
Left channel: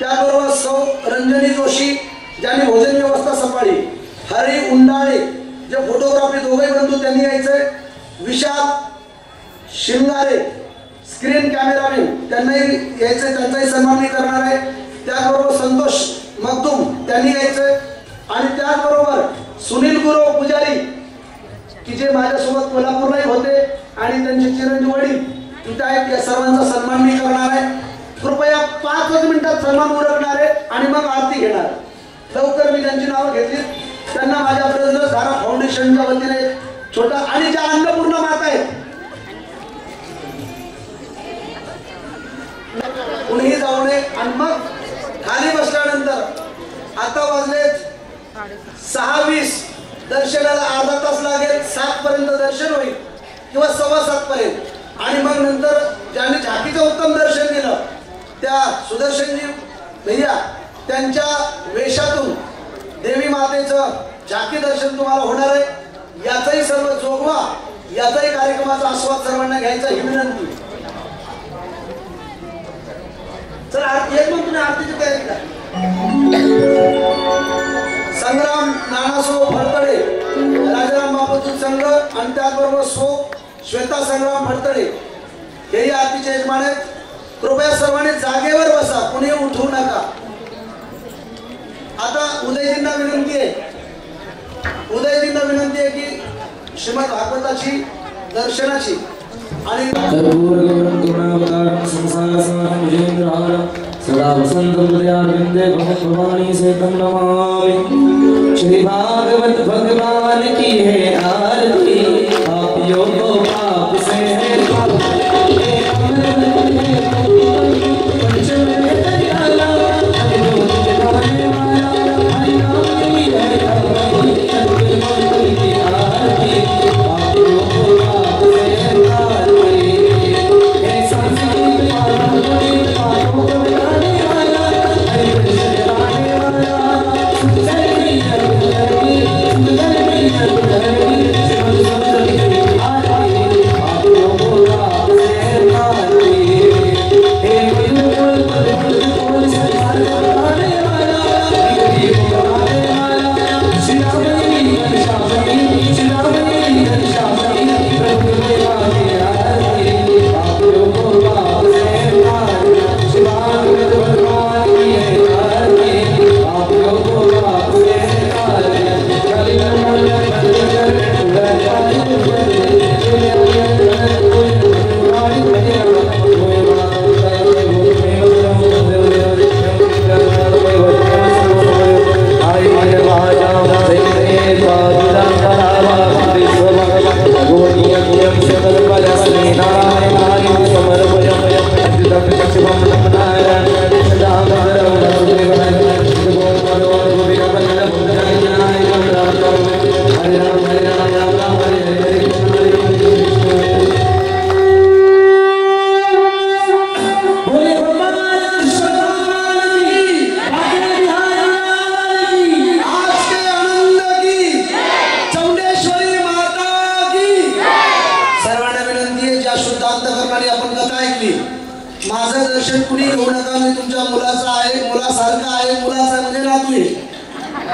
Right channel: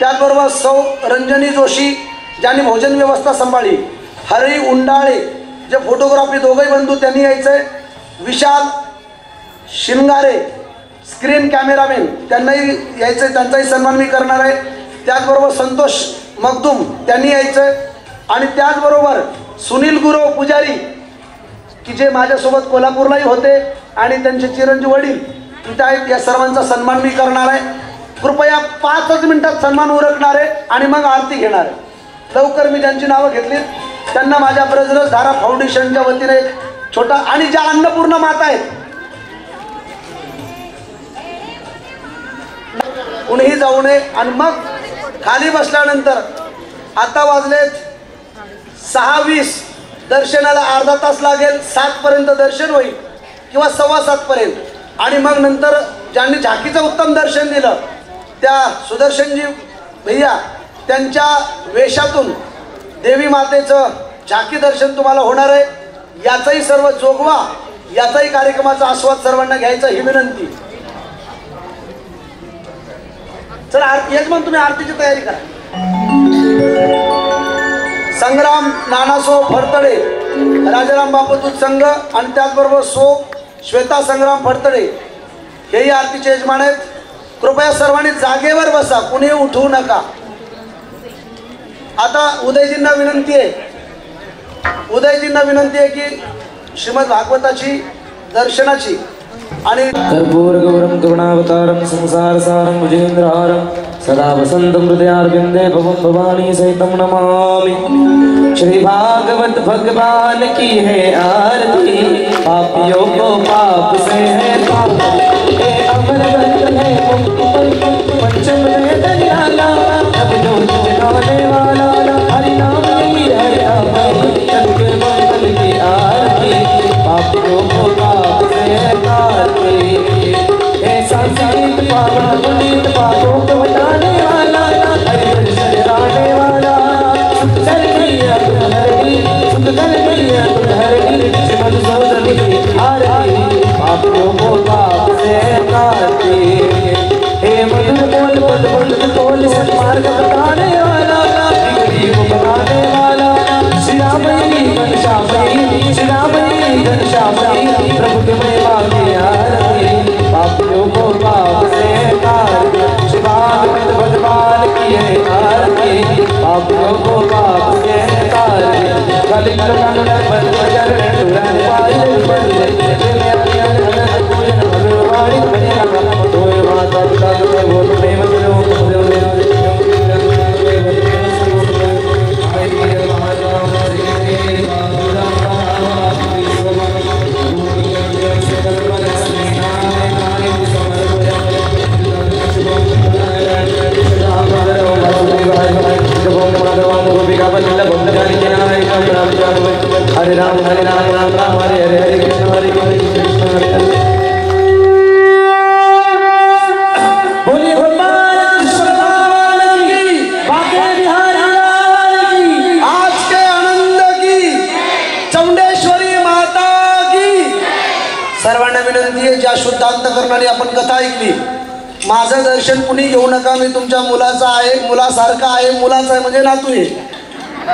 त्याचबरोबर सौ रंजनी जोशी ज्यांनी भोजन व्यवस्था सांभाळली, हरी उंडाळे जे फोटोग्राफी दोघंही बंधू त्यांनी यायचंय, विशाल शिंगारे स्क्रीन कॅमेरामॅन त्यांनाही यायचंय, त्यांचाही सन्मान मी करणार आहे. त्याचबरोबर संतोष मखदूम त्यांनी यायचंय. आणि त्याचबरोबर सुनील गुरव पुजारी की जे माझ्यासोबत कोल्हापूरलाही होते आणि त्यांचे चिरंजीव वडील तिथे आहेत, या सर्वांचा सन्मान मी करणार आहे. कृपया 5 मिनिटात सन्मान उरकणार आहे आणि मग आरती घेणार आहे. लवकर मी ज्यांची नावं घेतली त्यांना माझ्या ब्रजरस धारा फाउंडेशनच्या वतीने छोटा, आणि ज्या अन्नपूर्णा माता आहेत कुणीही जाऊ नये. आणि मग खाली बसल्यानंतर आता वाजलेत 6:20, दर्शनाला अर्धा तास लागेल, 7 पर्यंत दर्शन होईल किंवा 7:15 पर्यंत. आणि मग नंतर ज्यांनी झाकीचं उत्तम दर्शन दिलं त्या सुदर्शनजी भैया त्यांच्या वेशातून देवी मातेचं झाकी दर्शन तुम्हाला होणार आहे. याचाही सर्व जोगवा, याचाही कार्यक्रमाचा आस्वाद सर्वांना घ्यायचा ही विनंती. चला यजमान तुम्ही आरतीची तयारी करा. संग्राम नानासो फडतडे राजाराम बापू संघ आणि त्याचबरोबर श्वेता संग्राम फडतडे हेही आरतीचे यजमान आहेत. कृपया सर्वांनी जागेवर बसा, कुणी उठवू नका. आता उदयजींना विनंती आहे की श्रीमद भागवताची दर्शनाची आणि कर्पूरगौरं करुणावतारं संसारसारं भुजेन्द्रहारं सदा वसन्तं हृदयारविन्दे भवानी सहितं नमामि. श्री भागवत भगवान की है आरती, पापियों को पाप से है ऐकली, माझं दर्शन कुणी घेऊ नका, मी तुमच्या मुलाचा आहे, मुलासारखा आहे, मुलाचा आहे म्हणजे नातू आहे,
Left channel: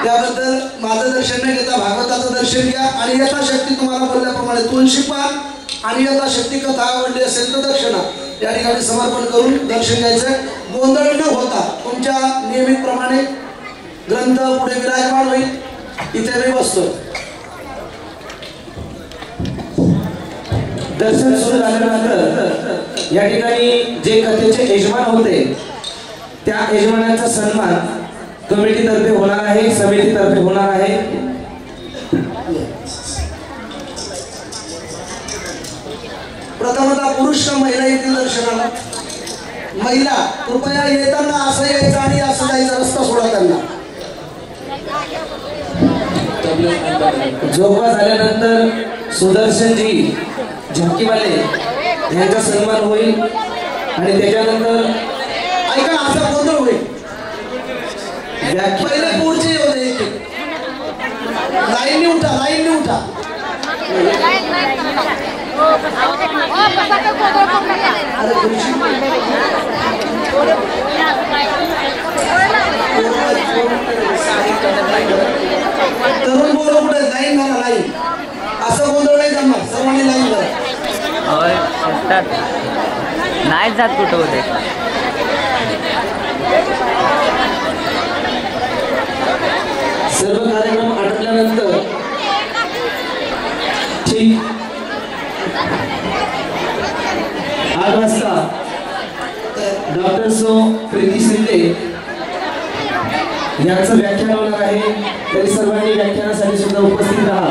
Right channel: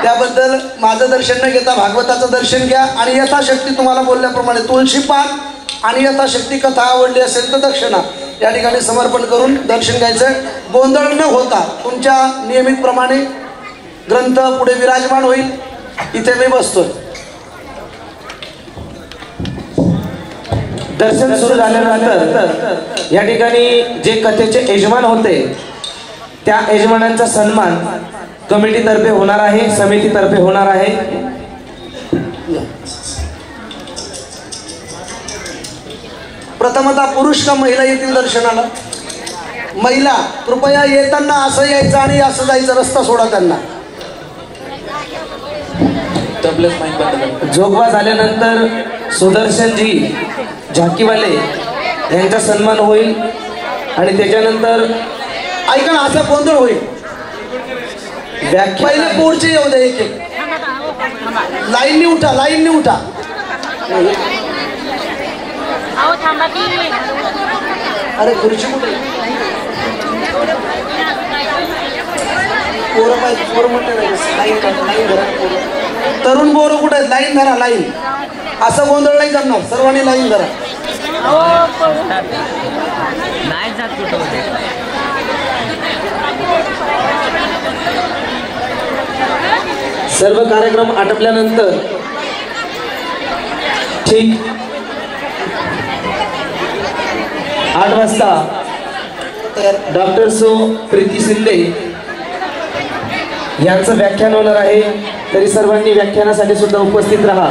त्याबद्दल माझं दर्शन न घेता भागवताचं दर्शन घ्या. आणि यथाशक्ती तुम्हाला बोलल्याप्रमाणे तुळशी पान आणि यथाशक्ती कथा आवडली असेल तर दक्षिणा या ठिकाणी समर्पण करून दर्शन घ्यायचं. गोंधळ न होता तुमच्या नियमितप्रमाणे ग्रंथ पुढे विराजमान होईल. इथे मी बसतोय. दर्शन सुरू झाल्यानंतर या ठिकाणी जे कथेचे यजमान होते त्या यजमानांचा सन्मान कमिटीतर्फे होणार आहे, समितीतर्फे होणार आहे. प्रथमतः पुरुष का महिला येतील दर्शनाला? महिला कृपया येताना असं यायचं आणि असं जायचं, रस्ता सोडा त्यांना. जोगवा झाल्यानंतर सुदर्शनजी झाकीवाले यांचा सन्मान होईल आणि त्याच्यानंतर ऐका ना, असा गोंधळ होईल. पहिले पुढचे येऊ दे, एक एक लाईननी उठा, लाईननी उठा. अरे खुर्ची तरुण पोरं कुठे आहेत? लाईन धरा, लाईन. असं गोंधळ नाही करणार, सर्वांनी लाईन धरा. नाही जात कुठं होते. सर्व कार्यक्रम आटपल्यानंतर ठीक 8 वाजता डॉक्टर सो प्रीती शिंदे यांचं व्याख्यान होणार आहे. तरी सर्वांनी व्याख्यानासाठी सुद्धा उपस्थित राहा.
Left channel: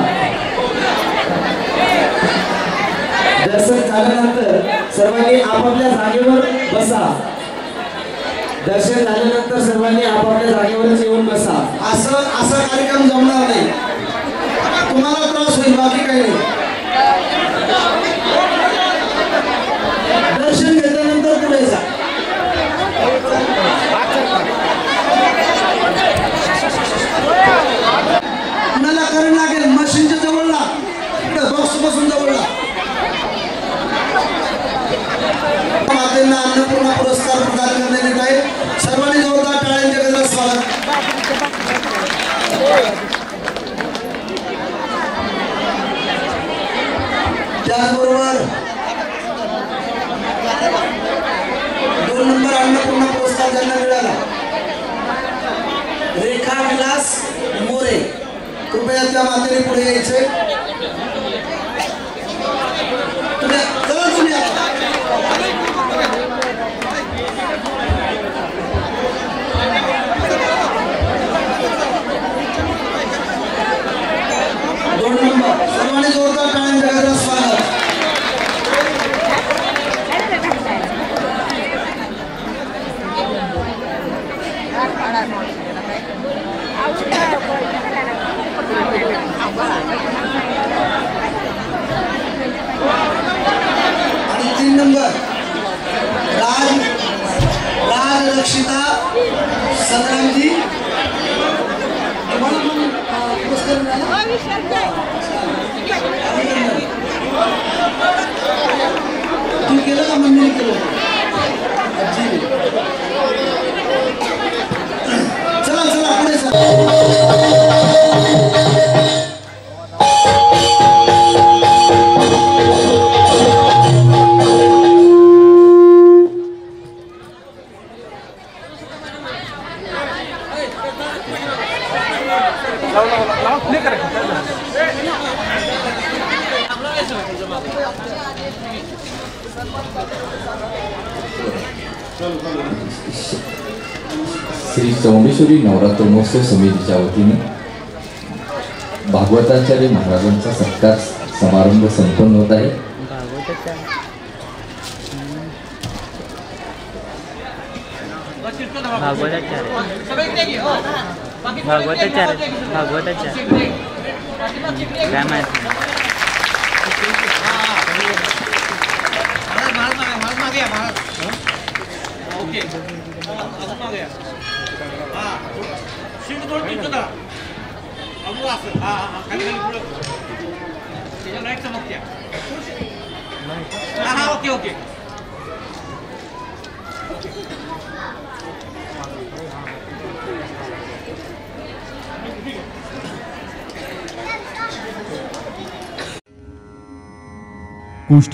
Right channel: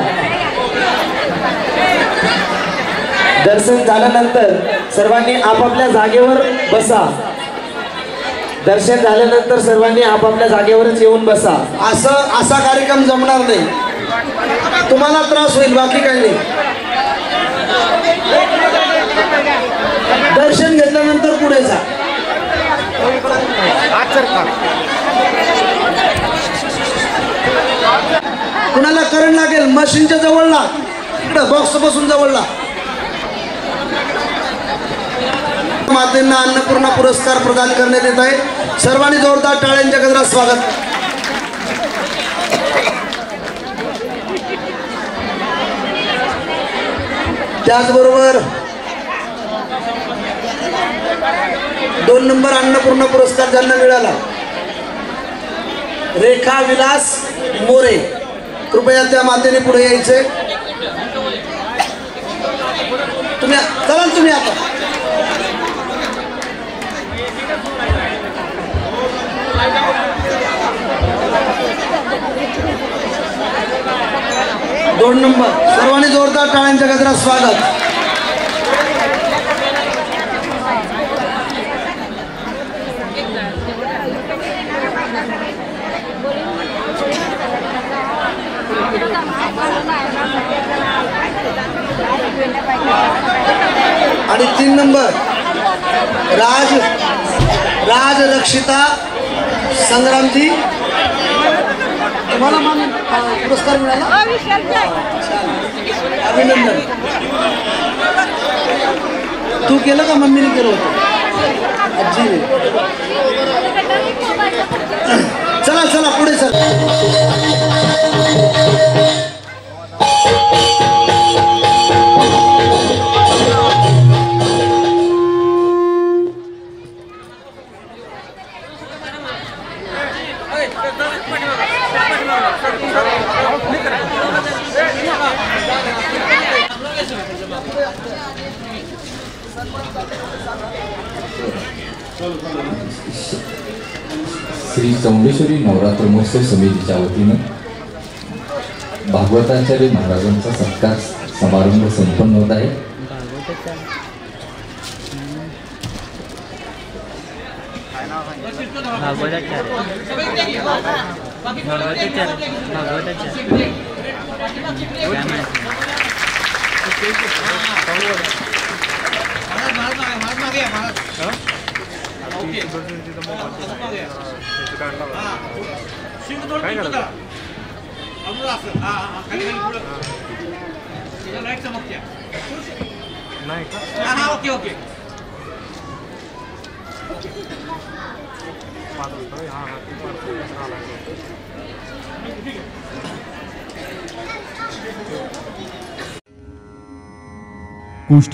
दर्शन झाल्यानंतर सर्वांनी आपापल्या जागेवर बसा. दर्शन झाल्यानंतर सर्वांनी आपापल्या जागेवरच येऊन बसा. असा कार्यक्रम जमणार नाही, तुम्हाला त्रास होईल, बाकी काही नाही. दर्शन घेतल्यानंतर पुढे जा. कुणाला करंट लागेल मशीनच्या जवळला, इकडं बॉक्स बसून जवळला. मातेंना अन्नपूर्णा पुरस्कार प्रदान करण्यात येत आहे. सर्वांनी जोरदार टाळ्यांच्या गजरात स्वागत. त्याचबरोबर 2 नंबर अन्नपूर्णा पुरस्कार ज्यांना मिळाला, रेखा विलास मोरे, कृपया त्या मातेने पुढे यायचे. तुम्ही चला, तुम्ही आता 2 नंबर. सर्वांनी जोरदार टाळ्यांच्या गजरात स्वागत. आणि 3 नंबर राजरक्षिता संग्रामजी, तुम्हाला पुरस्कार मिळाला. अभिनंदन. तू केलं का? मम्मीने केलं. आजी. चला चला पुढे चला. श्री चौंडेश्वरी नवरात्र महोत्सव समितीच्या वतीने भागवताचार्य महाराजांचा सत्कार समारंभ संपन्न होत आहे. कोष्टी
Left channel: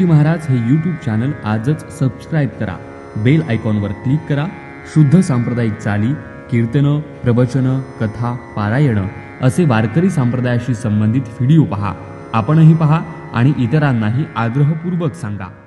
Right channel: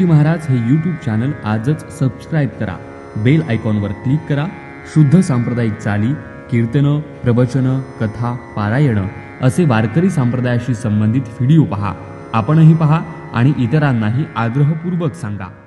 महाराज हे यूट्यूब चॅनल आजच सबस्क्राईब करा, बेल आयकॉनवर क्लिक करा. शुद्ध सांप्रदायिक चाली, कीर्तनं, प्रवचनं, कथा, पारायणं असे वारकरी संप्रदायाशी संबंधित व्हिडिओ पहा. आपणही पहा आणि इतरांनाही आग्रहपूर्वक सांगा.